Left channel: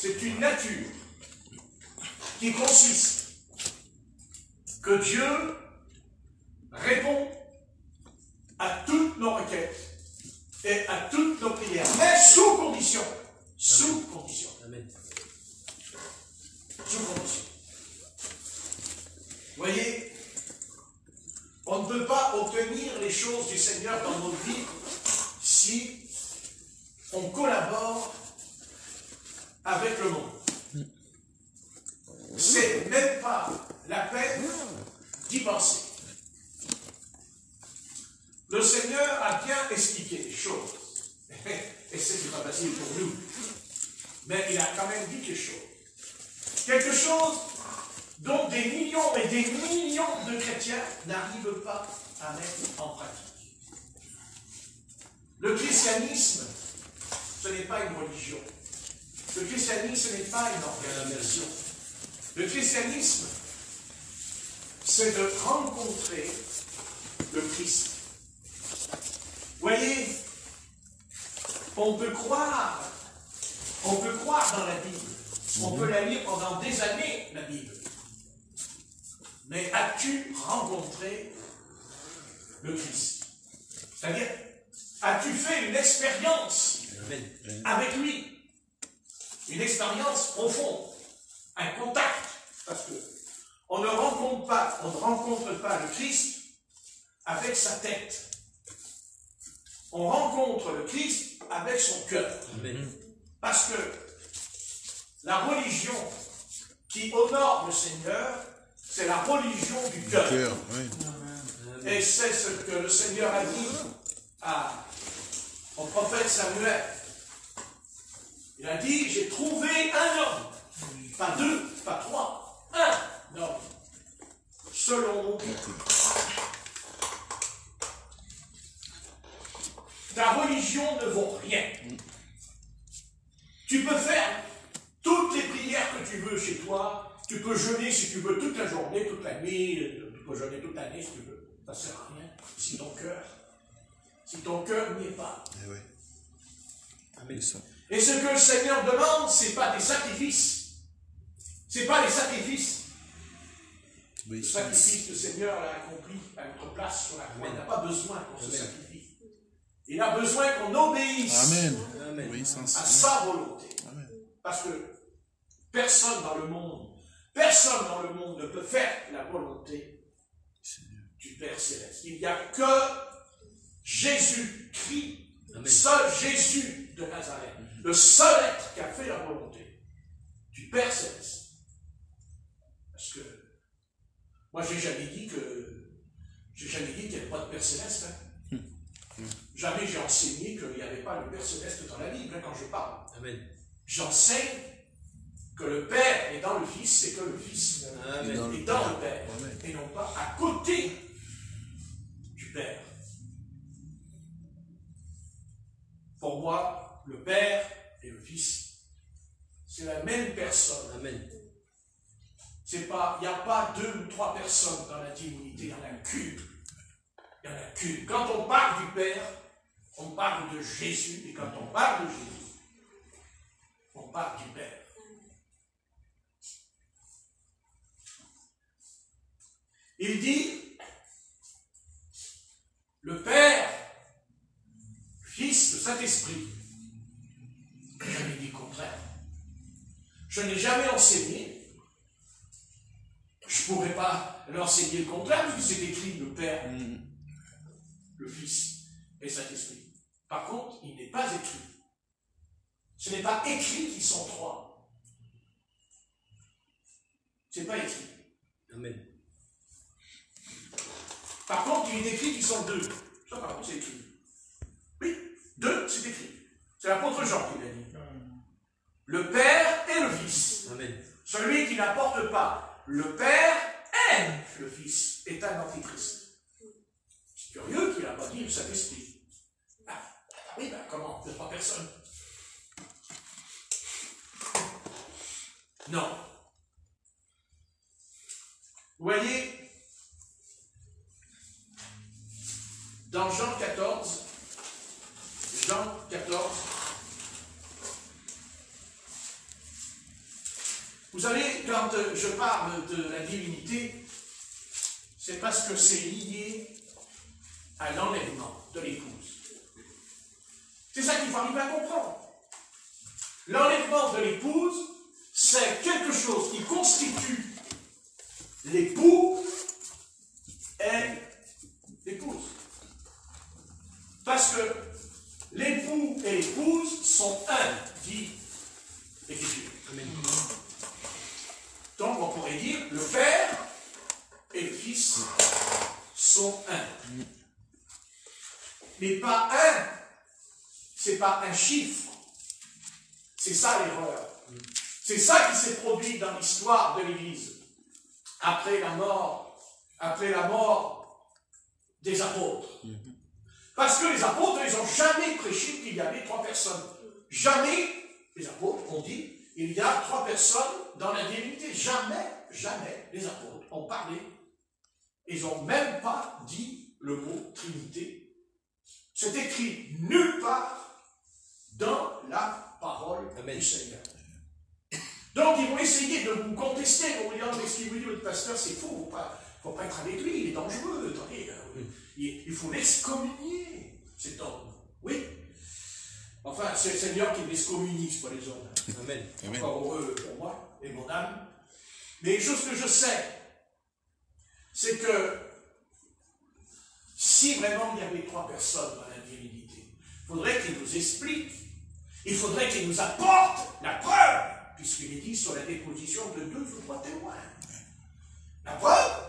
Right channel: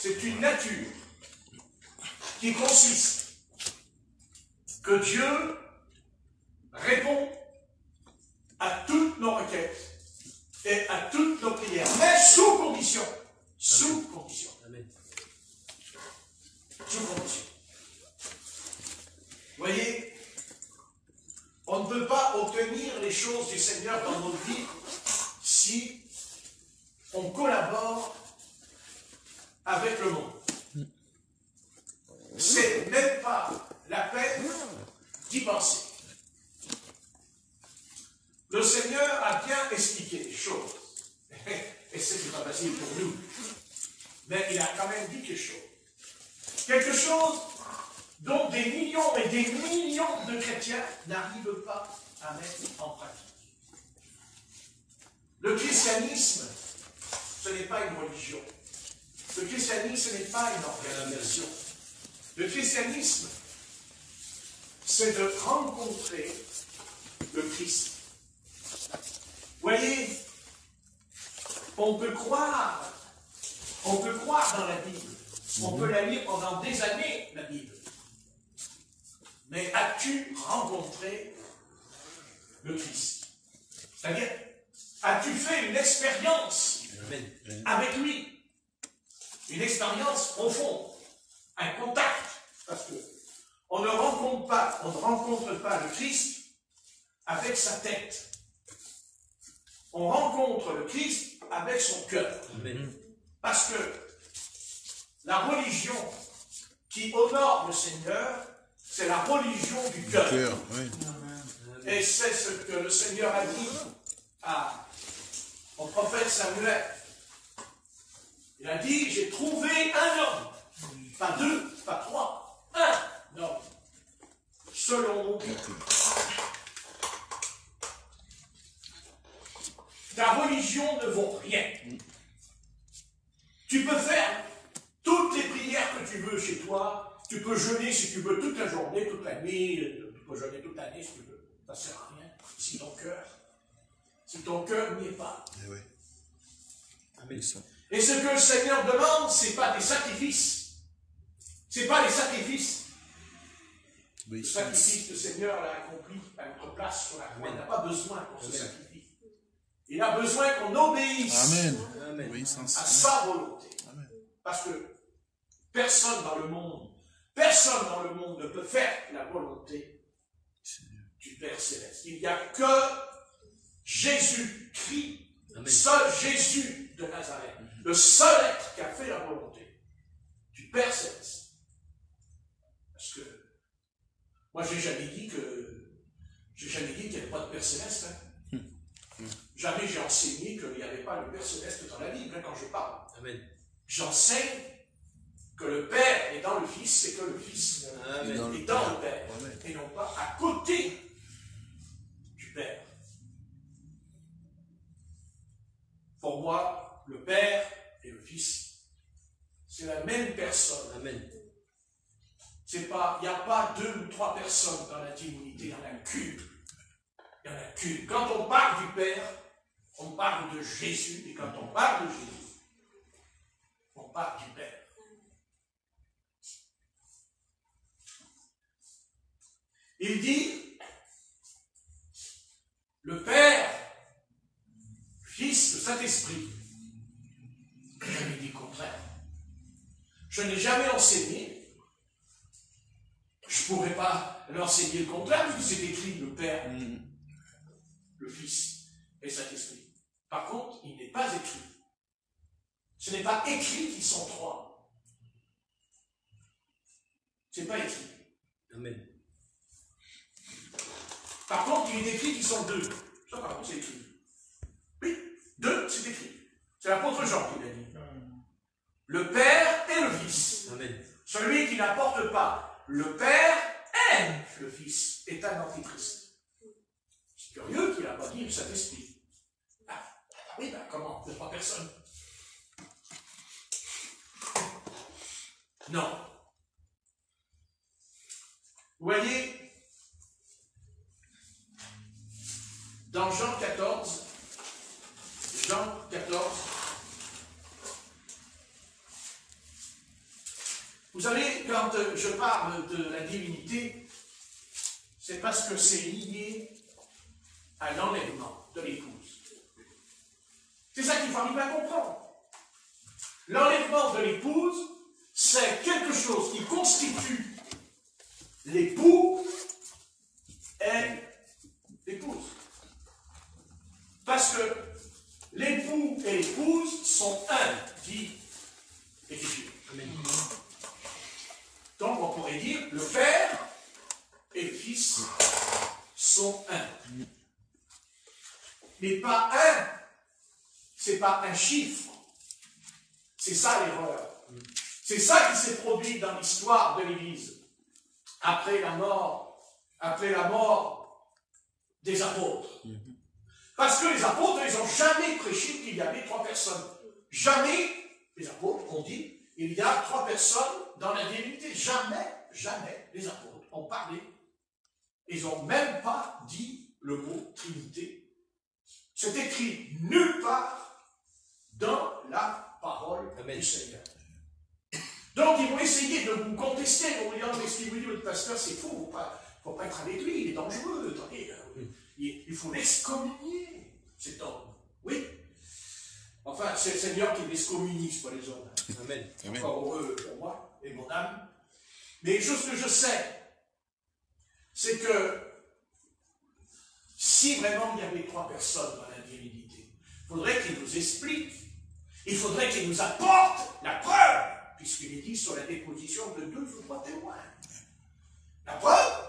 C'est une nature qui consiste que Dieu répond à toutes nos requêtes et à toutes nos prières, mais sous condition. Sous condition. Amen. Sous condition. Vous voyez, on ne peut pas obtenir les choses du Seigneur dans notre vie si on collabore avec le monde. C'est même pas la peine d'y penser. Le Seigneur a bien expliqué les choses. Et c'est pas facile pour nous. Mais il a quand même dit quelque chose. Quelque chose dont des millions et des millions de chrétiens n'arrivent pas à mettre en pratique. Le christianisme, ce n'est pas une religion. Le christianisme, ce n'est pas une organisation. Le christianisme, c'est de rencontrer le Christ. Vous voyez, on peut croire dans la Bible. On peut la lire pendant des années, la Bible. Mais as-tu rencontré le Christ? C'est-à-dire, as-tu fait une expérience avec lui? Une expérience profonde, un contact. Parce que on ne rencontre pas le Christ avec sa tête. On rencontre le Christ avec son cœur. Parce que la religion qui honore le Seigneur, c'est la religion du cœur. Et c'est ce que le Seigneur a dit au prophète Samuel. Il a dit, j'ai trouvé un homme, pas deux, pas trois, un homme, selon mon cœur. Ta religion ne vaut rien. Tu peux faire toutes les prières que tu veux chez toi, tu peux jeûner si tu veux toute la journée, toute la nuit, tu peux jeûner toute l'année si tu veux. Ça ne sert à rien. Si ton cœur n'y est pas. Et ce que le Seigneur demande, ce n'est pas des sacrifices. Ce n'est pas des sacrifices. Le sacrifice que le Seigneur a accompli à notre place sur la croix, il n'a pas besoin qu'on se sacrifie. Il a besoin qu'on obéisse à sa volonté. Parce que personne dans le monde ne peut faire la volonté du Père Céleste. Il n'y a que Jésus-Christ, seul Jésus de Nazareth, le seul être qui a fait la volonté du Père Céleste. Parce que moi, j'ai jamais dit qu'il n'y avait pas de Père Céleste. Jamais j'ai enseigné qu'il n'y avait pas le Père Céleste dans la Bible, quand je parle. J'enseigne que le Père est dans le Fils, c'est que le Fils est dans le Père, et non pas à côté du Père. Pour moi, le Père et le Fils, c'est la même personne. Il n'y a pas deux ou trois personnes dans la divinité, il y en a qu'une. Il y en a qu'une. Quand on parle du Père, on parle de Jésus, et quand on parle de Jésus, on parle du Père. Il dit, le Père, Fils, le Saint-Esprit. Je n'ai dit le contraire. Je n'ai jamais enseigné. Je ne pourrais pas l'enseigner le contraire, parce que c'est écrit le Père, le Fils et le Saint-Esprit. Par contre, il n'est pas écrit. Ce n'est pas écrit qu'ils sont trois. Ce n'est pas écrit. Amen. Par contre, il est écrit qu'ils sont deux. Ça, par contre, c'est écrit. Oui, deux, c'est écrit. C'est l'apôtre Jean qui l'a dit. Le Père et le Fils. Amen. Celui qui n'apporte pas le Père aime le Fils est un antichrist. C'est curieux qu'il n'a pas dit le Saint-Esprit. Oui, comment? De trois personnes. Non. Vous voyez, dans Jean 14, Vous savez, quand je parle de la divinité, c'est parce que c'est lié à l'enlèvement de l'épouse. C'est ça qu'il faut arriver à comprendre. L'enlèvement de l'épouse, c'est quelque chose qui constitue l'époux et l'épouse. Parce que l'époux et l'épouse sont un, dit l'Écriture. Donc on pourrait dire le Père et le Fils sont un. Mais pas un, c'est pas un chiffre. C'est ça l'erreur. C'est ça qui s'est produit dans l'histoire de l'Église. Après la mort des apôtres. Parce que les apôtres, ils n'ont jamais prêché qu'il y avait 3 personnes. Jamais, les apôtres ont dit, il y a 3 personnes dans la divinité. Jamais les apôtres ont parlé. Ils n'ont même pas dit le mot Trinité. C'est écrit nulle part dans la parole du Seigneur. Donc ils vont essayer de vous contester en disant, mais ce qu'il vous dit le pasteur, c'est faux, il ne faut pas être avec lui, il est dangereux, attendez, il faut l'excommunier, cet homme. Oui. Enfin, c'est le Seigneur qui l'excommunie, pas les hommes. Amen. Encore heureux pour moi et mon âme. Mais une chose que je sais, c'est que si vraiment il y avait 3 personnes dans la divinité, il faudrait qu'il nous explique, il faudrait qu'il nous apporte la preuve, puisqu'il est dit sur la déposition de 2 ou 3 témoins. La preuve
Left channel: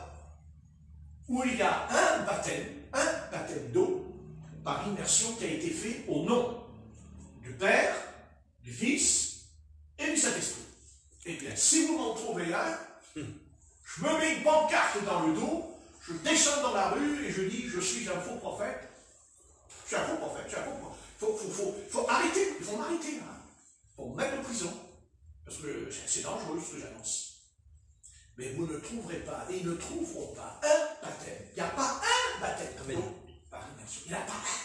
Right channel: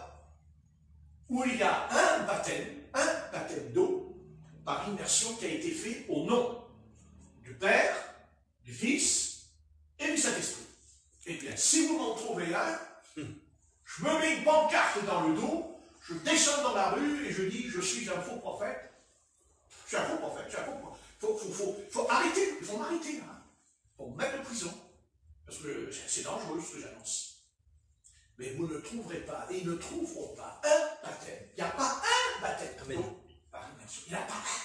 où il y a un baptême d'eau par immersion qui a été fait au nom du Père, du Fils et du Saint-Esprit. Et bien, si vous m'en trouvez un, je me mets une pancarte dans le dos, je descends dans la rue et je dis, je suis un faux prophète. Je suis un faux prophète, je suis un faux prophète. Faut arrêter, il faut m'arrêter. Il faut me mettre en prison. Parce que c'est dangereux ce que j'annonce. Mais vous ne trouverez pas, et ils ne trouveront pas un baptême. Il n'y a pas un baptême par immersion. Il n'y en a pas un.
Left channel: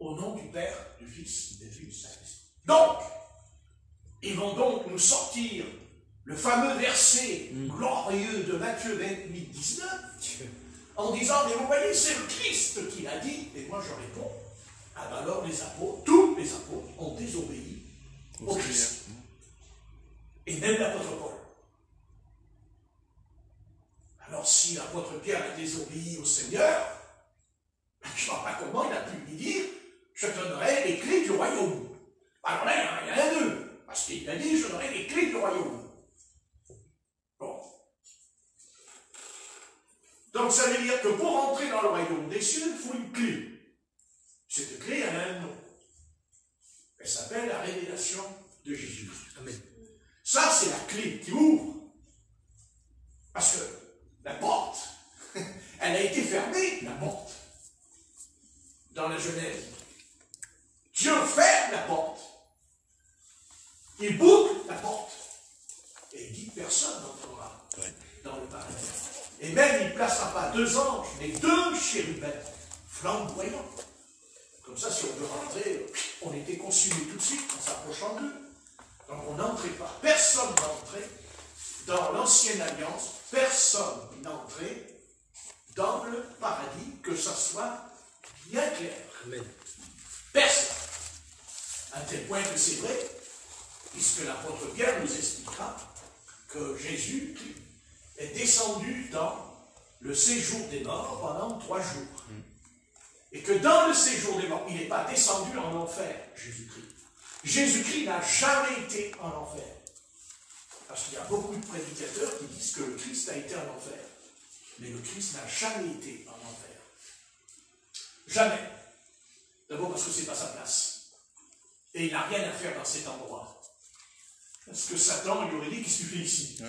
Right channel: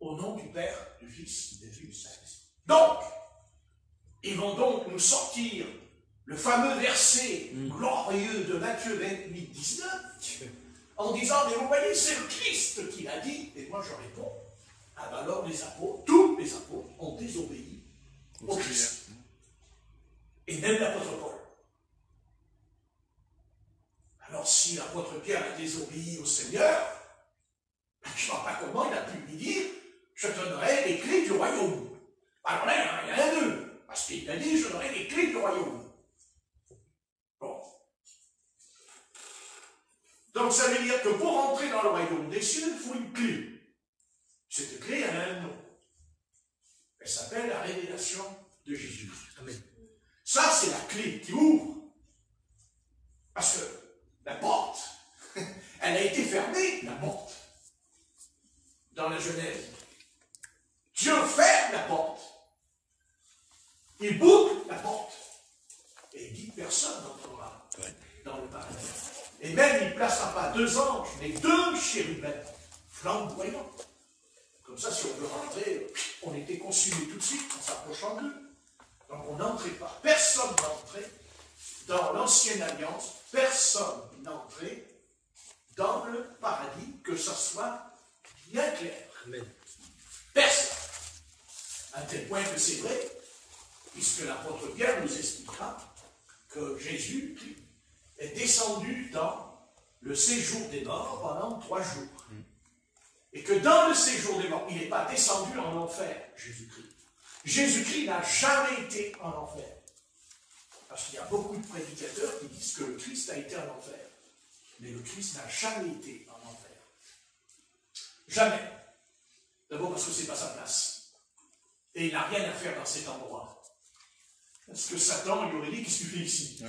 Au nom du Père, du Fils et du Saint-Esprit. Donc, ils vont donc nous sortir le fameux verset glorieux de Matthieu 28, 19, en disant, mais vous voyez, c'est le Christ qui l'a dit. Et moi je réponds, ah ben alors les apôtres, tous les apôtres ont désobéi au Christ. Et même l'apôtre Paul. Alors si l'apôtre Pierre a désobéi au Seigneur, je ne vois pas comment il a pu lui dire, je te donnerai les clés du royaume. Alors là, il y en a 2, parce qu'il a dit, je donnerai les clés du royaume. Bon. Donc ça veut dire que pour entrer dans le royaume des cieux, il faut une clé. Cette clé, elle a un nom. Elle s'appelle la révélation de Jésus. Amen. Ça, c'est la clé qui ouvre. Parce que la porte, elle a été fermée, la porte. Dans la Genèse. Dieu ferme la porte. Il boucle la porte. Et il dit que personne n'entrera dans le paradis. Et même, il ne placera pas 2 anges, mais 2 chérubins flamboyants. Comme ça, si on veut rentrer, on était consumé tout de suite en s'approchant d'eux. Donc on n'entrait pas. Personne n'entrait dans l'ancienne alliance. Personne n'entrait dans le paradis, que ça soit bien clair. Amen. Personne. À tel point que c'est vrai, puisque l'apôtre Pierre nous expliquera que Jésus est descendu dans le séjour des morts pendant 3 jours. Et que dans le séjour des morts, il n'est pas descendu en enfer, Jésus-Christ. Jésus-Christ n'a jamais été en enfer. Parce qu'il y a beaucoup de prédicateurs qui disent que le Christ a été en enfer. Mais le Christ n'a jamais été en enfer. Jamais. D'abord parce que ce n'est pas sa place. Et il n'a rien à faire dans cet endroit. Parce que Satan lui aurait dit, qu'est-ce que tu fais ici?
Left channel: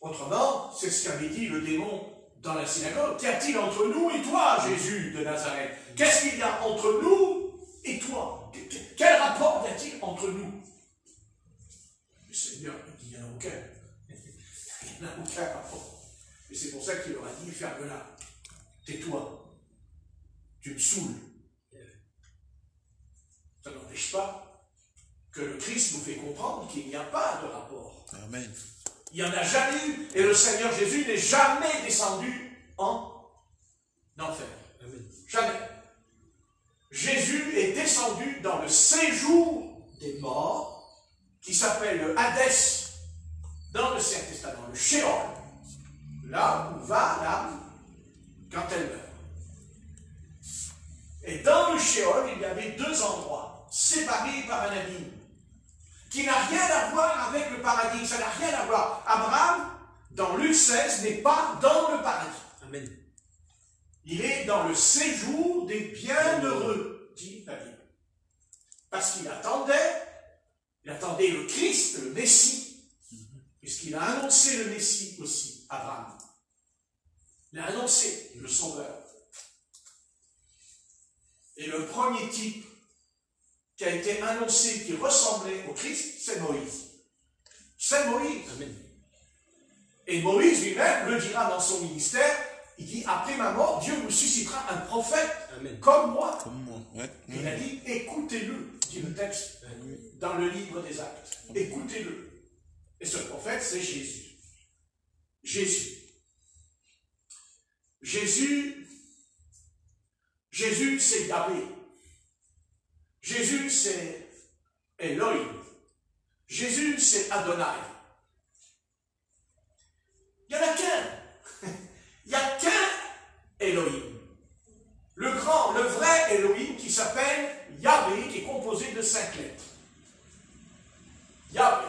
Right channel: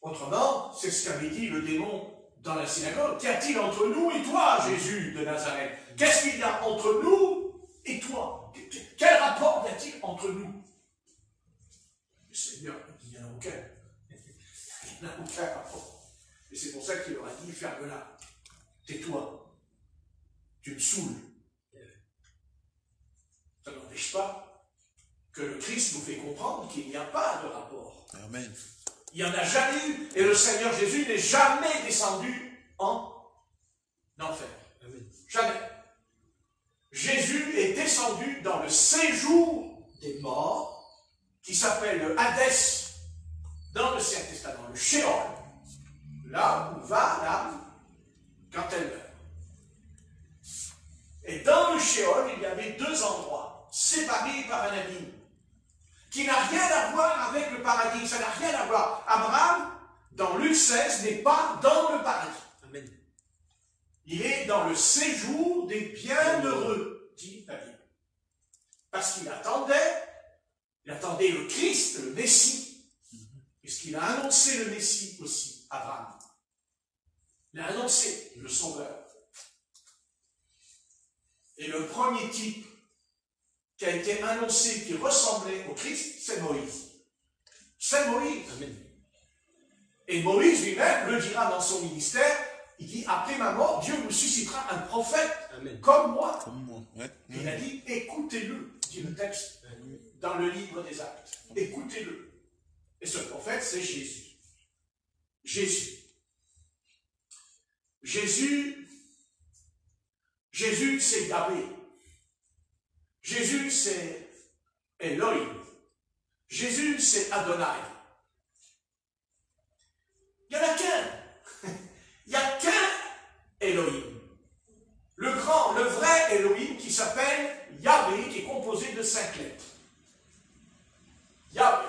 Autrement, c'est ce qu'avait dit le démon dans la synagogue. Qu'y a-t-il entre nous et toi, Jésus de Nazareth? Qu'est-ce qu'il y a entre nous et toi? Quel rapport y a-t-il entre nous? Le Seigneur me dit, il n'y en a aucun. Il n'y en a aucun rapport. Et c'est pour ça qu'il leur a dit, ferme-la. Tais-toi. Tu me saoules. Ça n'empêche pas que que le Christ nous fait comprendre qu'il n'y a pas de rapport. Amen. Il n'y en a jamais eu. Et le Seigneur Jésus n'est jamais descendu en enfer. Amen. Jamais. Jésus est descendu dans le séjour des morts, qui s'appelle le Hadès dans l'Ancien Testament, le Sheol, là où va l'âme quand elle meurt. Et dans le Sheol, il y avait deux endroits, séparés par un abîme, qui n'a rien à voir avec le paradis, ça n'a rien à voir. Abraham, dans Luc 16, n'est pas dans le paradis. Amen. Il est dans le séjour des bienheureux, dit la Bible. Parce qu'il attendait le Christ, le Messie, puisqu'il a annoncé le Messie aussi, Abraham. Il a annoncé le Sauveur. Et le premier type qui a été annoncé, qui ressemblait au Christ, c'est Moïse. C'est Moïse. Amen. Et Moïse lui-même le dira dans son ministère, il dit, après ma mort, Dieu me suscitera un prophète. Amen. Comme moi. Comme moi, ouais. Il a dit, écoutez-le, dit le texte dans le livre des Actes. Écoutez-le. Et ce prophète, c'est Jésus. Jésus. Jésus, c'est Yahvé. Jésus, c'est Elohim. Jésus, c'est Adonai. Il n'y en a qu'un. Il n'y a qu'un Elohim. Le grand, le vrai Elohim qui s'appelle Yahvé, qui est composé de 5 lettres. Yahvé.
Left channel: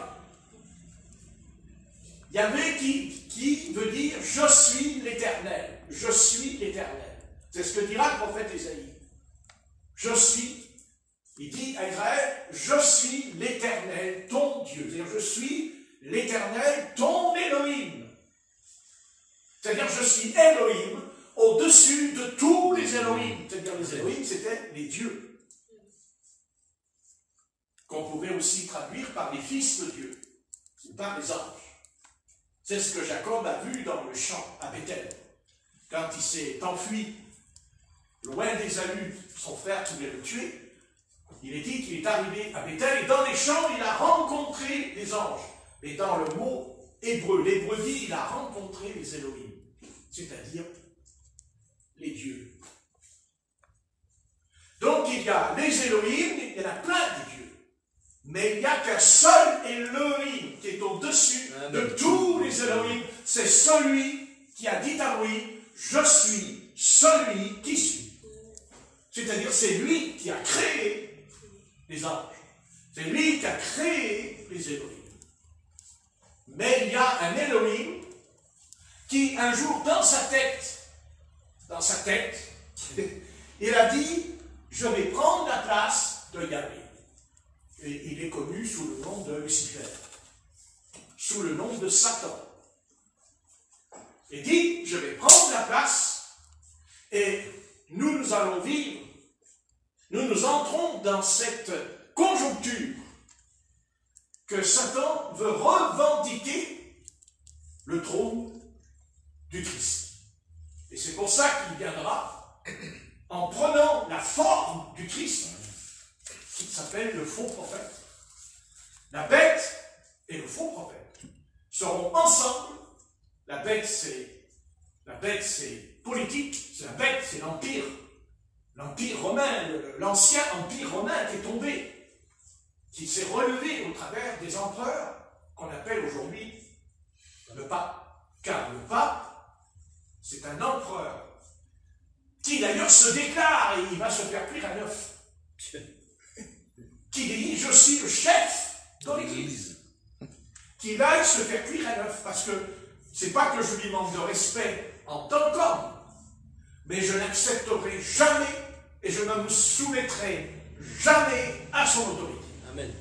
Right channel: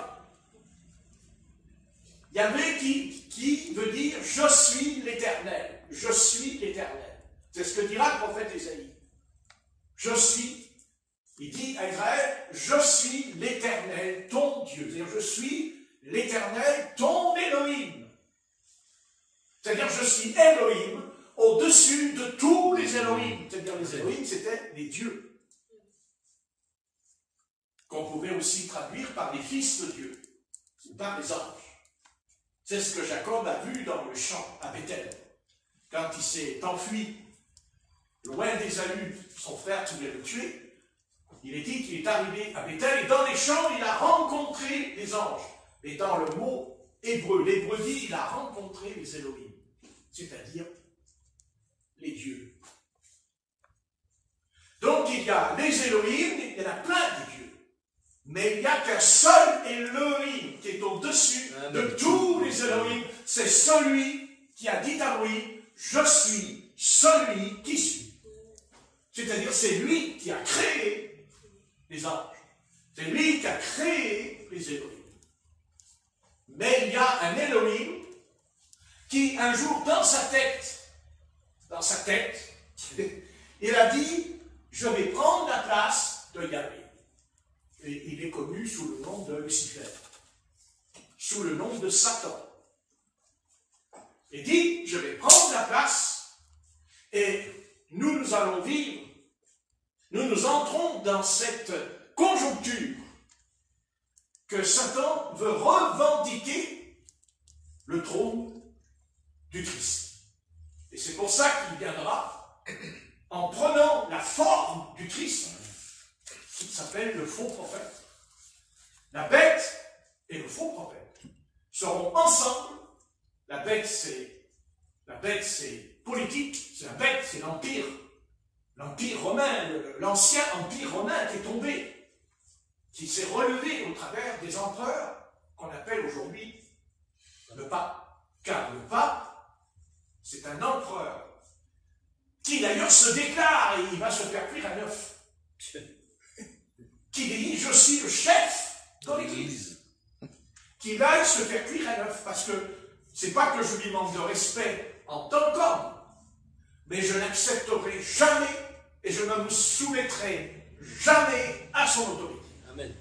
Yahvé qui veut dire « Je suis l'Éternel ». Je suis l'Éternel. C'est ce que dira le prophète Ésaïe. Je suis, il dit à Israël, je suis l'Éternel, ton Dieu. C'est-à-dire, je suis l'Éternel, ton Elohim. C'est-à-dire, je suis Elohim au-dessus de tous les Elohim. C'est-à-dire, les Elohim, c'était les dieux. Qu'on pouvait aussi traduire par les fils de Dieu, ou par les anges. C'est ce que Jacob a vu dans le champ à Bethel. Quand il s'est enfui, loin d'Ésaü, son frère qui voulait le tuer, il est dit qu'il est arrivé à Bethel et dans les champs, il a rencontré les anges. Et dans le mot hébreu, l'hébreu dit, il a rencontré les Elohim, c'est-à-dire les dieux. Donc il y a les Elohim, il y en a plein de dieux. Mais il n'y a qu'un seul Elohim qui est au-dessus de tous les Elohim. C'est celui qui a dit à Moïse, je suis celui qui suis. C'est-à-dire, c'est lui qui a créé les anges. C'est lui qui a créé les Elohim. Mais il y a un Elohim qui, un jour, dans sa tête, il a dit, je vais prendre la place de Yahvé. Et il est connu sous le nom de Lucifer, sous le nom de Satan. Et dit, je vais prendre la place, et nous allons vivre, nous entrons dans cette conjoncture que Satan veut revendiquer le trône du Christ. Et c'est pour ça qu'il viendra en prenant la forme du Christ, qui s'appelle le faux prophète. La bête et le faux prophète seront ensemble. La bête, c'est politique, c'est la bête, c'est l'empire romain, l'ancien empire romain qui est tombé, qui s'est relevé au travers des empereurs qu'on appelle aujourd'hui le pape. Car le pape, c'est un empereur qui d'ailleurs se déclare, et il va se faire cuire à l'œuf, qui dit, je suis le chef de l'Église, qui va se faire cuire à l'œuf, parce que c'est pas que je lui manque de respect en tant qu'homme, mais je n'accepterai jamais et je ne me soumettrai jamais à son autorité. Amen.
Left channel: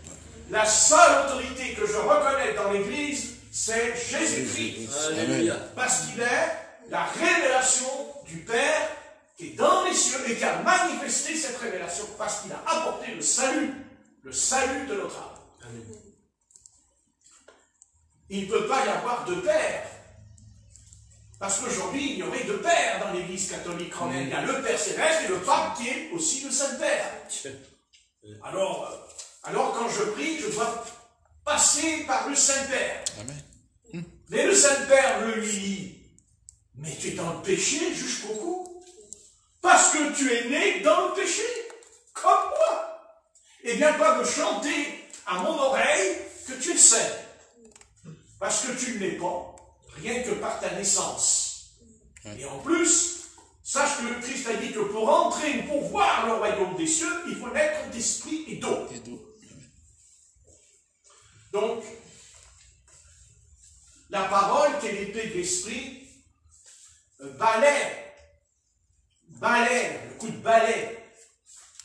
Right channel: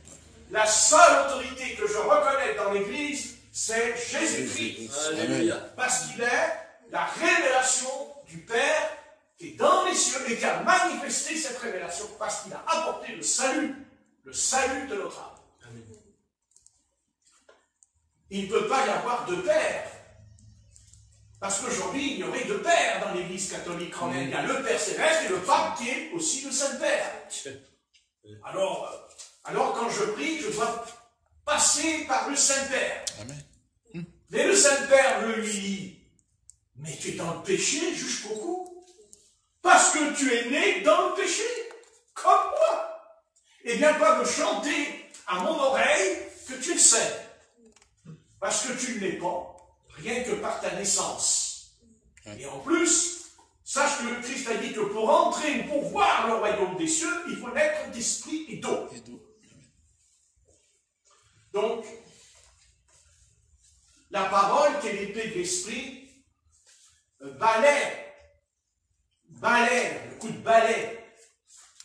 La seule autorité que je reconnais dans l'Église, c'est Jésus-Christ. Alléluia. Parce qu'il est la révélation du Père qui est dans les cieux et qui a manifesté cette révélation parce qu'il a apporté le salut de notre âme. Amen. Il ne peut pas y avoir de père. Parce qu'aujourd'hui, il y aurait deux pères dans l'Église catholique quand même. Il y a le Père Céleste et le Pape qui est aussi le Saint-Père. Alors, Alors quand je prie, je dois passer par le Saint-Père. Amen. Mais le Saint-Père me dit, mais tu es dans le péché jusqu'au cou. Parce que tu es né dans le péché, comme moi. Et bien pas de chanter à mon oreille que tu es saint. Parce que tu ne l'es pas, rien que par ta naissance. Et en plus, sache que le Christ a dit que pour entrer, pour voir le royaume des cieux, il faut naître d'esprit et d'eau. Donc, la parole qui est l'épée de l'esprit balaie, le coup de balai,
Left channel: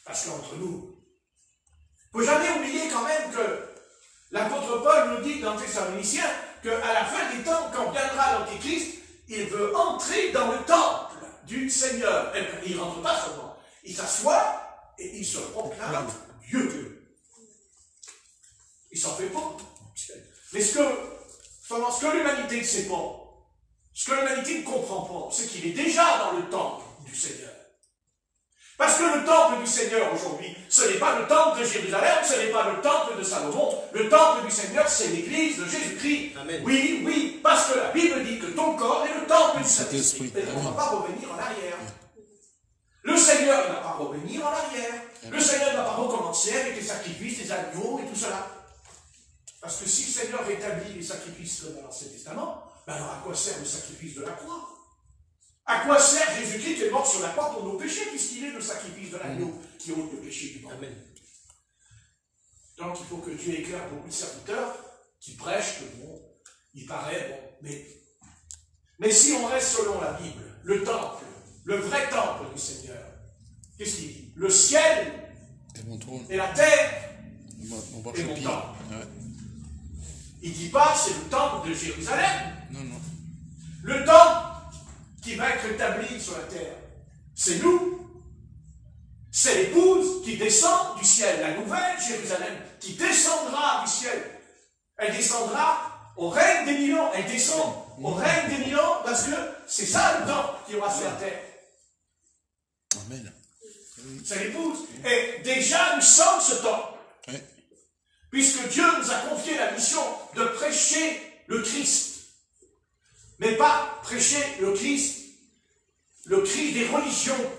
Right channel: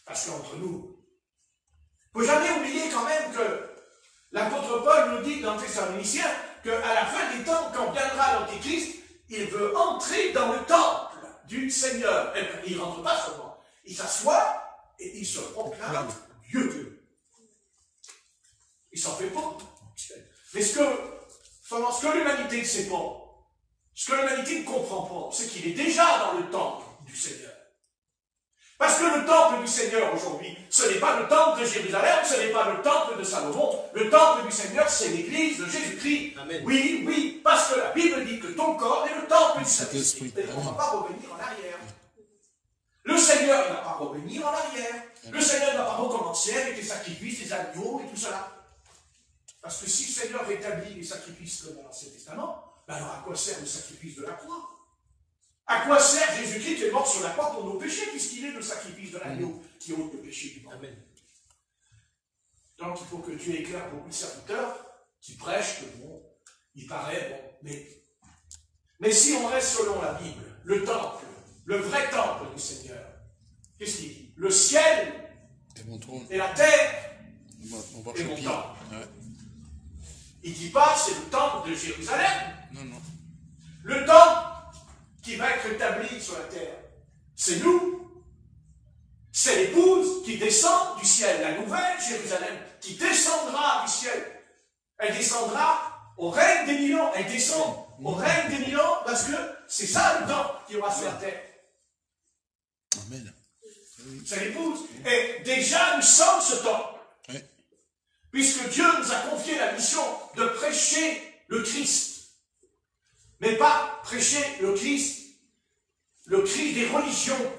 parce qu'entre nous, il ne faut jamais oublier quand même que l'apôtre Paul nous dit dans Thessaloniciens qu'à la fin des temps, quand viendra l'Antéchrist, il veut entrer dans le temple du Seigneur. Et il ne rentre pas seulement, il s'assoit et il se proclame Dieu. Il s'en fait pas. Mais ce que l'humanité ne sait pas, ce que l'humanité ne comprend pas, c'est qu'il est déjà dans le temple du Seigneur. Parce que le temple du Seigneur aujourd'hui, ce n'est pas le temple de Jérusalem, ce n'est pas le temple de Salomon. Le temple du Seigneur, c'est l'église de Jésus-Christ. Oui, oui, parce que la Bible dit que ton corps est le temple du Saint-Esprit. Et on ne va pas revenir en arrière. Le Seigneur ne va pas revenir en arrière. Le Seigneur ne va pas recommencer avec les sacrifices, les agneaux et tout cela. Parce que si le Seigneur rétablit les sacrifices dans l'Ancien Testament, ben alors à quoi sert le sacrifice de la croix? À quoi sert Jésus-Christ qui est mort sur la croix pour nos péchés, puisqu'il est le sacrifice de l'agneau qui ôte le péché du monde? Amen. Donc il faut que Dieu éclaire beaucoup de serviteurs qui prêchent que bon, il paraît bon. Mais si on reste selon la Bible, le temple, le vrai temple du Seigneur, qu'est-ce qu'il dit? Le ciel et la terre est mon temple. Il ne dit pas c'est le temple de Jérusalem. Non, non. Le temple qui va être établi sur la terre, c'est nous. C'est l'épouse qui descend du ciel, la nouvelle Jérusalem, qui descendra du ciel. Elle descendra au règne des 1000 ans. Elle descend au règne des 1000 ans parce que c'est ça le temple qui aura sur la terre. Amen. C'est l'épouse. Et déjà nous sommes ce temple. Oui. Puisque Dieu nous a confié la mission de prêcher le Christ. Mais pas prêcher le Christ des religions.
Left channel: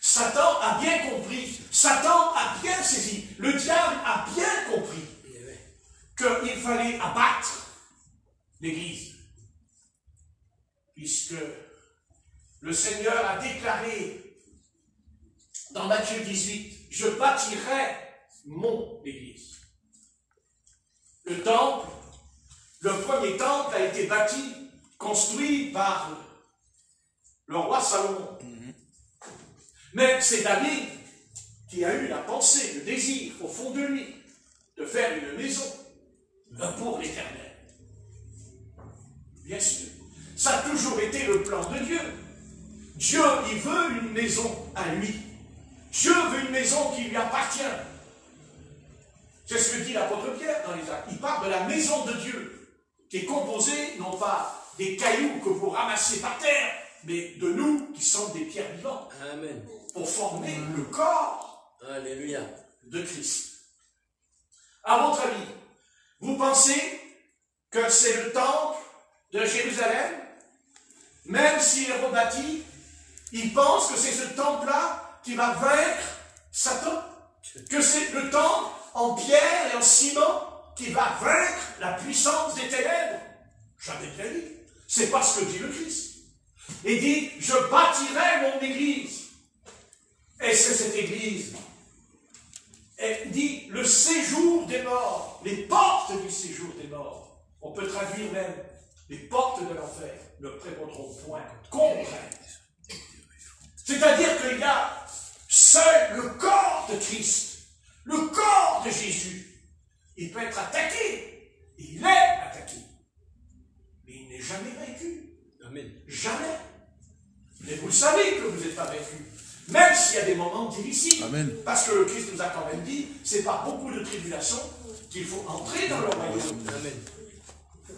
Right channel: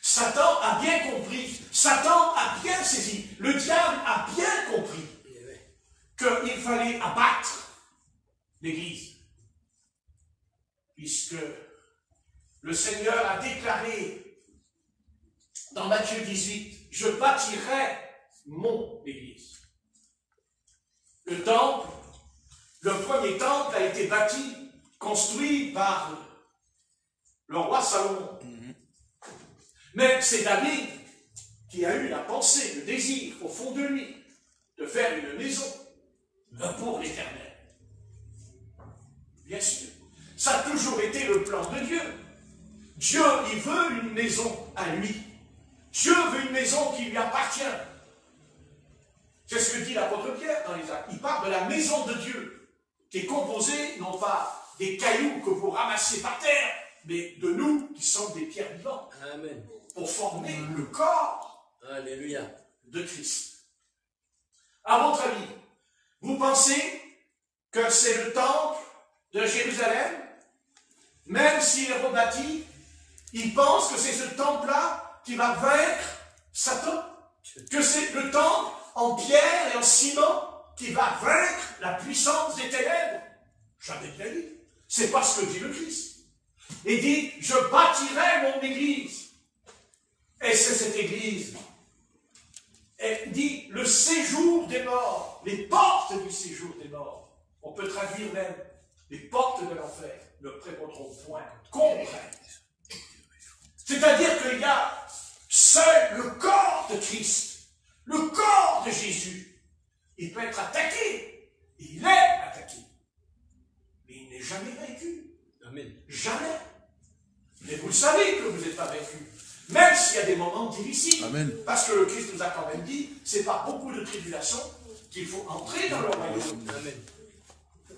Satan a bien compris, Satan a bien saisi, le diable a bien compris qu'il fallait abattre l'Église. Puisque le Seigneur a déclaré dans Matthieu 18, je bâtirai mon Église. Le temple, le premier temple a été bâti, construit par le roi Salomon. Mais c'est David qui a eu la pensée, le désir au fond de lui de faire une maison pour l'Éternel. Bien sûr. Ça a toujours été le plan de Dieu. Dieu, il veut une maison à lui. Dieu veut une maison qui lui appartient. C'est ce que dit l'apôtre Pierre dans les Actes. Il parle de la maison de Dieu, qui est composée non pas des cailloux que vous ramassez par terre, mais de nous qui sommes des pierres vivantes. Amen. Pour former le corps Alléluia. de Christ. À votre avis, vous pensez que c'est le temple de Jérusalem, même s'il est rebâti, il pense que c'est ce temple-là qui va vaincre Satan, que c'est le temple en pierre et en ciment qui va vaincre la puissance des ténèbres. Jamais de la vie. C'est pas ce que dit le Christ. Il dit, je bâtirai mon église. Et c'est cette église. Et dit, le séjour des morts, les portes du séjour des morts. On peut traduire même, les portes de l'enfer ne prévaudront point contre elle. C'est-à-dire qu'il y a seul le corps de Christ, le corps de Jésus. Il peut être attaqué. Il est attaqué. Mais il n'est jamais vaincu. Amen. Jamais. Mais vous savez que vous n'êtes pas vaincu. Même s'il y a des moments difficiles. Amen. Parce que le Christ nous a quand même dit, c'est par beaucoup de tribulations qu'il faut entrer dans le royaume. Amen.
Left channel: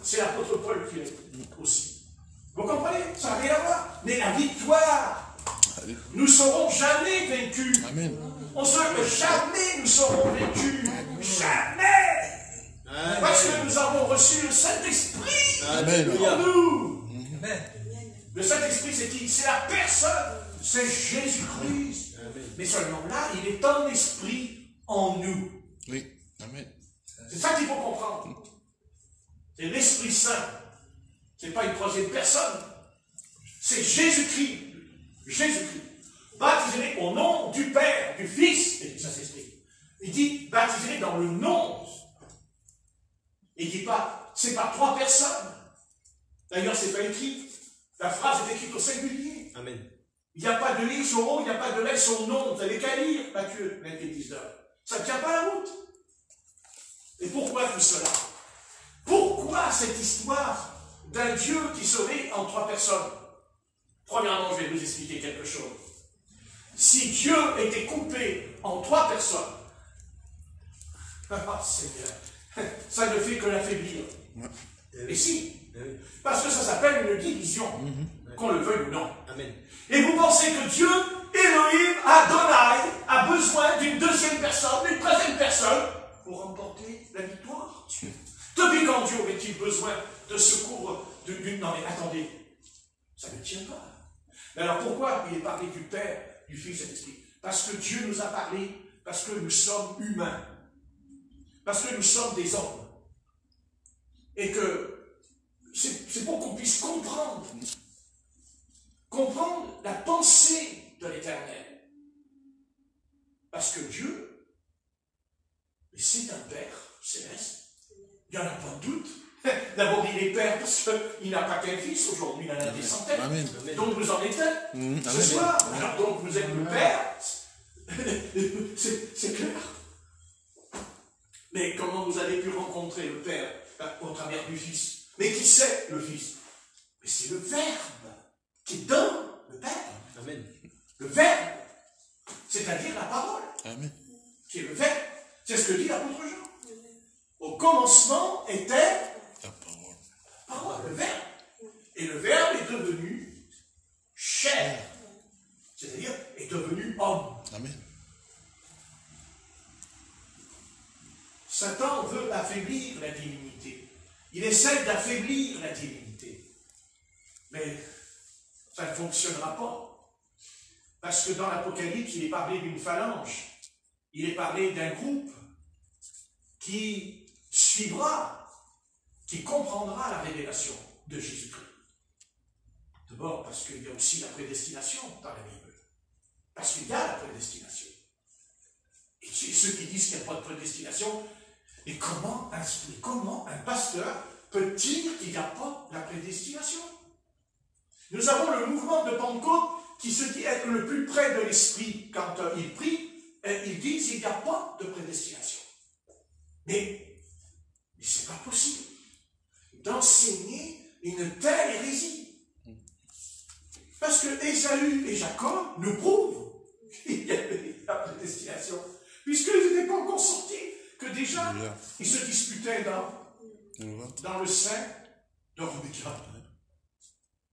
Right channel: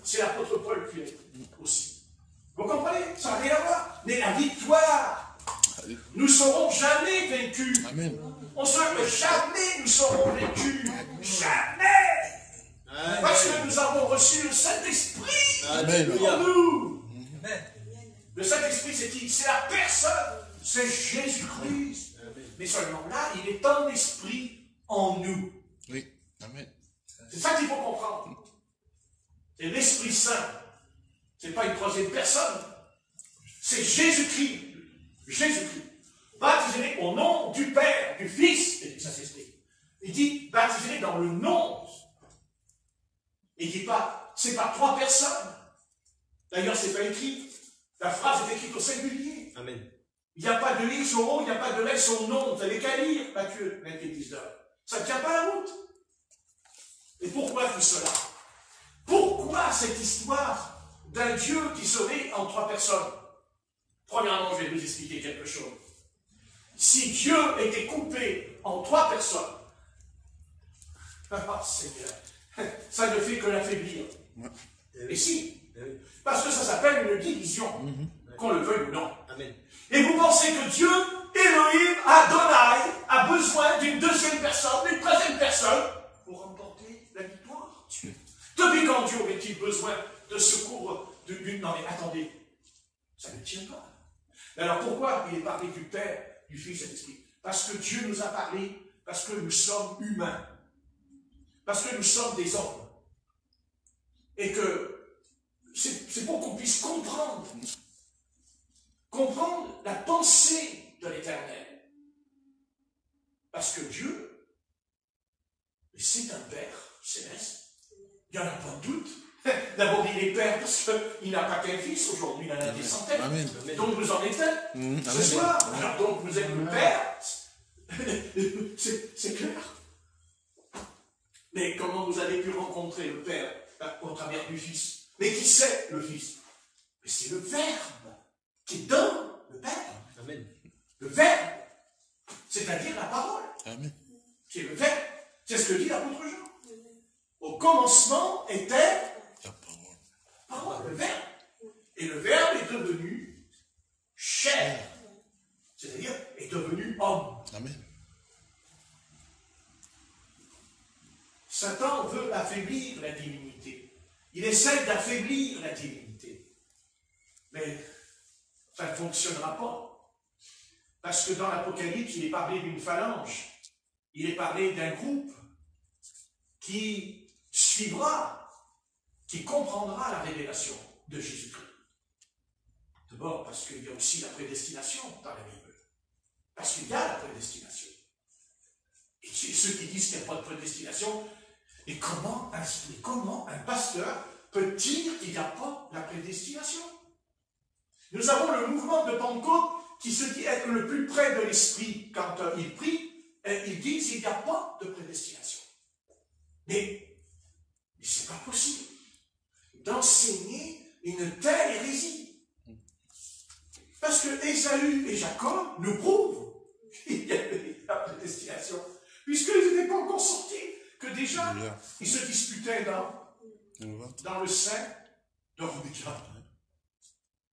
C'est l'apôtre Paul qui l'a dit aussi. Vous comprenez? Ça n'a rien à voir. Mais la victoire Nous ne serons jamais vaincus. Amen. Jamais nous serons vaincus. Jamais. Parce que nous avons reçu le Saint-Esprit en nous. Le Saint-Esprit, c'est qui? C'est la personne. C'est Jésus-Christ. Mais ce nom-là, il est un esprit en nous. Oui. Amen. C'est ça qu'il faut comprendre. C'est l'Esprit Saint. Ce n'est pas une troisième personne. C'est Jésus-Christ. Jésus-Christ. Baptisé au nom du Père, du Fils et du Saint-Esprit. Il dit baptisé dans le nom. Il ne dit pas, c'est pas trois personnes. D'ailleurs, c'est pas écrit. La phrase est écrite au singulier. Amen. Il n'y a pas de I sur O, il n'y a pas de S sur nom. Vous n'avez qu'à lire, Matthieu 19. Ça ne tient pas la route. Et pourquoi tout cela? Pourquoi cette histoire d'un Dieu qui serait en trois personnes? Premièrement, je vais vous expliquer quelque chose. Si Dieu était coupé en trois personnes, Seigneur, ça ne fait que l'affaiblir. Et si, parce que ça s'appelle une division, qu'on le veuille ou non. Amen. Et vous pensez que Dieu, Elohim, Adonai, a besoin d'une deuxième personne, d'une troisième personne, pour remporter la victoire? Depuis quand Dieu aurait-il besoin de secours d'une... Non mais attendez, ça ne tient pas. Mais alors pourquoi il est parlé du Père, du Fils et de l'Esprit? Parce que Dieu nous a parlé, parce que nous sommes humains. Parce que nous sommes des hommes. Et que c'est pour qu'on puisse comprendre la pensée de l'Éternel. Parce que Dieu, c'est un Père céleste. Il n'y en a pas de doute. D'abord, il est Père parce qu'il n'a pas qu'un fils. Aujourd'hui, il en a des centaines. Amen. Donc, vous en êtes un. Ce soir, alors, donc, vous êtes le Père. C'est clair. Mais comment vous avez pu rencontrer le Père au travers du Fils? Mais qui c'est le Fils? Mais c'est le Verbe qui est dans le Père. Amen. Le Verbe, c'est-à-dire la parole. Amen. C'est le Verbe. C'est ce que dit l'apôtre Jean. Au commencement était La parole. le Verbe. Et le Verbe est devenu chair. C'est-à-dire est devenu homme. Amen. Satan veut affaiblir la divinité. Il essaie d'affaiblir la divinité. Mais ça ne fonctionnera pas. Parce que dans l'Apocalypse, il est parlé d'une phalange. Il est parlé d'un groupe qui suivra, qui comprendra la révélation de Jésus-Christ. D'abord parce qu'il y a aussi la prédestination dans la Bible. Parce qu'il y a la prédestination. Et ceux qui disent qu'il n'y a pas de prédestination, et comment un pasteur peut dire qu'il n'y a pas la prédestination? Nous avons le mouvement de Pentecôte qui se dit être le plus près de l'Esprit. Quand il prie, il dit qu'il n'y a pas de prédestination. Mais ce n'est pas possible d'enseigner une telle hérésie. Parce que Ésaü et Jacob nous prouvent qu'il y avait la prédestination. Puisqu'ils n'étaient pas encore sortis, que déjà, ils se disputaient dans le sein de Rebecca.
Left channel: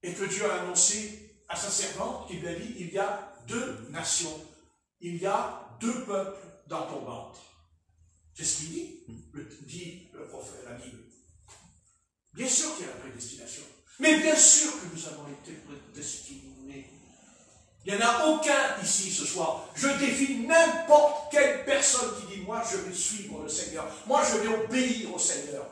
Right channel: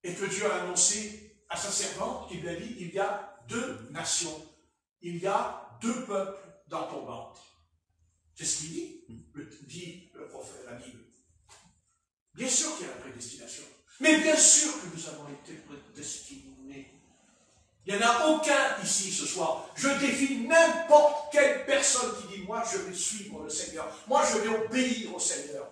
Et que Dieu a annoncé à sa servante, il a dit, il y a deux nations, il y a deux peuples dans ton ventre. C'est ce qu'il dit, le prophète, la Bible. Bien sûr qu'il y a la prédestination. Mais bien sûr que nous avons été prédestinés. Il n'y en a aucun ici ce soir. Je défie n'importe quelle personne qui dit, moi je vais suivre le Seigneur. Moi je vais obéir au Seigneur.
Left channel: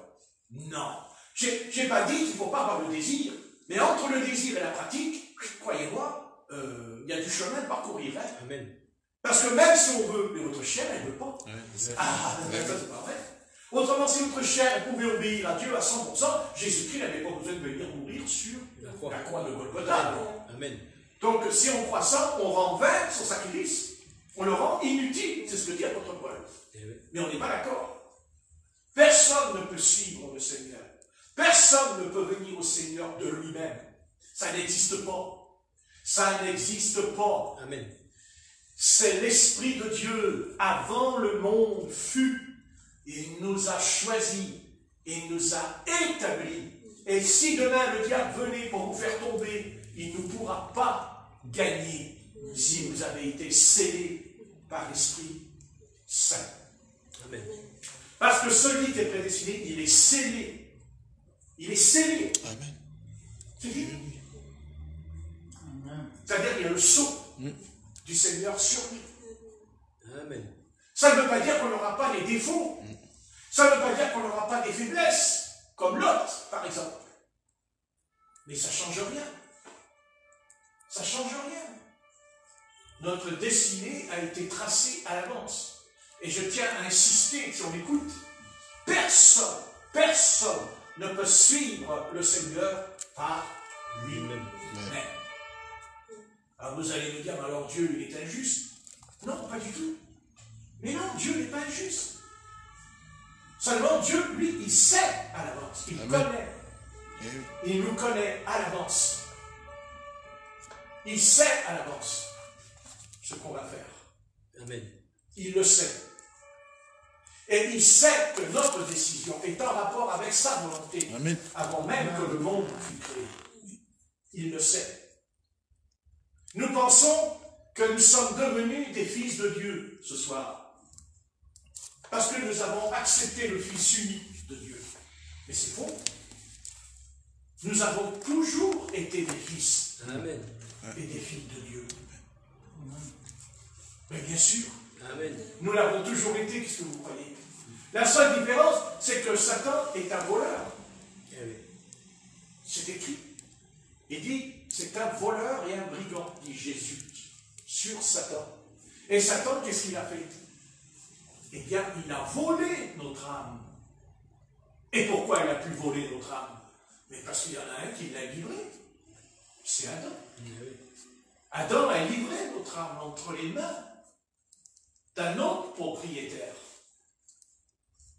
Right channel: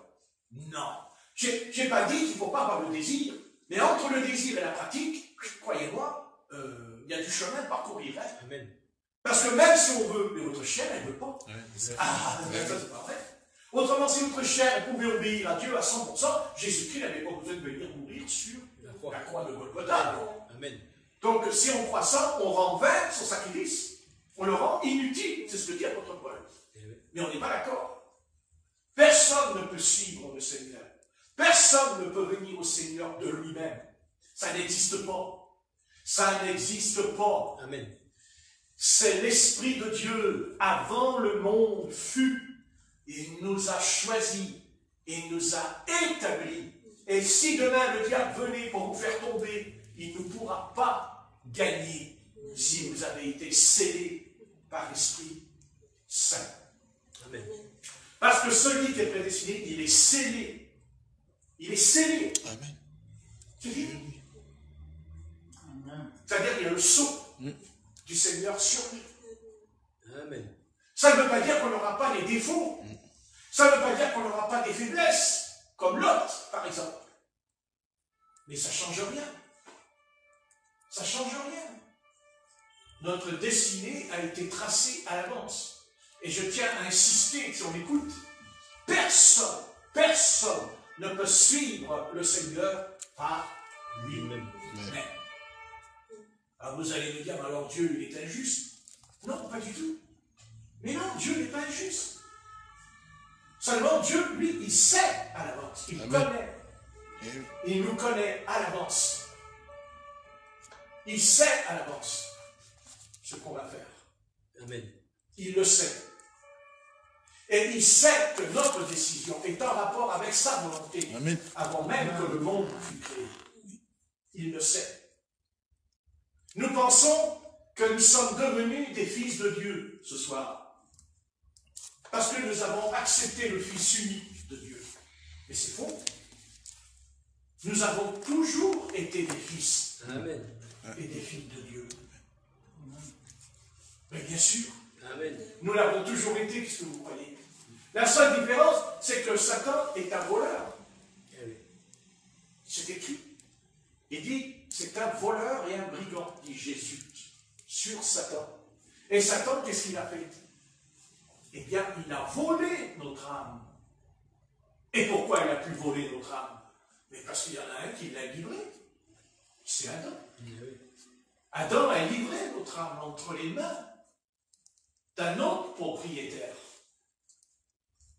Non. Je n'ai pas dit qu'il ne faut pas avoir le désir. Mais entre le désir et la pratique, croyez-moi, il y a du chemin à parcourir. Hein. Amen. Parce que même si on veut, mais votre chair, elle ne veut pas. Ouais, c'est pas vrai. Autrement, si votre chair pouvait obéir à Dieu à 100%, Jésus-Christ n'avait pas besoin de venir mourir sur la croix de Golgotha. Amen. Donc, si on croit ça, on rend vain son sacrifice. On le rend inutile. C'est ce que dit l'apôtre Paul. Mais on n'est pas d'accord. Personne ne peut suivre le Seigneur. Personne ne peut venir au Seigneur de lui-même. Ça n'existe pas. Ça n'existe pas. Amen. C'est l'Esprit de Dieu, avant le monde fut. Il nous a choisis. Il nous a établis. Et si demain le diable venait pour nous faire tomber, il ne pourra pas gagner. si vous avez été scellés par l'Esprit Saint. Amen. Parce que celui qui est prédestiné, il est scellé. Il est scellé. Amen. C'est dit. C'est-à-dire qu'il y a le sceau du Seigneur sur lui. Amen. Ça ne veut pas dire qu'on n'aura pas les défauts. Ça ne veut pas dire qu'on n'aura pas des faiblesses, comme Lot, par exemple. Mais ça ne change rien. Ça ne change rien. Notre destinée a été tracée à l'avance. Et je tiens à insister, si on écoute, personne ne peut suivre le Seigneur par lui-même. Alors vous allez me dire, alors Dieu il est injuste? Non, pas du tout. Mais non, Dieu n'est pas injuste. Seulement Dieu, lui, il sait à l'avance. Il connaît. Il nous connaît à l'avance. Il sait à l'avance ce qu'on va faire. Amen. Il le sait. Et il sait que notre décision est en rapport avec sa volonté. Amen. Avant même que le monde fût créé. Il le sait. Nous pensons que nous sommes devenus des fils de Dieu ce soir. Parce que nous avons accepté le Fils unique de Dieu. Mais c'est faux. Nous avons toujours été des fils. Amen. Et des filles de Dieu. Mais bien sûr. Amen. Nous l'avons toujours été, qu'est-ce que vous croyez? La seule différence, c'est que Satan est un voleur. C'est écrit. Il dit, c'est un voleur et un brigand, dit Jésus, sur Satan. Et Satan, qu'est-ce qu'il a fait? Eh bien, il a volé notre âme. Et pourquoi il a pu voler notre âme? Mais parce qu'il y en a un qui l'a livré. C'est Adam. Adam a livré notre âme entre les mains d'un autre propriétaire.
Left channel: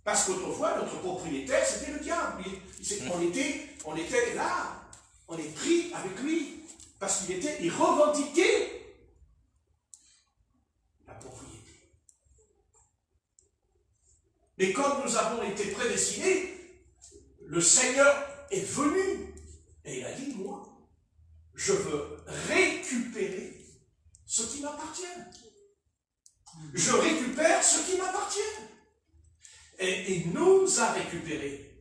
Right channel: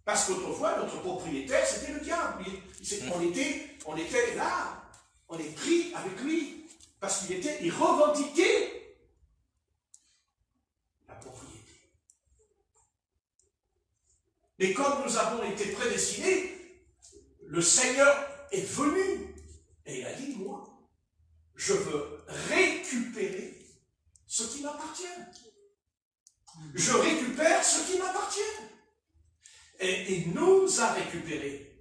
Parce qu'autrefois, notre propriétaire, c'était le diable. On était là, on est pris avec lui, parce il revendiquait la propriété. Mais comme nous avons été prédestinés, le Seigneur est venu, et il a dit, moi, je veux récupérer ce qui m'appartient. Je récupère ce qui m'appartient. Et il nous a récupérés.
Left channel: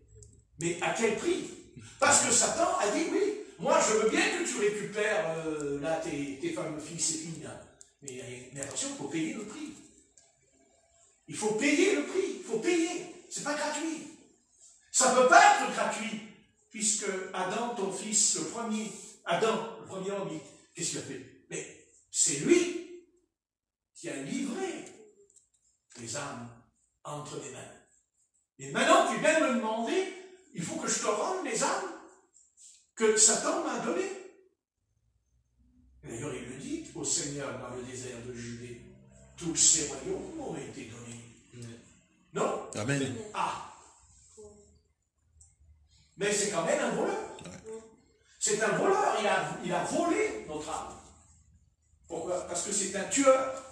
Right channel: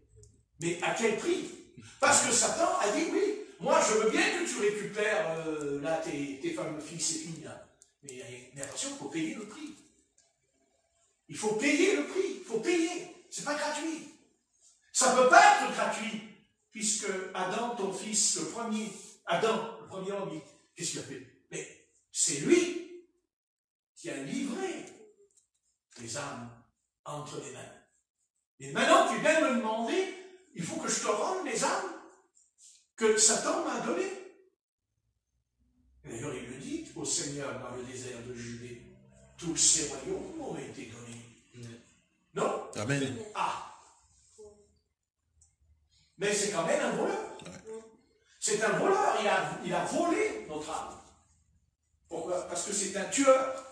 Mais à quel prix? Parce que Satan a dit, oui, moi je veux bien que tu récupères là tes fameux fils et filles. Là. Mais attention, il faut payer le prix. Il faut payer le prix. Il faut payer. C'est pas gratuit. Ça ne peut pas être gratuit. Puisque Adam, ton fils, le premier homme, qu'est-ce qu'il a fait? Mais c'est lui qui a livré les âmes entre les mains. Et maintenant, tu viens me demander, il faut que je te rende les âmes que Satan m'a données. D'ailleurs, il le dit au Seigneur dans le désert de Judée, tous ces royaumes m'ont été donnés. Non? Amen. Ah! Mais c'est quand même un voleur. C'est un voleur, il a volé notre âme. Pourquoi? Parce que c'est un tueur.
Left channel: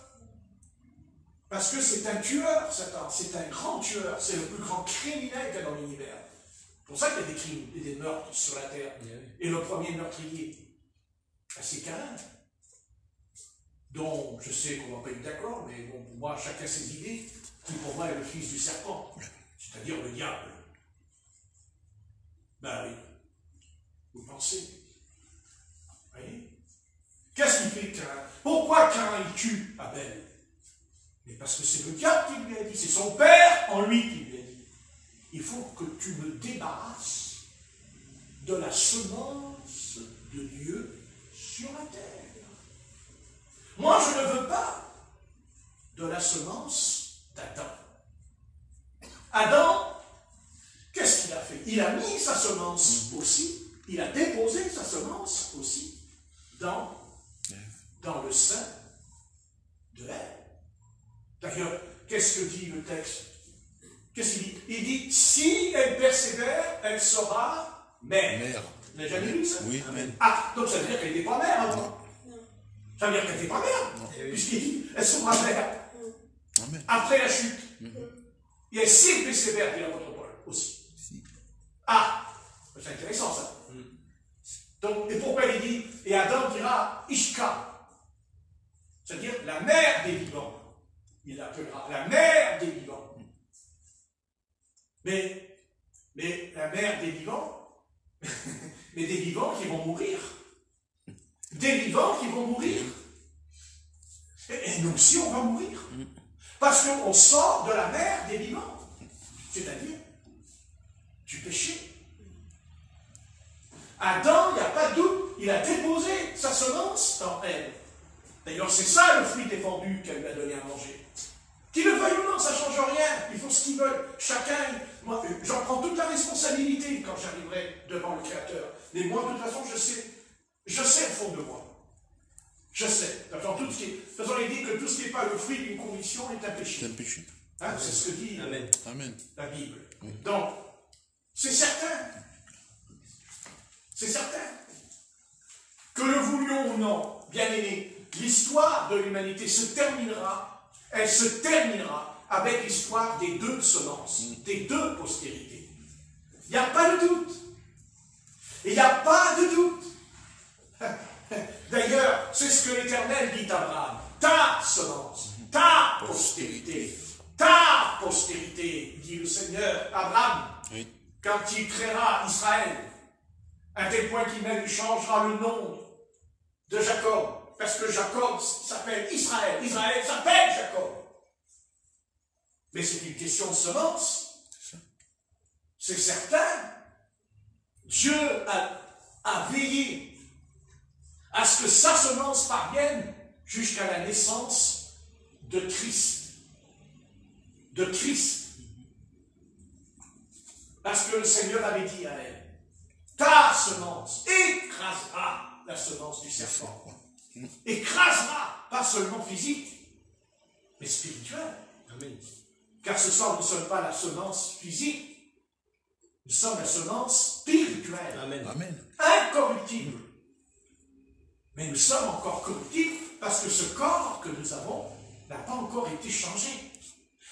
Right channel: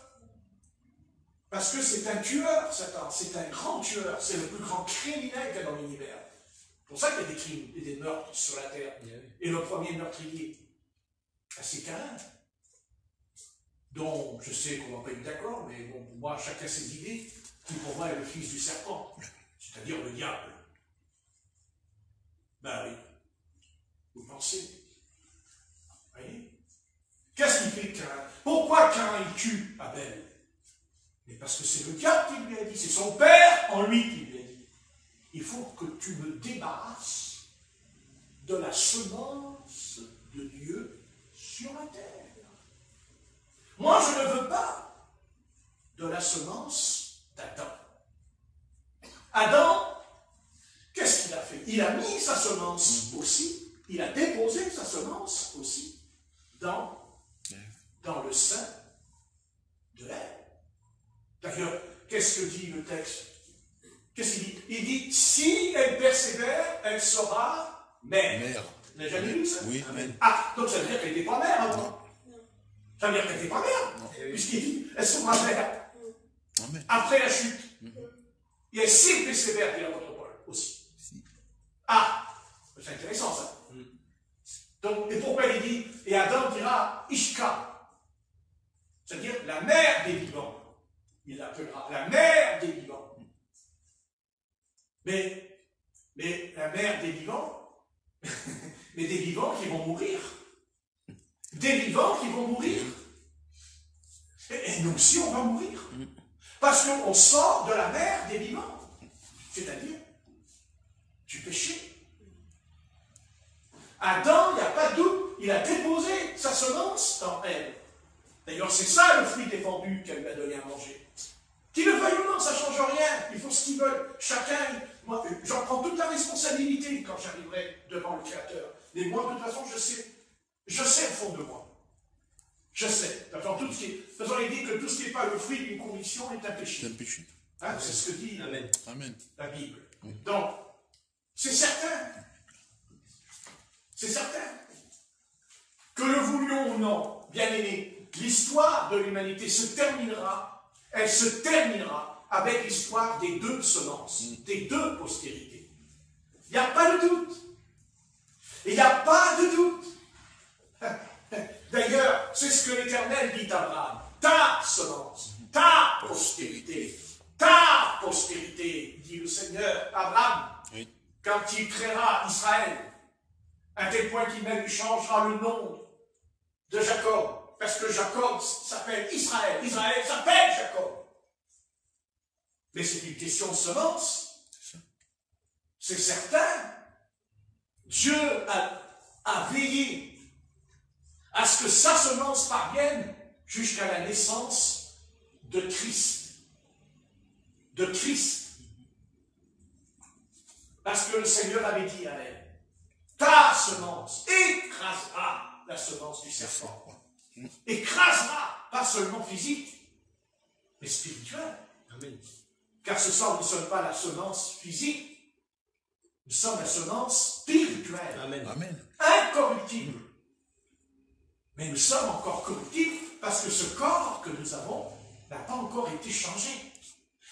Parce que c'est un tueur, Satan. C'est un grand tueur. C'est le plus grand criminel qu'il y a dans l'univers. C'est pour ça qu'il y a des crimes et des meurtres sur la terre. Et le premier meurtrier, c'est Caïn. Dont je sais qu'on ne va pas être d'accord, mais bon, pour moi, chacun ses idées, qui pour moi est le fils du serpent, c'est-à-dire le diable. Ben oui. Vous pensez? Vous voyez? Qu'est-ce qu'il fait Caïn? Pourquoi Caïn il tue Abel? Mais parce que c'est le diable qui lui a dit, c'est son père en lui qui lui a dit. Il faut que tu me débarrasses de la semence de Dieu sur la terre. Moi, je ne veux pas de la semence d'Adam. Adam, qu'est-ce qu'il a fait? Il a mis sa semence aussi, il a déposé sa semence aussi dans le sein de Ève. D'ailleurs, qu'est-ce que dit le texte? Qu'est-ce qu'il dit? Il dit, si elle persévère, elle sera mère. Vous n'avez jamais lu ça? Oui. Ah, donc ça veut dire qu'elle n'était pas mère avant. Ça veut dire qu'elle n'était pas mère. Puisqu'il dit, elle sera mère. Amen. Après la chute. Et si elle persévère, dit l'apôtre Paul aussi. Ah, c'est intéressant ça. Donc, et pourquoi il dit, et Adam dira, Ishka. c'est-à-dire la mère des vivants. Il l'appellera la mère des vivants. Mais la mère des vivants, mais des vivants qui vont mourir. Des vivants qui vont mourir. Et nous aussi, on va mourir. Parce qu'on sort de la mère des vivants. C'est-à-dire du péché. Adam, il n'y a pas de doute, il a déposé sa semence en elle. D'ailleurs, c'est ça le fruit défendu qu'elle lui a donné à manger. Qu'il le veuille ou non, ça ne change rien. Ils font ce qu'ils veulent. Chacun, moi, j'en prends toute la responsabilité quand j'arriverai devant le Créateur. Mais moi, de toute façon, je sais au fond de moi. Je sais. De toute façon, il dit que tout ce qui n'est pas le fruit d'une conviction est un péché. C'est un péché. Hein, c'est ce que dit Amen. Amen. la Bible. Oui. Donc, c'est certain. C'est certain. Que le voulions ou non, bien aimé, l'histoire de l'humanité se terminera, elle se terminera avec l'histoire des deux semences, des deux postérités. Il n'y a pas de doute. Il n'y a pas de doute. D'ailleurs, c'est ce que l'Éternel dit à Abraham. Ta semence, ta postérité, dit le Seigneur à Abraham, Oui. quand il créera Israël, à tel point qu'il même changera le nom de Jacob, parce que Jacob s'appelle Israël, Israël s'appelle Jacob. Mais c'est une question de semence. C'est certain. Dieu a veillé à ce que sa semence parvienne jusqu'à la naissance de Christ. De Christ. Parce que le Seigneur avait dit à elle, ta semence écrasera la semence du serpent. Écrasera, pas seulement physique, mais spirituel. Amen. Car ce soir, nous ne sommes pas la semence physique, nous sommes la semence spirituelle, Amen. Amen. incorruptible. Mais nous sommes encore corruptibles parce que ce corps que nous avons n'a pas encore été changé.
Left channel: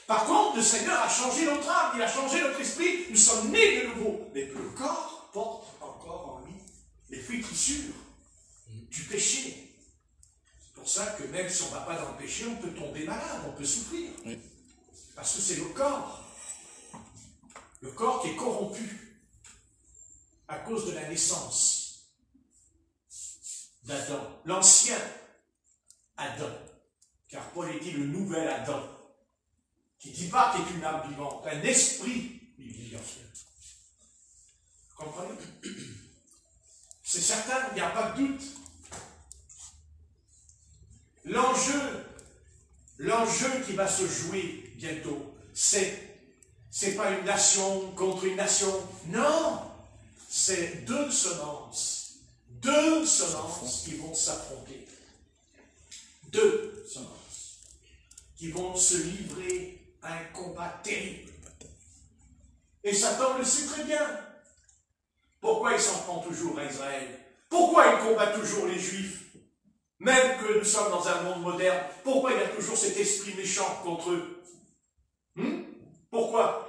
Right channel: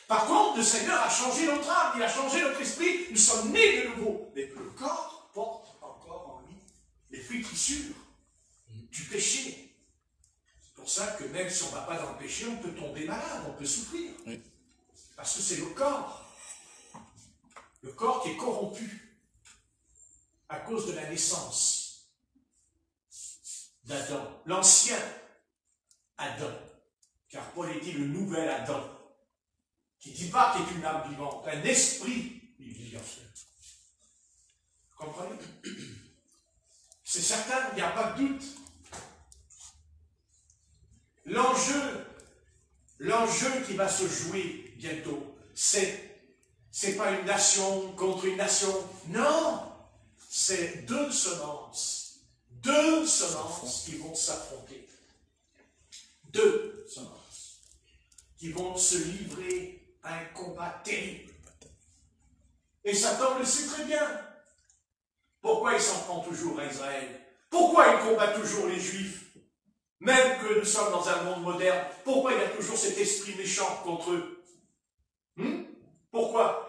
Par contre, le Seigneur a changé notre âme, il a changé notre esprit, nous sommes nés de nouveau. Mais le corps porte encore en lui les flétrissures du péché. C'est pour ça que même si on ne va pas dans le péché, on peut tomber malade, on peut souffrir. Oui. Parce que c'est le corps qui est corrompu à cause de la naissance d'Adam, l'ancien Adam, car Paul est dit le nouvel Adam, qui dit pas qu'il est une âme vivante, un esprit vivant. Vous comprenez? C'est certain, il n'y a pas de doute. L'enjeu qui va se jouer bientôt, c'est pas une nation contre une nation, non, c'est deux semences qui vont s'affronter, deux semences qui vont se livrer à un combat terrible. Et Satan le sait très bien. Pourquoi il s'en prend toujours à Israël? Pourquoi il combat toujours les Juifs? Même que nous sommes dans un monde moderne, pourquoi il y a toujours cet esprit méchant contre eux? Pourquoi?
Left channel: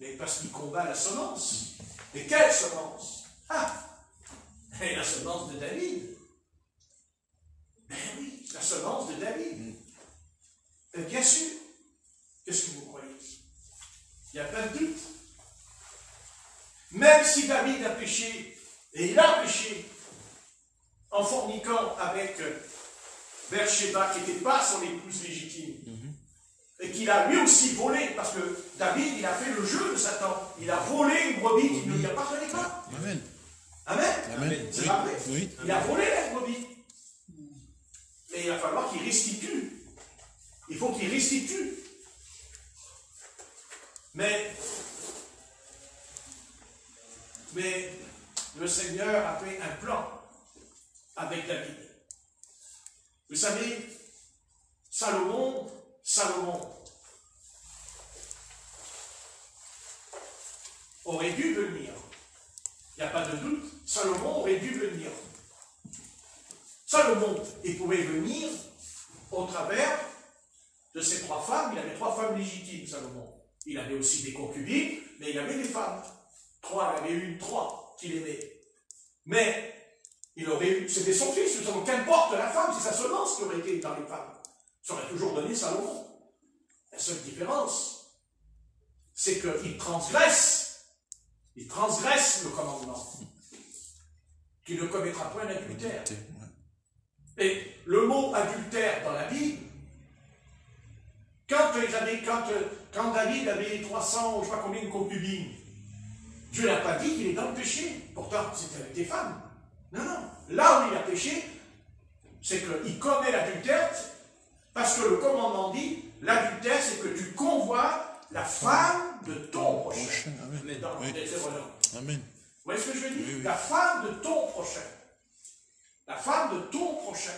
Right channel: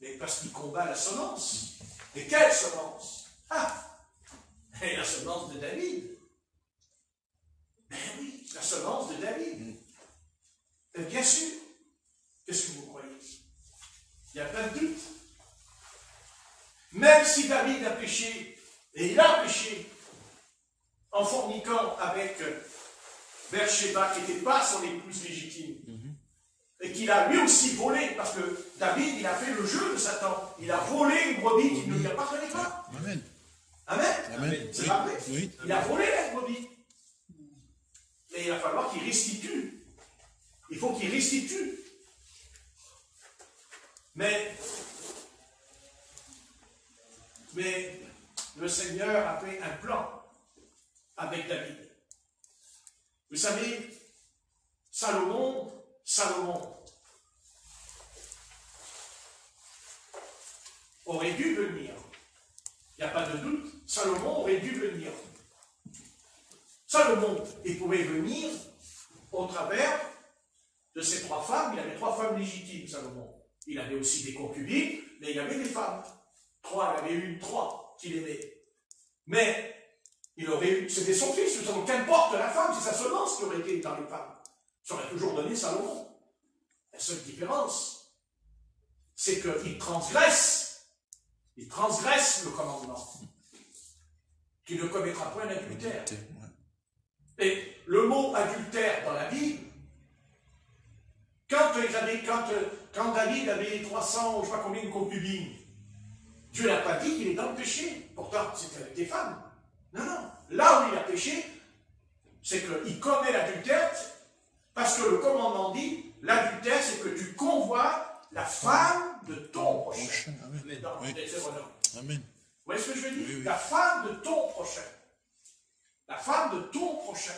Mais parce qu'il combat la semence. Mais quelle semence? Et la semence de David. Ben oui, la semence de David. Et bien sûr. Qu'est-ce que vous croyez? Il n'y a pas de doute. Même si David a péché, et il a péché, en forniquant avec Bathsheba, qui n'était pas son épouse légitime, et qu'il a lui aussi volé, parce que David, il a fait le jeu de Satan. Il a volé une brebis qui ne lui appartenait pas. Amen. Amen. Amen. C'est pas vrai? Oui. Il a volé la brebis. Et il va falloir qu'il restitue. Il faut qu'il restitue. Mais le Seigneur a fait un plan avec David. Vous savez, Salomon aurait dû venir. Il n'y a pas de doute, Salomon aurait dû venir. Salomon, il pouvait venir au travers de ses trois femmes. Il avait trois femmes légitimes, Salomon. Il avait aussi des concubines, mais il avait des femmes. Il avait eu trois qu'il aimait. Mais C'était son fils, qu'importe la femme, c'est sa semence qui aurait été dans les femmes. Ça aurait toujours donné Salomon. La seule différence, c'est qu'il transgresse le commandement, qu'il ne commettra point d'adultère. Et le mot adultère dans la Bible, quand David avait 300, je ne sais pas combien de concubines, Dieu n'a pas dit qu'il est dans le péché. Pourtant, c'était avec des femmes. Non, non. Là où il a péché, c'est qu'il commet l'adultère, parce que le commandement dit, l'adultère, c'est que tu convoites la femme de ton prochain. Amen. Vous voyez ce que je veux dire? Oui. La femme de ton prochain. La femme de ton prochain.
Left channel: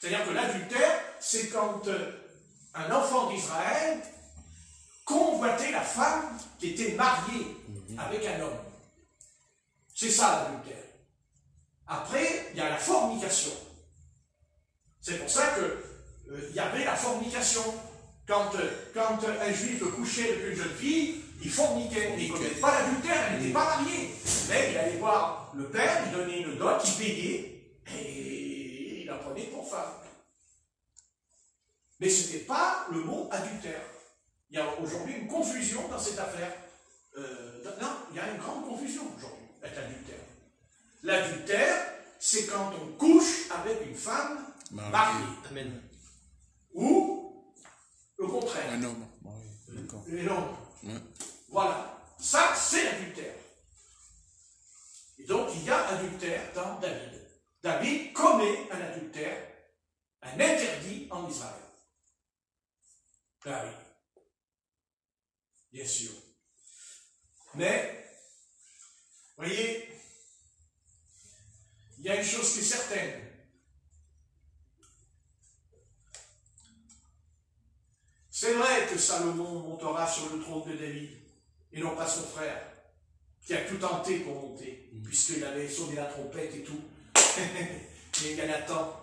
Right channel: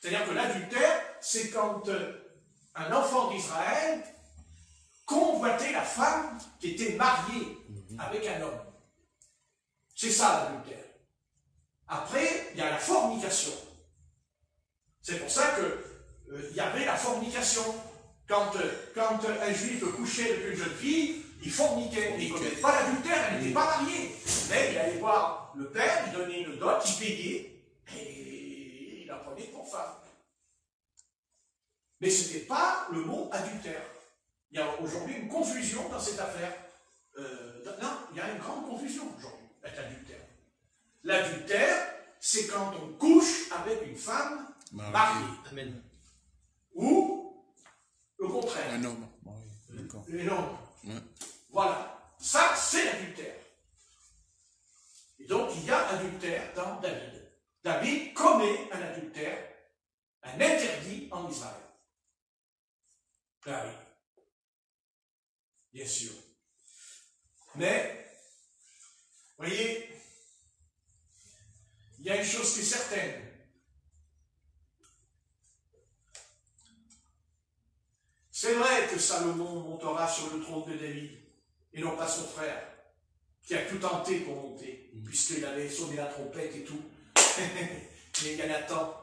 C'est-à-dire que l'adultère, c'est quand un enfant d'Israël convoitait la femme qui était mariée avec un homme. C'est ça l'adultère. Après, il y a la fornication. C'est pour ça qu'il y avait la fornication. Quand un juif couchait avec une jeune fille, il forniquait. Il ne connaissait pas l'adultère, elle n'était pas mariée. Mais il allait voir le père, il donnait une dot, il payait, et il la prenait pour femme. Mais ce n'était pas le mot adultère. Il y a aujourd'hui une confusion dans cette affaire. Non, il y a une grande confusion aujourd'hui avec l'adultère. L'adultère, c'est quand on couche avec une femme mariée. Amen. Ou le contraire. Un homme. Oui, Un homme. ouais. Voilà. Ça, c'est l'adultère. Et donc, il y a adultère dans David. David commet un adultère, un interdit en Israël. Ah oui. Bien sûr. Mais, vous voyez, il y a une chose qui est certaine. C'est vrai que Salomon montera sur le trône de David, et non pas son frère, qui a tout tenté pour monter, puisqu'il avait sonné la trompette et tout. Les Galatans,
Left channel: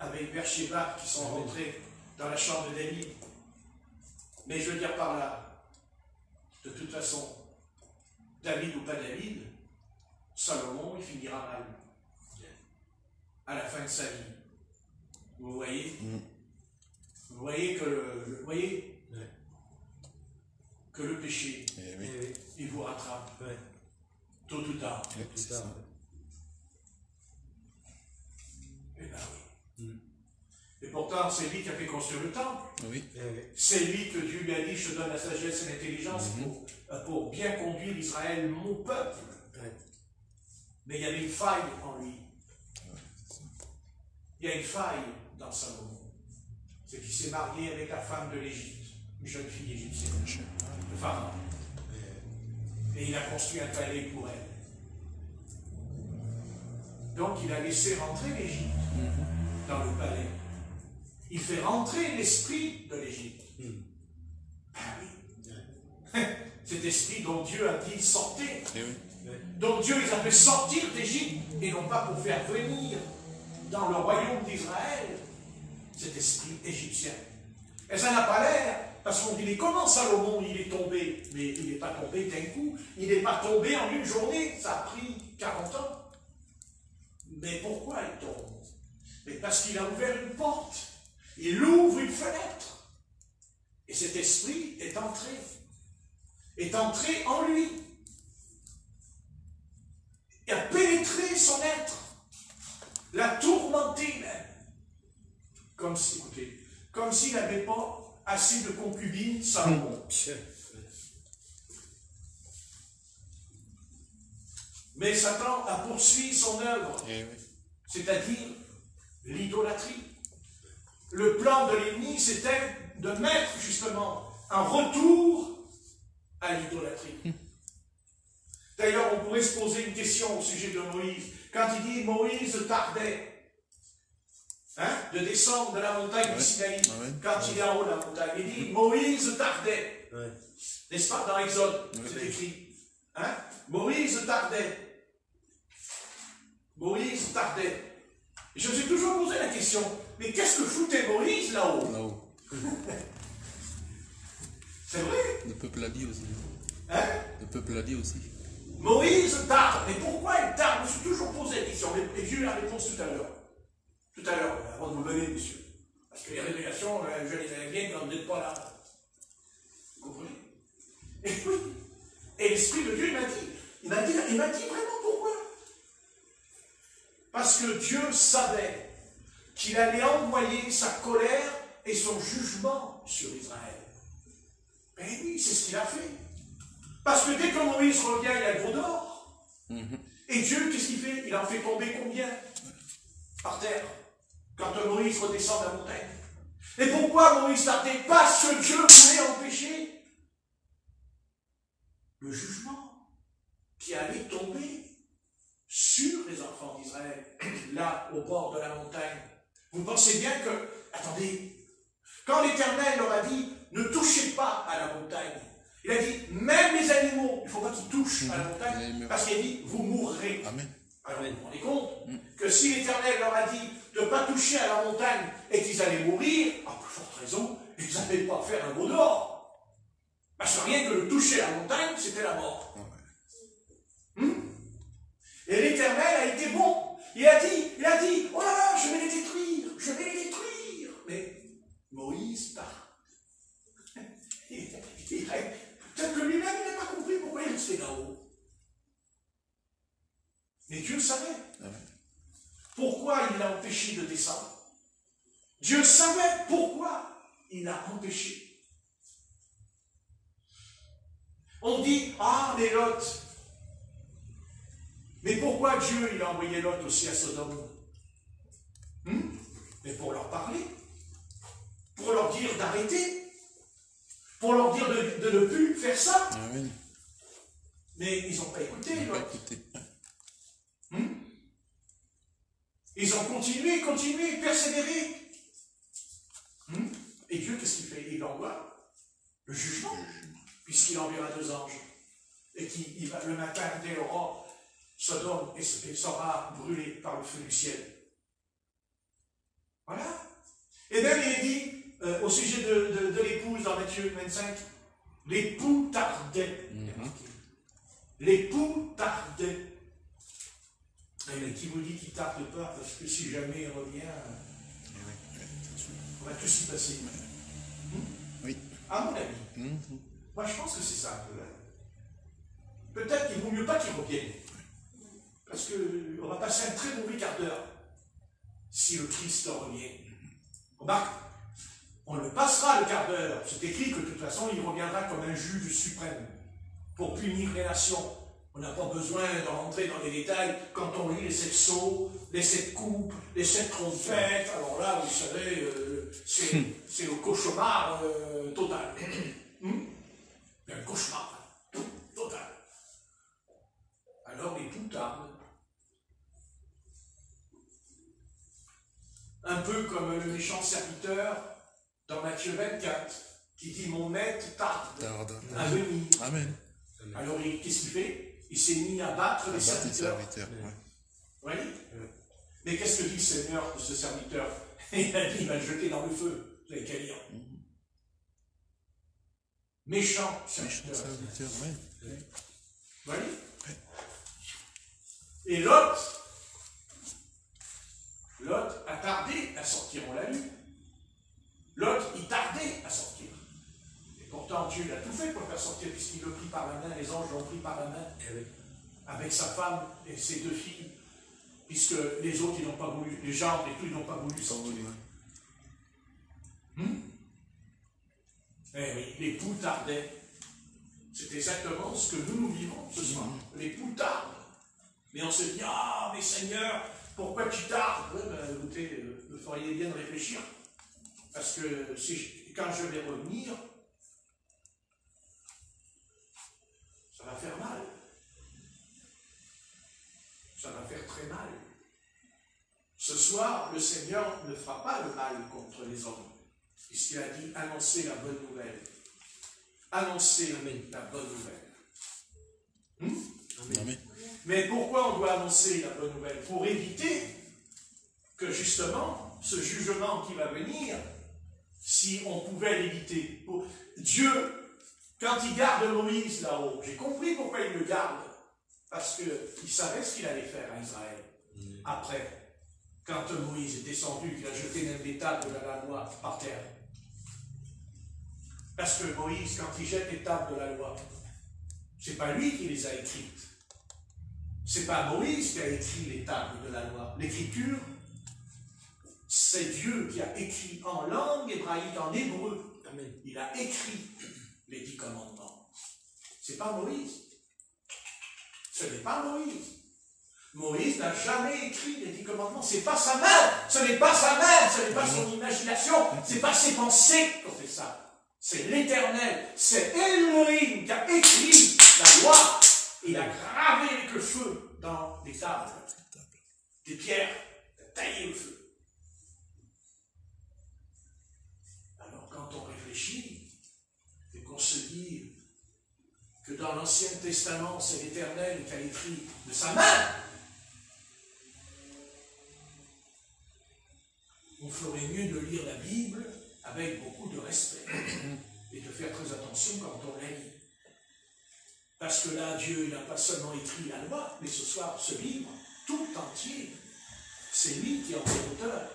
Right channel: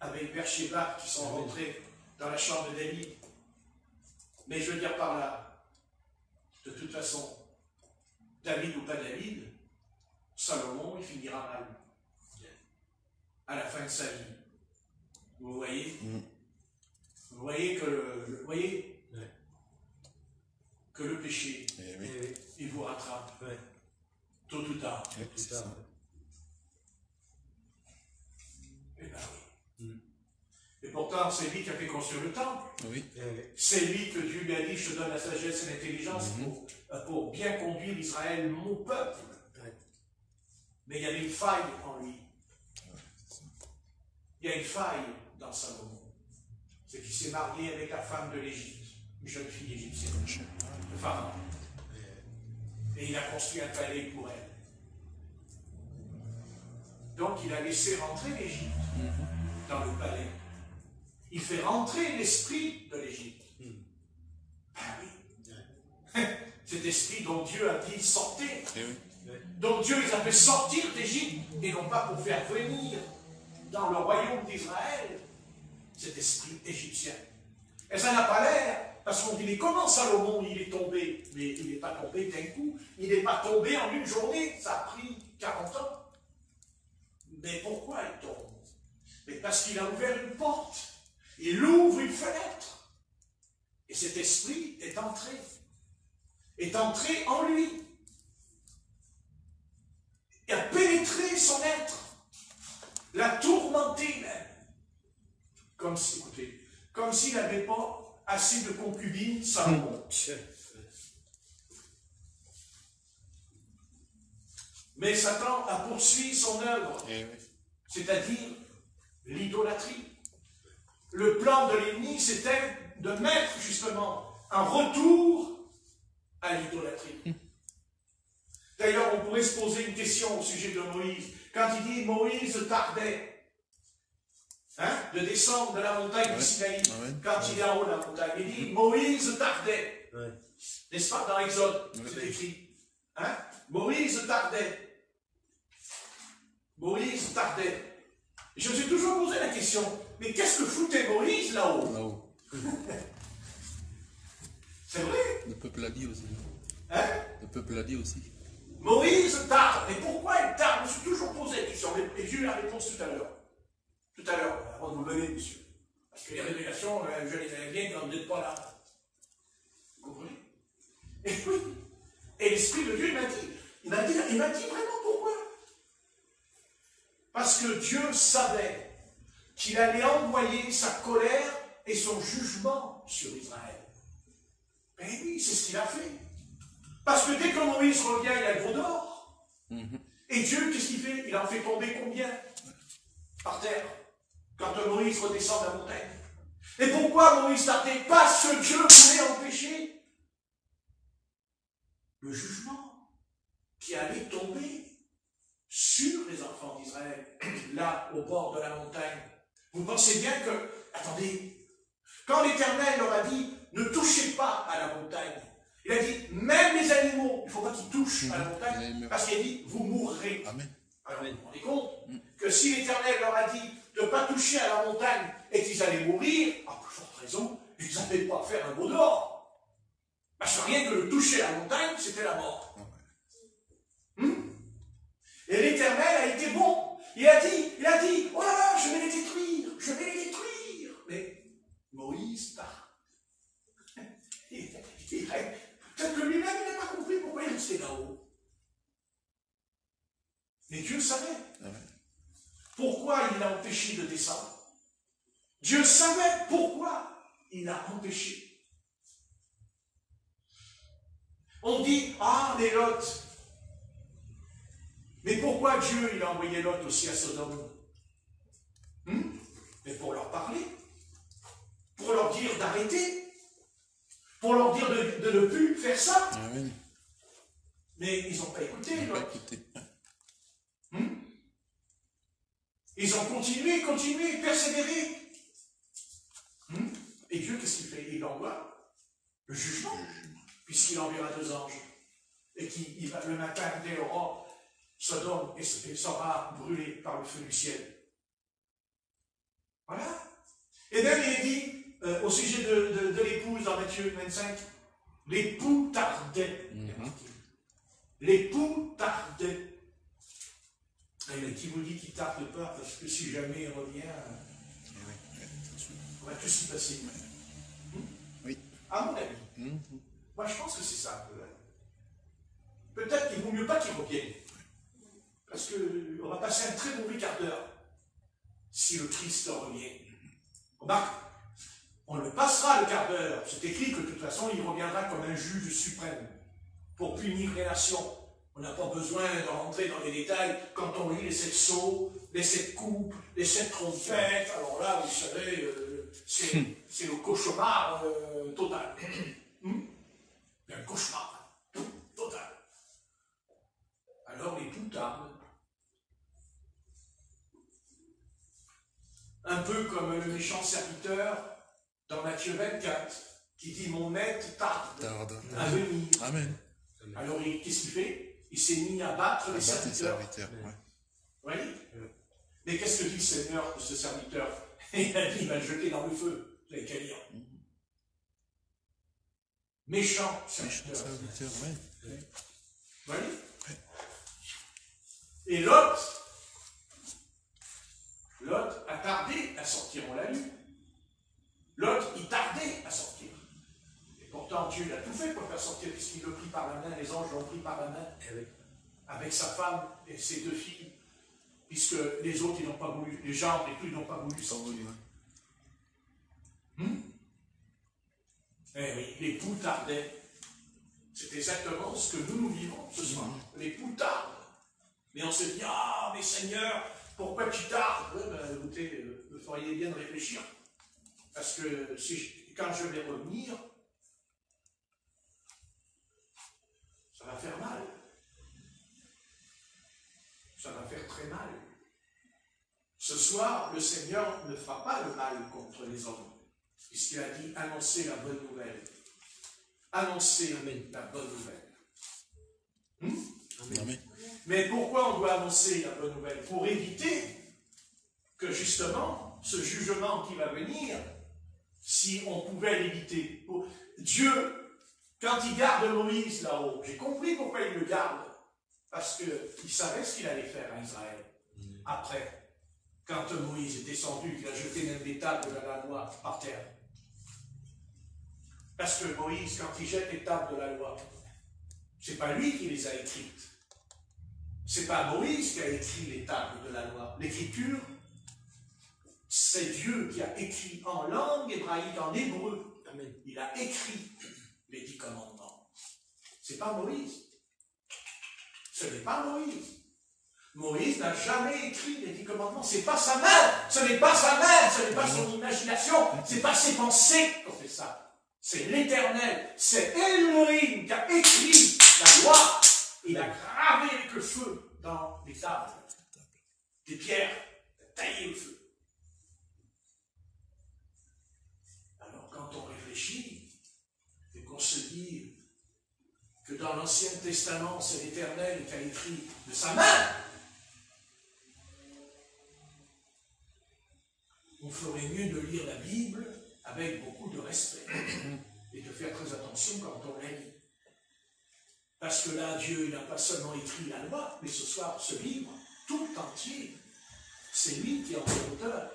avec Bersheba, qui sont rentrés dans la chambre de David. Mais je veux dire par là, de toute façon, David ou pas David, Salomon, il finira mal. À la fin de sa vie. Vous voyez? Vous voyez que le péché, il vous rattrape. Tôt ou tard. Eh bien oui. Et pourtant, c'est lui qui a fait construire le temple. Oui. C'est lui que Dieu lui a dit, je te donne la sagesse et l'intelligence pour bien conduire Israël, mon peuple. Mais il y avait une faille en lui. Il y a une faille dans Salomon. C'est qu'il s'est marié avec la femme de l'Égypte, une jeune fille égyptienne, le pharaon. Et il a construit un palais pour elle. Donc il a laissé rentrer l'Égypte dans le palais. Il fait rentrer l'esprit de l'Égypte. Ah oui. Cet esprit dont Dieu a dit sortez. Donc Dieu les a fait sortir d'Égypte et non pas pour faire venir dans le royaume d'Israël cet esprit égyptien. Et ça n'a pas l'air, parce qu'on dit, mais comment Salomon il est tombé? Mais il n'est pas tombé d'un coup, il n'est pas tombé en une journée, ça a pris 40 ans. Mais pourquoi il tombe? Mais parce qu'il a ouvert une porte, il ouvre une fenêtre, et cet esprit est entré en lui, et a pénétré son être, l'a tourmenté même. Comme s'il n'avait pas assez de concubines, Salomon. Mais Satan a poursuivi son œuvre, c'est-à-dire l'idolâtrie. Le plan de l'ennemi, c'était de mettre justement un retour à l'idolâtrie. D'ailleurs, on pourrait se poser une question au sujet de Moïse. Quand il dit Moïse tardait, de descendre de la montagne du Sinaï, quand il est en haut de la montagne, il dit Moïse tardait. N'est-ce pas dans Exode, c'est écrit. Moïse tardait. Moïse tardait. Et je me suis toujours posé la question, mais qu'est-ce que foutait Moïse là-haut? C'est vrai. Le peuple l'a dit aussi. Le peuple l'a dit aussi. Moïse tarde. Mais pourquoi il tarde? Je me suis toujours posé la question. Et j'ai eu la réponse tout à l'heure. Tout à l'heure, avant de vous lever, monsieur. Parce que les révélations, je les ai bien quand vous n'êtes pas là. Vous comprenez? Et oui. Et l'Esprit de Dieu, il m'a dit vraiment pourquoi? Parce que Dieu savait qu'il allait envoyer sa colère et son jugement sur Israël. Et oui, c'est ce qu'il a fait. Parce que dès que Moïse revient, il a le veau d'or. Et Dieu, qu'est-ce qu'il fait? Il en fait tomber combien? Par terre. Quand Moïse redescend de la montagne. Et pourquoi Moïse tardait? Parce que Dieu voulait empêcher le jugement qui allait tomber sur les enfants d'Israël, là, au bord de la montagne. Vous pensez bien que, attendez, quand l'Éternel leur a dit, ne touchez pas à la montagne, il a dit, même les animaux, il ne faut pas qu'ils touchent à la montagne, parce qu'il a dit, vous mourrez. Amen. Alors, vous vous rendez compte que si l'Éternel leur a dit de ne pas toucher à la montagne et qu'ils allaient mourir, à plus forte raison, ils n'allaient pas faire un veau d'or. Parce que rien que de toucher à la montagne, c'était la mort. Et l'Éternel a été bon. Il a dit, oh là là, je vais les détruire, je vais les détruire. Mais Moïse tarde. Peut-être que lui-même, il n'a pas compris pourquoi il restait là-haut. Mais Dieu savait. Pourquoi il l'a empêché de descendre? Dieu savait pourquoi il l'a empêché. On dit, ah, les Lot. Mais pourquoi Dieu il a envoyé Lot aussi à Sodome? Mais pour leur parler, pour leur dire d'arrêter, pour leur dire de ne plus faire ça. Amen. Mais ils n'ont pas écouté, Lot. Ils ont continué, persévéré. Et Dieu, qu'est-ce qu'il fait? Il envoie le jugement, puisqu'il enverra 2 anges. Et qu'il va le matin, dès l'aurore, Sodome sera brûlé par le feu du ciel. Voilà. Et même il est dit, au sujet de l'épouse dans Matthieu 25, l'époux tardait. L'époux tardait. Mais qui vous dit qu'il ne tarde pas, parce que si jamais il revient, on va tout s'y passer. Oui. À mon avis. Moi, je pense que c'est ça. Peut-être qu'il vaut mieux pas qu'il revienne. Parce qu'on va passer un très mauvais quart d'heure si le Christ revient. Remarque, on le passera le quart d'heure. C'est écrit que de toute façon, il reviendra comme un juge suprême pour punir les nations. On n'a pas besoin de rentrer dans les détails quand on lit les 7 sceaux, les 7 coupes, les 7 trompettes. Alors là, vous savez, c'est le cauchemar total. Un cauchemar total. Alors les tout tardent. Un peu comme le méchant serviteur dans Matthieu 24, qui dit mon maître tarde à venir. Amen. Alors qu'est-ce qu'il fait? Il s'est mis à battre les serviteurs. Ouais. Vous voyez? Mais qu'est-ce que dit le Seigneur de ce serviteur? Il va le jeter dans le feu. Vous avez qu'à lire. Méchant serviteur. Oui. Vous voyez? Et Lot a tardé à sortir, on l'a lu. Lot, il tardait à sortir. Et pourtant, Dieu l'a tout fait pour le faire sortir, puisqu'il le prit par la main, les anges l'ont pris par la main, avec sa femme et ses 2 filles, puisque les autres, ils n'ont pas voulu, les gens et tout, ils n'ont pas voulu sortir. Eh oui, l'époux tardait. C'est exactement ce que nous vivons ce soir. L'époux tarde. Mais on se dit, ah, mais Seigneur, pourquoi tu tardes? Écoutez, vous feriez bien de réfléchir. Parce que quand je vais revenir, ça va faire mal. Ça va faire très mal. Ce soir, le Seigneur ne fera pas le mal contre les hommes. Puisqu'il a dit, annoncez la bonne nouvelle. Annoncez la bonne nouvelle. Amen. Mais pourquoi on doit annoncer la bonne nouvelle? Pour éviter que justement, ce jugement qui va venir, si on pouvait l'éviter. Dieu, quand il garde Moïse là-haut, j'ai compris pourquoi il le garde. Parce qu'il savait ce qu'il allait faire à Israël. Après, quand Moïse est descendu, il a jeté même les tables de la loi par terre. Parce que Moïse, quand il jette les tables de la loi, c'est pas lui qui les a écrites. C'est pas Moïse qui a écrit les tables de la loi. L'écriture, c'est Dieu qui a écrit en langue hébraïque, en hébreu. Amen. Il a écrit les 10 commandements. C'est pas Moïse. Ce n'est pas Moïse. Moïse n'a jamais écrit les 10 commandements. C'est pas sa main. Ce n'est pas sa main. Ce n'est pas son imagination. C'est pas ses pensées qui ont fait ça. C'est l'Éternel. C'est Elohim qui a écrit la loi. Il a gravé avec le feu dans les tables. Des pierres. Il a taillé le feu. Alors quand on réfléchit et qu'on se dit que dans l'Ancien Testament, c'est l'Éternel qui a écrit de sa main, on ferait mieux de lire la Bible avec beaucoup de respect et de faire très attention quand on la lit. Parce que là, Dieu n'a pas seulement écrit la loi, mais ce soir, ce livre, tout entier, c'est lui qui en est l'auteur.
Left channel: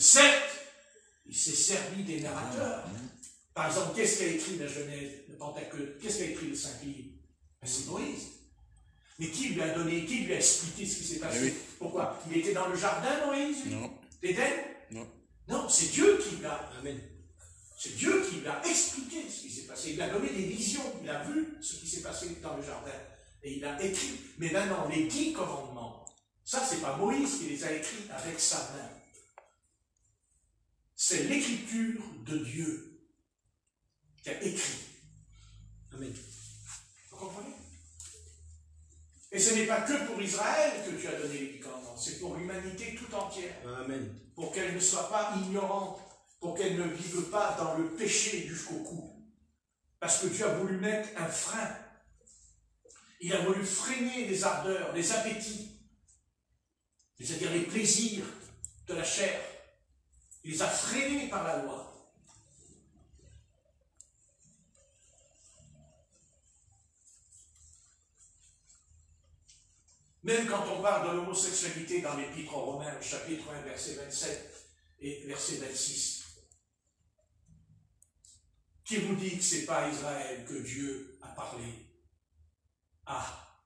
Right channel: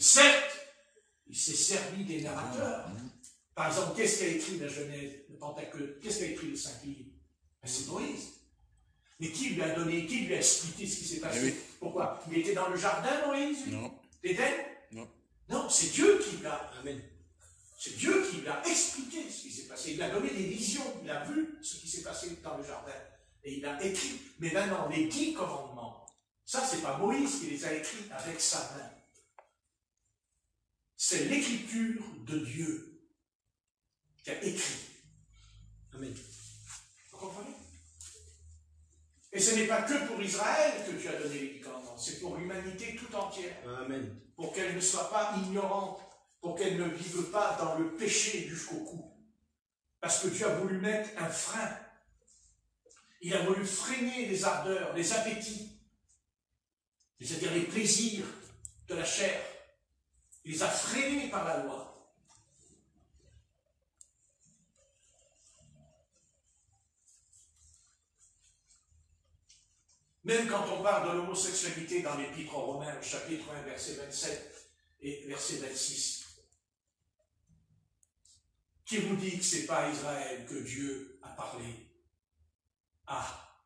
Certes, il s'est servi des narrateurs. Par exemple, qu'est-ce qu'a écrit la Genèse, le Pentecôte? Qu'est-ce qu'a écrit le 5 livres? C'est Moïse. Mais qui lui a donné, qui lui a expliqué ce qui s'est passé? Oui. Pourquoi? Il était dans le jardin, Moïse? Non. D'Éden? Non. Non, c'est Dieu qui l'a. Amen. C'est Dieu qui l'a expliqué ce qui s'est passé. Il a donné des visions. Il a vu ce qui s'est passé dans le jardin. Et il a écrit. Mais maintenant, les 10 commandements, ça, c'est pas Moïse qui les a écrits avec sa main. C'est l'écriture de Dieu qui a écrit. Amen. Vous comprenez? Et ce n'est pas que pour Israël que Dieu a donné les 10 commandements, c'est pour l'humanité tout entière. Amen. Pour qu'elle ne soit pas ignorante, pour qu'elle ne vive pas dans le péché jusqu'au cou. Parce que Dieu a voulu mettre un frein. Il a voulu freiner les ardeurs, les appétits, c'est-à-dire les plaisirs de la chair. Il les a freinés par la loi. Même quand on parle de l'homosexualité dans l'Épître aux Romains, chapitre 1, verset 27 et verset 26, qui vous dit que ce n'est pas à Israël que Dieu a parlé? Ah,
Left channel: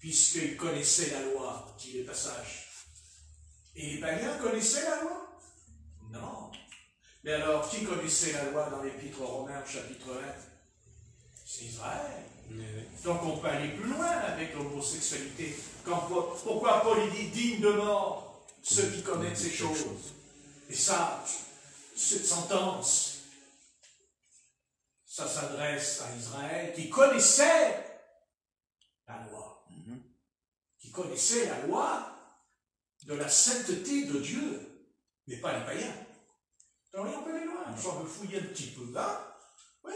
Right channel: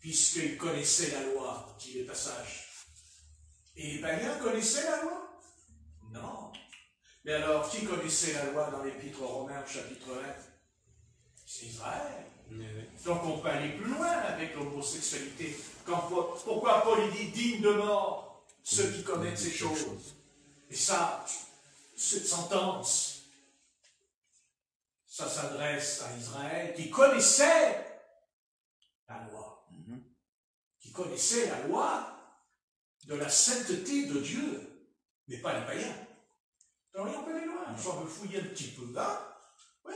puisqu'il connaissait la loi, dit le passage. Et les païens connaissaient la loi? Non. Mais alors, qui connaissait la loi dans l'Épître aux Romains, chapitre 1? C'est Israël. Donc on peut aller plus loin avec l'homosexualité. Pourquoi Paul dit digne de mort ceux qui commettent ces choses? Et ça, cette sentence, ça s'adresse à Israël qui connaissait la loi. Qui connaissait la loi de la sainteté de Dieu, mais pas les païens. Alors on peut aller loin, on peut fouiller un petit peu là. Oui,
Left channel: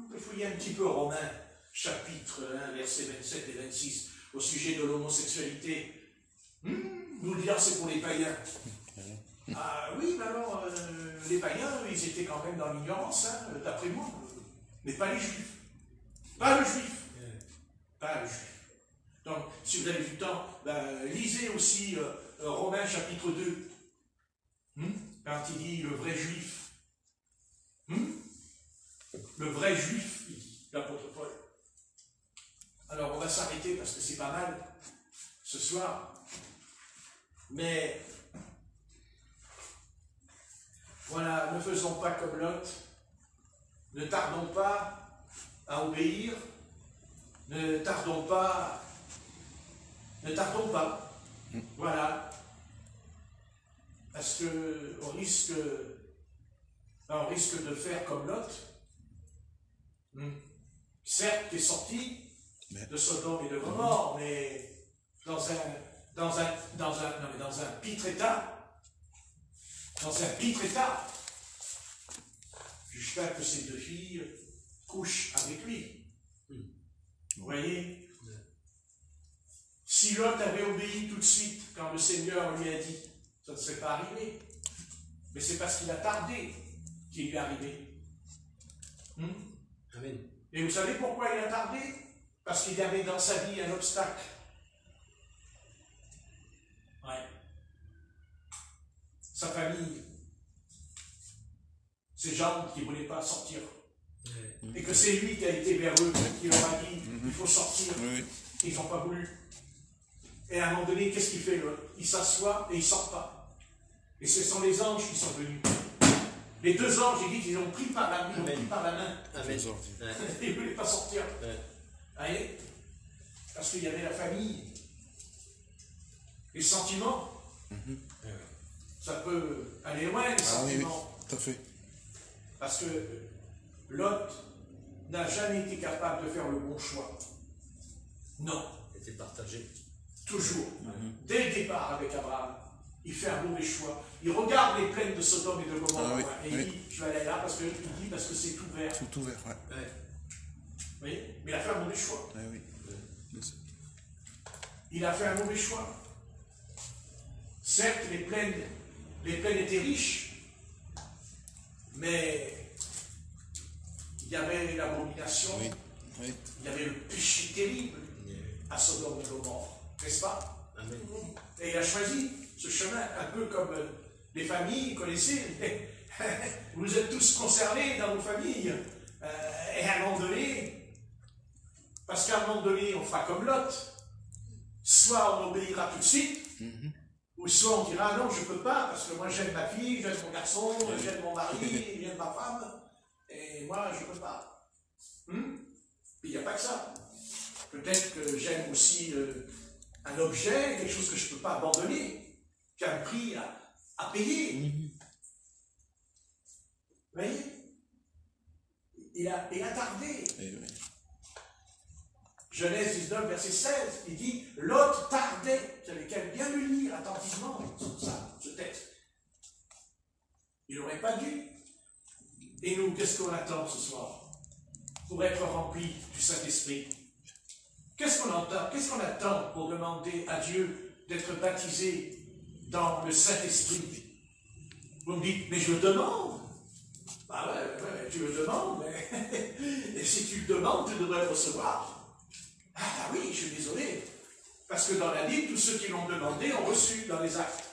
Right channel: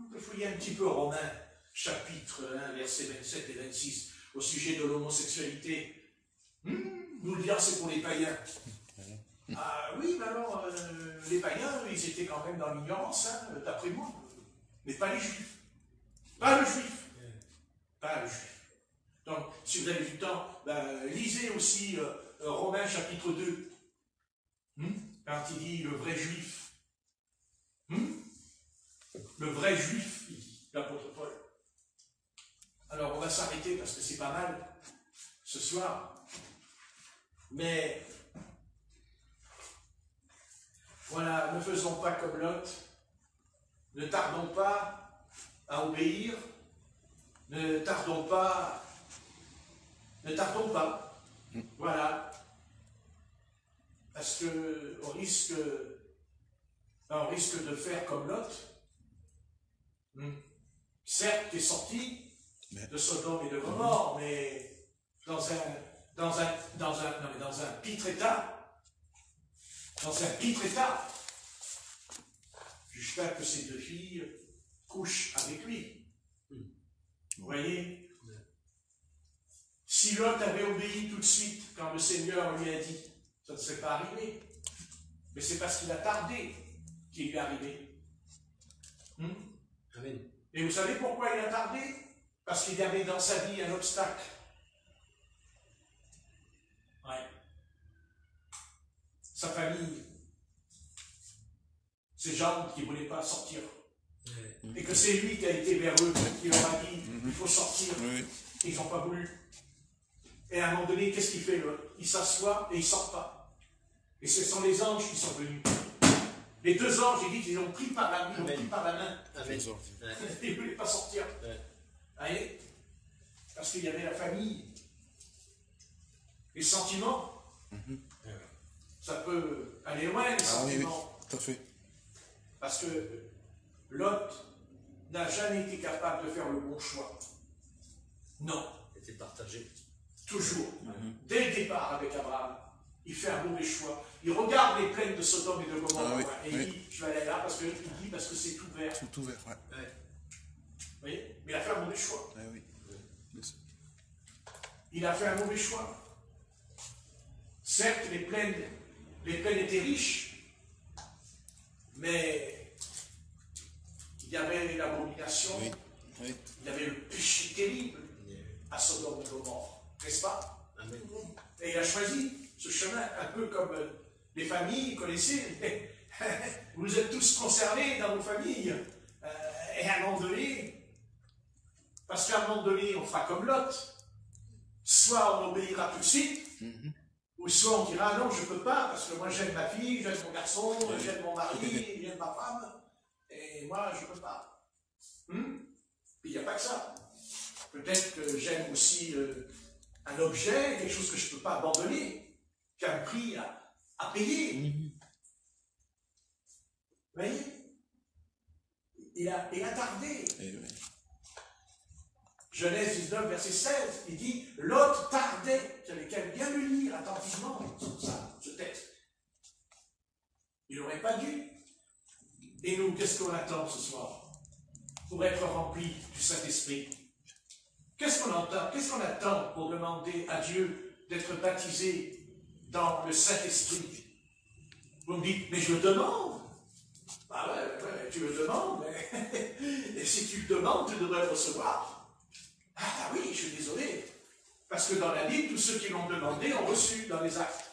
on peut fouiller un petit peu Romains. Chapitre 1, versets 27 et 26, au sujet de l'homosexualité. Vous le dire, c'est pour les païens. Ah oui, mais alors, les païens, ils étaient quand même dans l'ignorance, hein, d'après moi, mais pas les juifs. Pas le juif. Pas le juif. Donc, si vous avez du temps, lisez aussi Romains chapitre 2, quand il dit le vrai juif. Le vrai juif, il dit, l'apôtre Paul. Alors, on va s'arrêter parce que c'est pas mal ce soir. Mais, voilà, ne faisons pas comme Lot. Ne tardons pas à obéir. Ne tardons pas. Voilà. Parce qu'on risque de faire comme Lot. Certes, tu es sorti de Sodome et de Gomorrhe, mais dans un pitre état. Dans un pitre état. Jusqu'à que ces 2 filles couchent avec lui. Vous voyez? Si Lot avait obéi tout de suite quand le Seigneur lui a dit, ça ne serait pas arrivé. Mais c'est parce qu'il a tardé qu'il est arrivé. Amen. Et vous savez pourquoi il a tardé? Parce qu'il y avait dans sa vie un obstacle. Ouais. Sa famille, ses jambes qui ne voulaient pas sortir. Et que c'est lui qui a été vers eux, qui leur a dit, il faut sortir. Ils n'ont pas voulu. Et à un moment donné, qu'est-ce qu'il fait? Il s'assoit et il ne sort pas. Et ce sont les anges qui sont venus. Les deux anges, ils disent qu'ils ont pris par la main. Amen. Ils ne voulaient pas sortir. Voyez? Parce qu'il y avait la famille. Les sentiments. Ça peut aller loin, les sentiments. Tout à fait. Parce que Lot n'a jamais été capable de faire le bon choix. Non. Il était partagé. Toujours. Dès le départ avec Abraham, il fait un mauvais choix. Il regarde les plaines de Sodome et de Gomorrhe et il dit, je vais aller là parce que c'est tout vert. Tout ouvert, Vous voyez? Mais il a fait un mauvais choix. Oui. Il a fait un mauvais choix. Certes, les plaines étaient riches, mais il y avait une abomination, il y avait le péché terrible à Sodome et Gomorrhe, n'est-ce pas? Et il a choisi ce chemin, un peu comme les familles, vous connaissez, vous êtes tous concernés dans vos familles, et à un moment donné, parce qu'à un moment donné, on fera comme Lot, soit on obéira tout de suite, ou soit on dira non, je ne peux pas, parce que moi j'aime ma fille, j'aime mon garçon, j'aime mon mari, j'aime ma femme, et moi je ne peux pas. Il n'y a pas que ça. Peut-être que j'aime aussi un objet, quelque chose que je ne peux pas abandonner, qui a un prix à payer. Vous voyez? Il a tardé. Genèse 19, verset 16, il dit « Lot tardait ». Vous avez qu'à bien le lire attentivement, ce texte. Il n'aurait pas dû. Et nous, qu'est-ce qu'on attend ce soir pour être rempli du Saint-Esprit? Qu'est-ce qu'on entend? Qu'est-ce qu'on attend pour demander à Dieu d'être baptisé dans le Saint-Esprit? Vous me dites « Mais je le demande ». Ah ouais, tu le demandes, mais et si tu le demandes, tu devrais le recevoir. Ah oui, je suis désolé. Parce que dans la Bible, tous ceux qui l'ont demandé ont reçu dans les actes.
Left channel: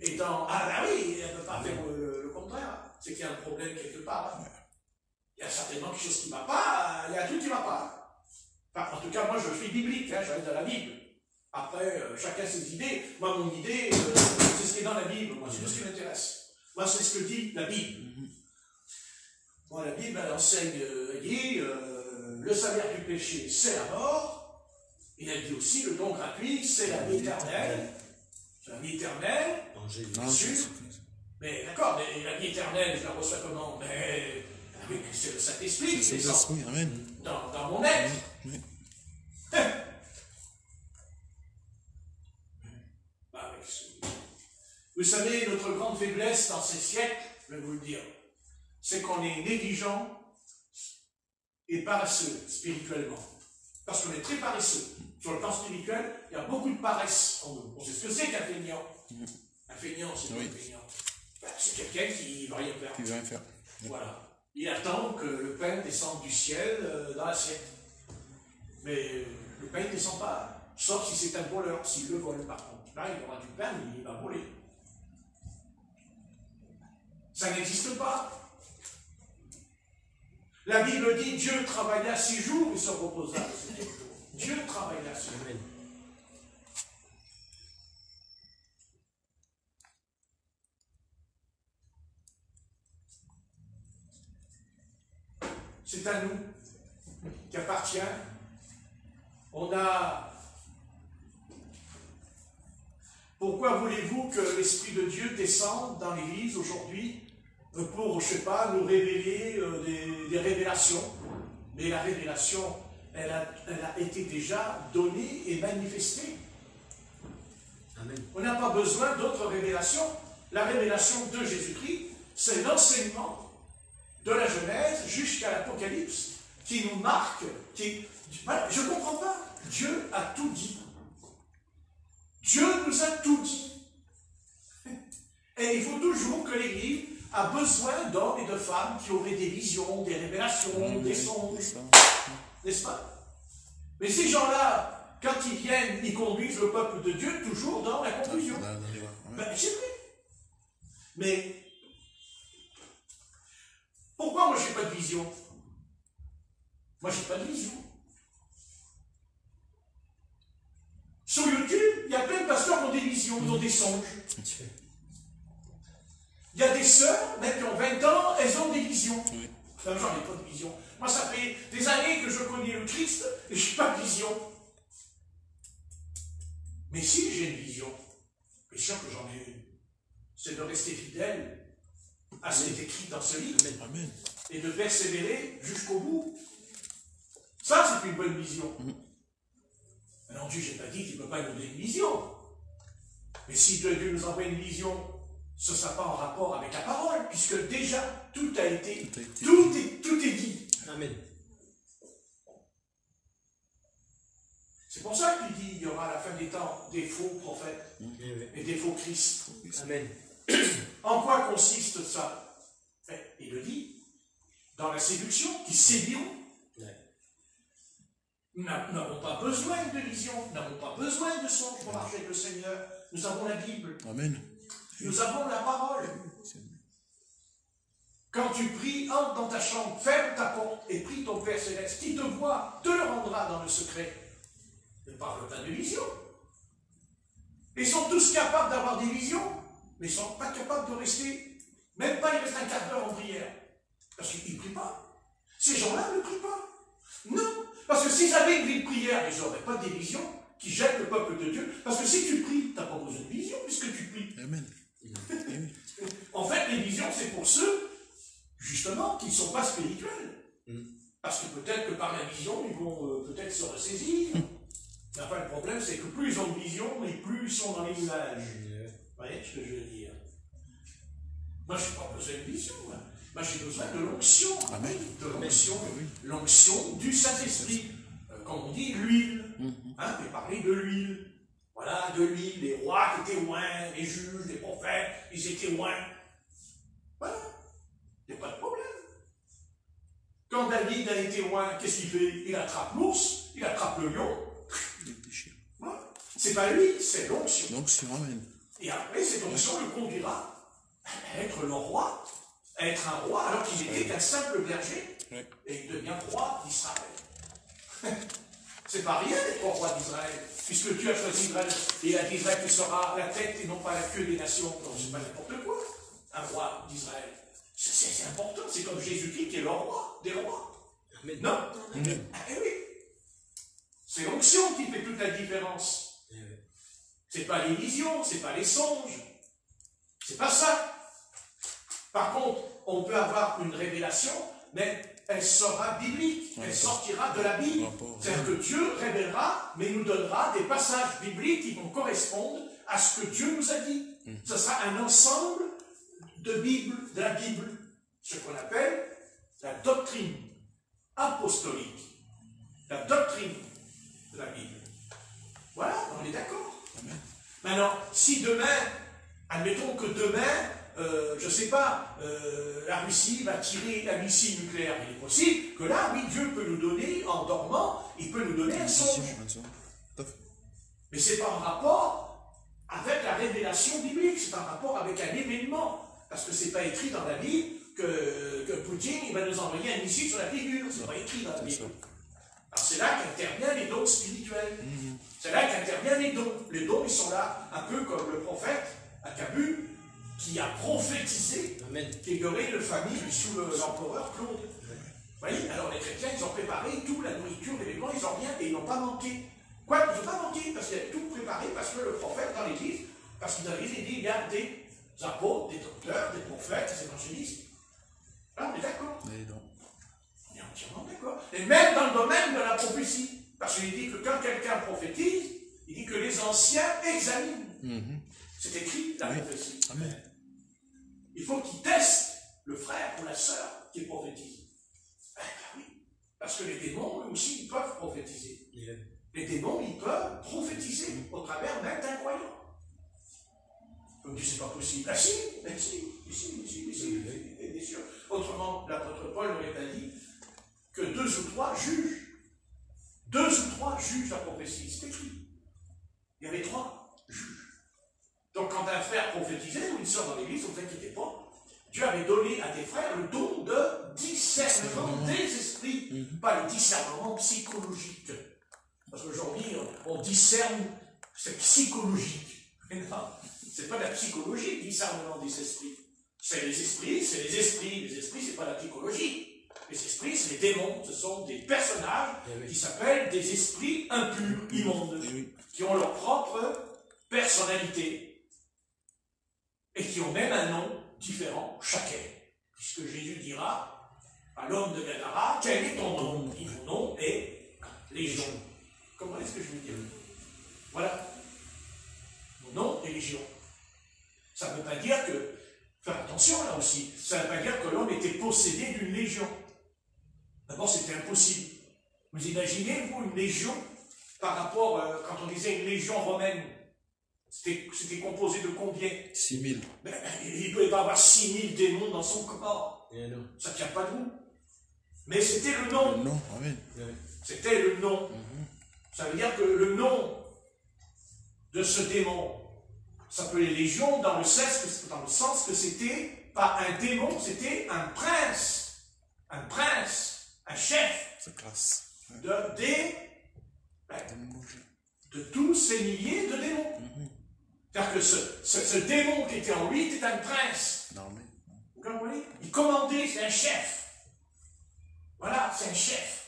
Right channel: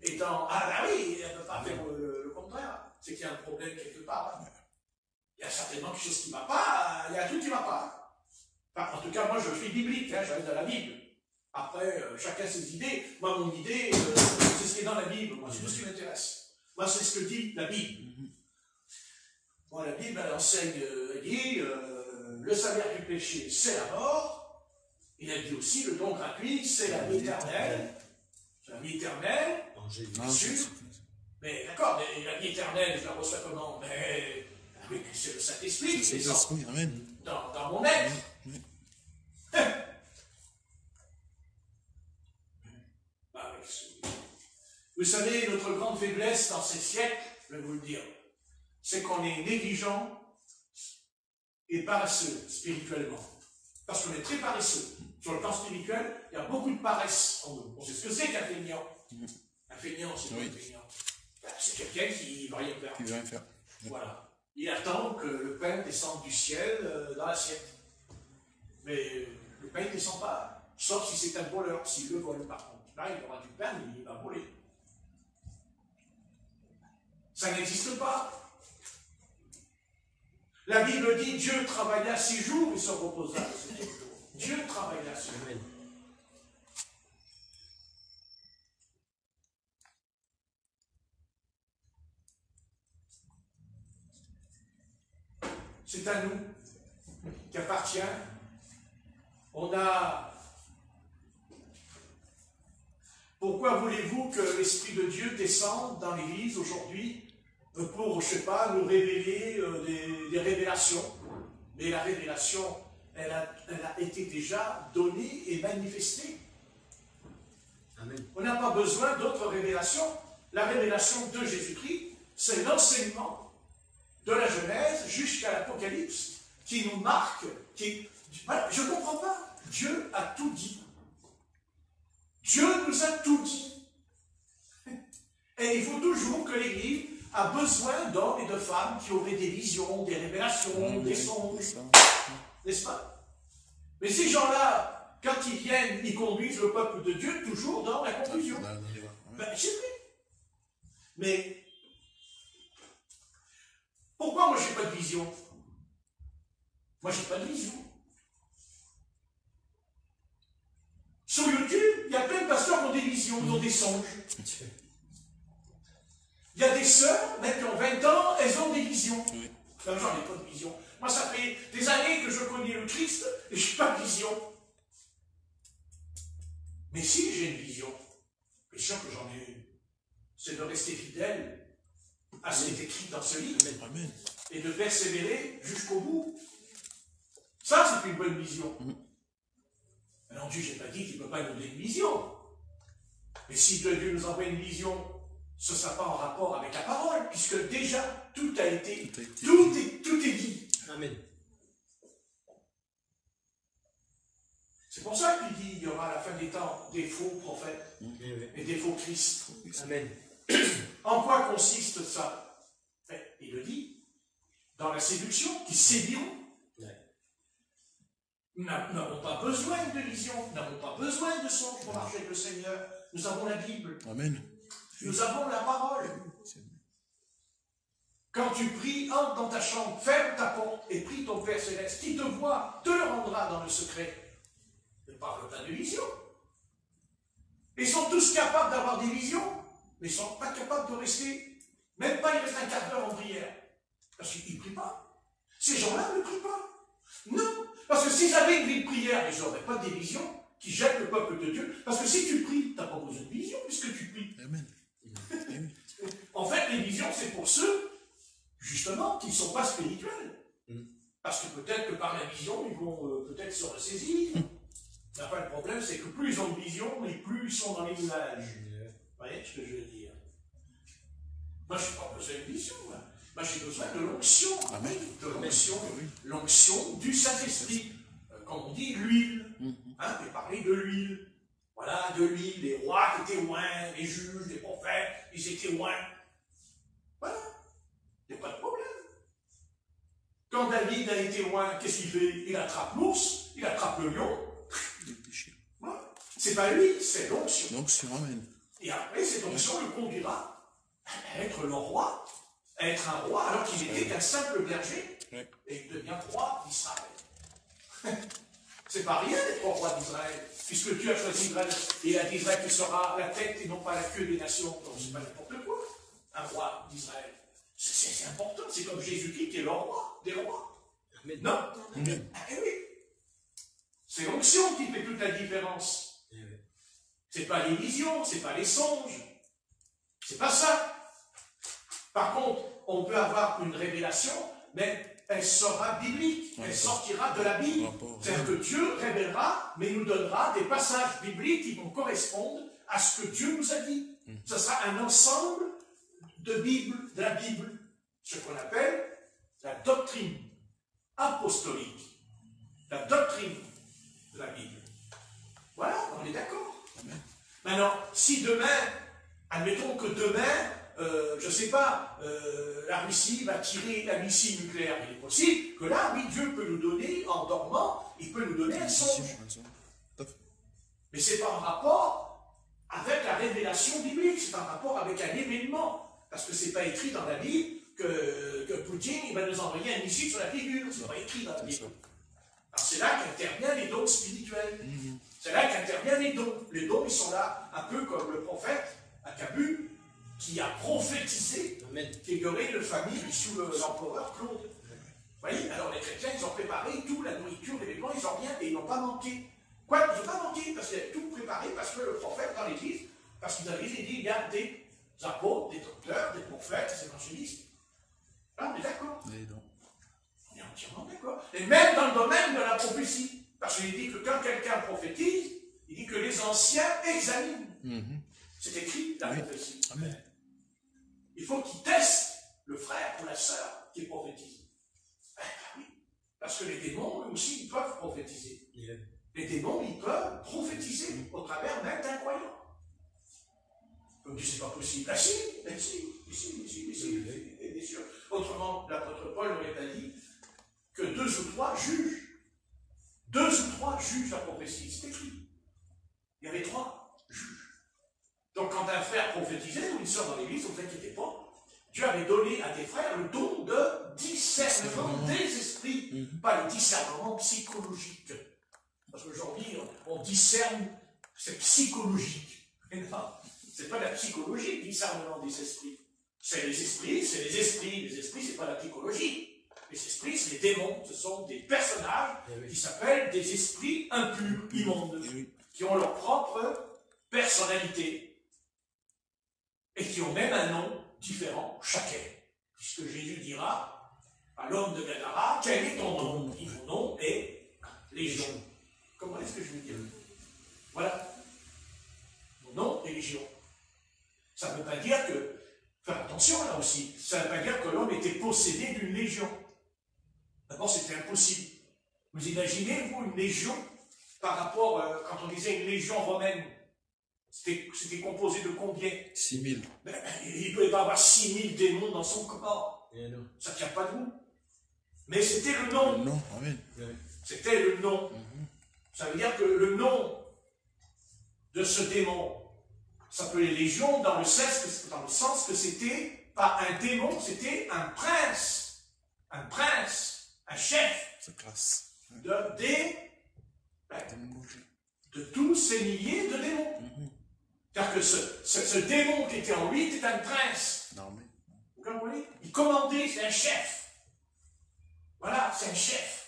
Et dans... Ah oui, on ne peut pas faire le contraire. C'est qu'il y a un problème quelque part. Il y a certainement quelque chose qui ne va pas, il y a tout qui ne va pas. Enfin, en tout cas, moi je suis biblique, je reste dans la Bible. Après, chacun ses idées. Moi, mon idée, c'est ce qui est dans la Bible. Moi, c'est tout ce qui m'intéresse. Moi, c'est ce que dit la Bible. Bon, la Bible, elle enseigne, elle dit, le salaire du péché, c'est la mort. Et elle dit aussi, le don gratuit, c'est la vie éternelle. C'est la vie éternelle, bien sûr. Mais d'accord, mais la vie éternelle, je la reçois comment? Mais c'est le Saint-Esprit qui descend dans mon être. Vous savez, notre grande faiblesse dans ces siècles, je vais vous le dire, c'est qu'on est négligent et paresseux spirituellement. Parce qu'on est très paresseux. Sur le plan spirituel, il y a beaucoup de paresse en nous. On sait ce que c'est qu'un feignant. Un feignant, c'est quoi un feignant? C'est quelqu'un qui ne va rien faire. Qui veut rien faire. Voilà. Il attend que le pain descende du ciel dans l'assiette. Mais le pain ne descend pas. Sauf si c'est un voleur. S'il le vole, par contre. Là, il aura du pain, mais il va voler. Ça n'existe pas. La Bible dit Dieu travailla 6 jours et se reposa le 7e jour. Dieu travailla 6 jours. C'est à nous qui appartient. On a. Pourquoi voulez-vous que l'Esprit de Dieu descende dans l'Église aujourd'hui pour, je ne sais pas, nous révéler des révélations? Mais la révélation, elle a été déjà donnée et manifestée. Amen. On n'a pas besoin d'autres révélations. La révélation de Jésus-Christ, c'est l'enseignement de la Genèse jusqu'à l'Apocalypse qui nous marque. Je ne comprends pas. Dieu a tout dit. Dieu nous a tout dit. Et il faut toujours que l'Église a besoin d'hommes et de femmes qui auraient des visions, des révélations, des songes. N'est-ce pas? Mais ces gens-là, quand ils viennent, ils conduisent le peuple de Dieu toujours dans la confusion. Ben, c'est vrai. Mais pourquoi moi j'ai pas de vision? Moi j'ai pas de vision. Sur YouTube, il y a plein de pasteurs qui ont des visions, qui ont des songes. Il y a des sœurs, même qui ont 20 ans, elles ont des visions. Enfin, j'en ai pas de vision. Moi, ça fait des années que je connais le Christ et je n'ai pas de vision. Mais si j'ai une vision, bien sûr que j'en ai une, c'est de rester fidèle à ce qui est écrit dans ce livre. Amen. Et de persévérer jusqu'au bout. Ça, c'est une bonne vision. Alors Dieu, je n'ai pas dit qu'il ne peut pas nous donner une vision. Mais si Dieu nous envoie une vision, ce ne sera pas en rapport avec la parole, puisque déjà, tout est dit. Amen. C'est pour ça qu'il dit qu'il y aura à la fin des temps des faux prophètes et des faux Christ. Amen. En quoi consiste ça? Il le dit, dans la séduction, qui séduiront. Nous n'avons pas besoin de vision, nous n'avons pas besoin de songe pour marcher avec le Seigneur. Nous avons la Bible. Amen. Nous avons la parole. Quand tu pries, entre dans ta chambre, ferme ta porte et prie ton Père Céleste, qui te voit, te le rendra dans le secret. Ne parle pas de vision. Ils sont tous capables d'avoir des visions, mais ils ne sont pas capables de rester, même pas ils restent un quart d'heure en prière. Parce qu'ils ne prient pas. Ces gens-là ne prient pas. Non. Parce que s'ils avaient une vie de prière, ils n'auraient pas des visions qui jettent le peuple de Dieu. Parce que si tu pries, tu n'as pas besoin de vision puisque tu pries. Amen. En fait, les visions, c'est pour ceux, justement, qui ne sont pas spirituels. Parce que peut-être que par la vision, ils vont peut-être se ressaisir. Mais enfin, le problème, c'est que plus ils ont de vision, et plus ils sont dans l'image. Vous voyez ce que je veux dire? Moi, je n'ai pas besoin de vision. Moi, j'ai besoin de l'onction. Amen. De l'onction. L'onction du Saint-Esprit. Comme on dit, l'huile. Hein, et parler de l'huile. Voilà, de l'huile. Les rois qui étaient oints, les juges, les prophètes, ils étaient oints. Voilà. Il n'y a pas de problème. Quand David a été oint, qu'est-ce qu'il fait? Il attrape l'ours, il attrape le lion. Voilà. C'est pas lui, c'est l'onction. L'onction, amen. Et après, cette onction le conduira à être le roi, à être un roi, alors qu'il était qu'un simple berger, et il devient roi d'Israël. C'est pas rien d'être roi d'Israël, puisque tu as choisi Israël, et il a dit Israël, tu seras la tête et non pas la queue des nations. Donc c'est pas n'importe quoi, un roi d'Israël. C'est important, c'est comme Jésus-Christ qui est le roi des rois. Amen. Non? Amen. Ah, oui. C'est l'onction qui fait toute la différence. C'est pas les visions, c'est pas les songes. C'est pas ça. Par contre, on peut avoir une révélation, mais elle sera biblique. Elle sortira de la Bible. C'est-à-dire que Dieu révélera, mais nous donnera des passages bibliques qui vont correspondre à ce que Dieu nous a dit. Ce sera un ensemble de la Bible. Ce qu'on appelle la doctrine apostolique. La doctrine de la Bible. Voilà, on est d'accord. Maintenant, si demain, admettons que demain, je ne sais pas, la Russie va tirer un missile nucléaire, il est possible que là, oui, Dieu peut nous donner, en dormant, il peut nous donner un songe. Mais ce n'est pas en rapport avec la révélation biblique, c'est en rapport avec un événement. Parce que ce n'est pas écrit dans la Bible que Poutine il va nous envoyer un missile sur la figure. Ce n'est pas écrit dans la Bible. Alors c'est là qu'interviennent les dons spirituels. C'est là qu'interviennent les dons. Les dons, ils sont là, un peu comme le prophète Agabus, qui a prophétisé qu'il y aurait une famine sous l'empereur Claude. Vous voyez, alors les chrétiens, ils ont préparé tout, la nourriture, les vêtements, ils ont rien, et ils n'ont pas manqué. Quoi, ils n'ont pas manqué, parce qu'ils avaient tout préparé, parce que le prophète, dans l'église, parce qu'ils avaient dit, il y a des apôtres, des docteurs, des prophètes, des évangélistes. Là, on est d'accord. On est entièrement d'accord. Et même dans le domaine de la prophétie. Parce qu'il dit que quand quelqu'un prophétise, il dit que les anciens examinent. C'est écrit, la prophétie. Amen. Il faut qu'il teste le frère ou la sœur qui prophétise. Ben oui. Parce que les démons, eux aussi, ils peuvent prophétiser. Les démons, ils peuvent prophétiser au travers même d'un croyant. On dit, c'est pas possible. Ah si, bien sûr. Autrement, l'apôtre Paul n'aurait pas dit que 2 ou 3 jugent 2 ou 3 jugent la prophétie. C'est écrit. Il y avait 3 juges. Donc quand un frère prophétisait ou une soeur dans l'église, ne vous inquiétez pas, Dieu avait donné à des frères le don de discernement des esprits, pas le discernement psychologique. Parce qu'aujourd'hui, on discerne, c'est psychologique. Mais non, c'est pas la psychologie, le discernement des esprits. C'est les esprits, c'est les esprits. Les esprits, c'est pas la psychologie. Les esprits, c'est les démons. Ce sont des personnages qui s'appellent des esprits impurs, immondes, qui ont leur propre personnalité. Et qui ont même un nom différent chacun. Puisque Jésus dira à l'homme de Gadara, quel est ton nom? Il dit, mon nom est Légion. Comment est-ce que je veux dire? Voilà. Mon nom est Légion. Ça ne veut pas dire que, faire attention là aussi, ça ne veut pas dire que l'homme était possédé d'une légion. D'abord, c'était impossible. Vous imaginez, vous, une légion, par rapport, quand on disait une légion romaine, c'était composé de combien? 6000. Il ne peut pas avoir 6000 démons dans son corps. Ça ne tient pas debout. Mais c'était le nom. Non, amen. C'était le nom. Ça veut dire que le nom de ce démon s'appelait Légion dans le sens que c'était pas un démon, c'était un prince. Un prince, un chef. C'est classe. De tous ces milliers de démons. C'est-à-dire que ce démon qui était en lui était un prince. Non, mais... Vous comprenez? Il commandait, c'est un chef. Voilà, c'est un chef.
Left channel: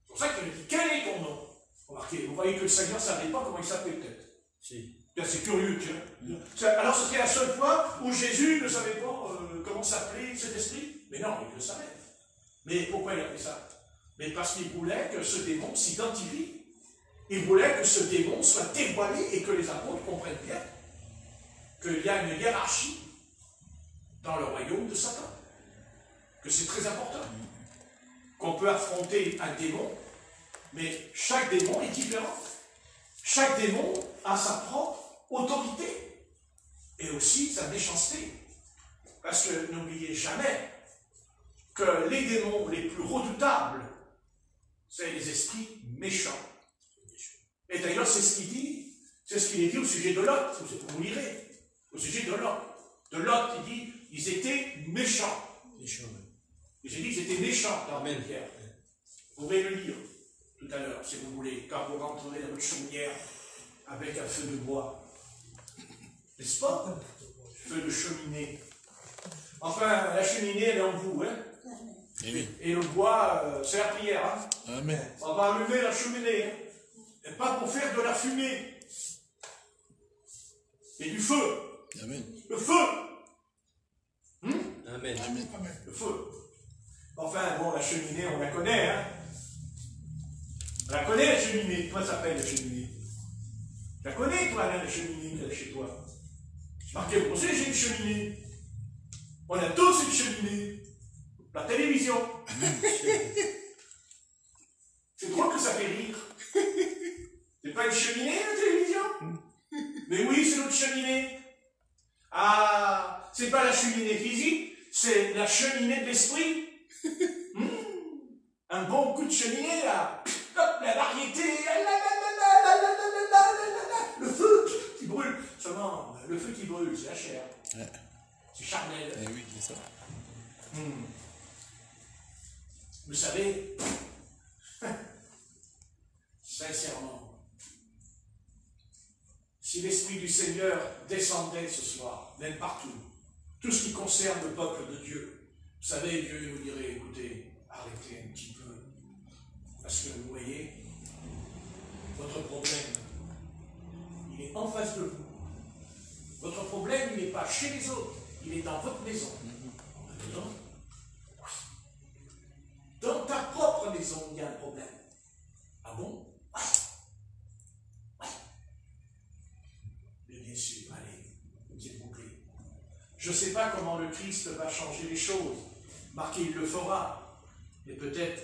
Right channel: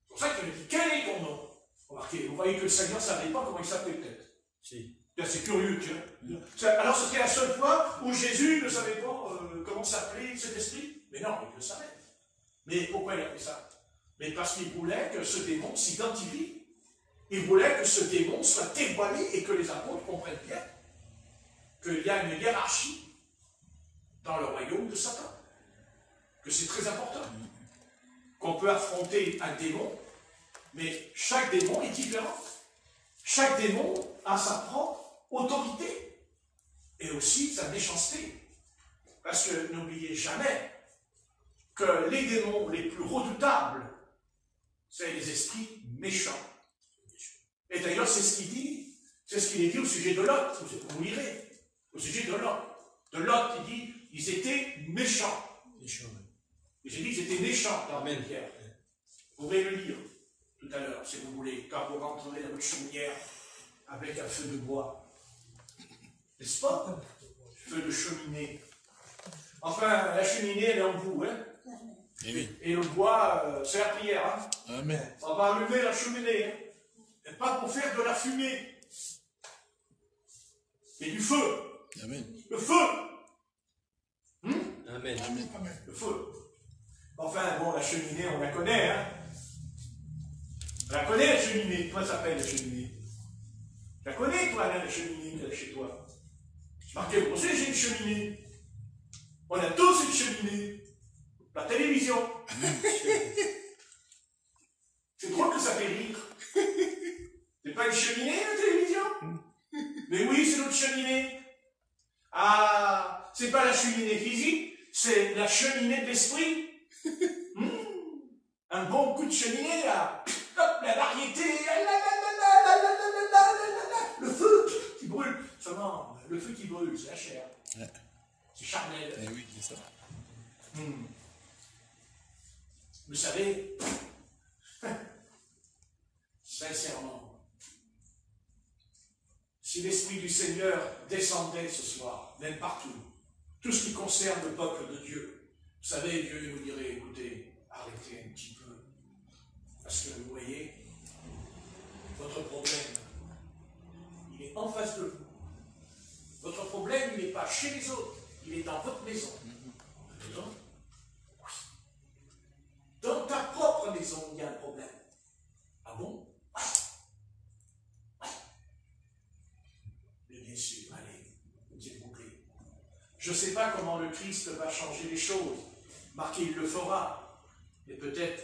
C'est pour ça qu'il me dit, quel est ton nom? Remarquez, vous voyez que le Seigneur ne savait pas comment il s'appelait peut-être. Si. C'est curieux, tiens. Alors c'était la seule fois où Jésus ne savait pas comment s'appelait cet esprit? Mais non, il le savait. Mais pourquoi il a fait ça? Mais parce qu'il voulait que ce démon s'identifie. Il voulait que ce démon soit dévoilé et que les apôtres comprennent bien qu'il y a une hiérarchie dans le royaume de Satan. Que c'est très important. Qu'on peut affronter un démon, mais chaque démon est différent. Chaque démon a sa propre autorité et aussi sa méchanceté. Parce que n'oubliez jamais que les démons les plus redoutables, c'est les esprits méchants. Et d'ailleurs, c'est ce qu'il est dit au sujet de Lot. Vous lirez, au sujet de Lot. De Lot, il dit, ils étaient méchants. Et j'ai dit, ils étaient méchants dans la pierre. Vous pourrez le lire tout à l'heure, si vous voulez, quand vous rentrerez dans votre chaumière avec un feu de bois. N'est-ce pas? Feu de cheminée. Enfin, la cheminée, elle est en vous, hein? Et le bois, c'est la prière, hein? Amen. On va allumer la cheminée, hein? Et pas pour faire de la fumée. Et du feu. Amen. Le feu. Amen. Le feu. Enfin, bon, la cheminée, on la connaît, hein? On la connaît, la cheminée. Toi, ça s'appelle la cheminée. Tu la connais, toi, la cheminée, chez toi. Marquez, vous savez, j'ai une cheminée. On a tous une cheminée. La télévision. C'est drôle que ça fait rire. C'est pas une cheminée, la télévision? Mais oui, c'est notre cheminée. Ah, c'est pas la cheminée physique, c'est la cheminée de l'esprit. Un bon coup de cheminée, là. Hop, la variété. Le feu qui brûle. Seulement, le feu qui brûle, c'est la chair. Ouais. C'est charnel. Eh oui, c'est ça. Vous savez, sincèrement, si l'Esprit du Seigneur descendait ce soir, même partout, tout ce qui concerne le peuple de Dieu, vous savez, Dieu nous dirait, écoutez, arrêtez un petit peu, parce que vous voyez, votre problème, il est en face de vous. Votre problème, il n'est pas chez les autres, il est dans votre maison. Dedans. Dans ta propre maison, il y a un problème. Ah bon? Ouais. Mais bien sûr, allez, s'il vous plaît. Je ne sais pas comment le Christ va changer les choses. Marqué, il le fera. Mais peut-être,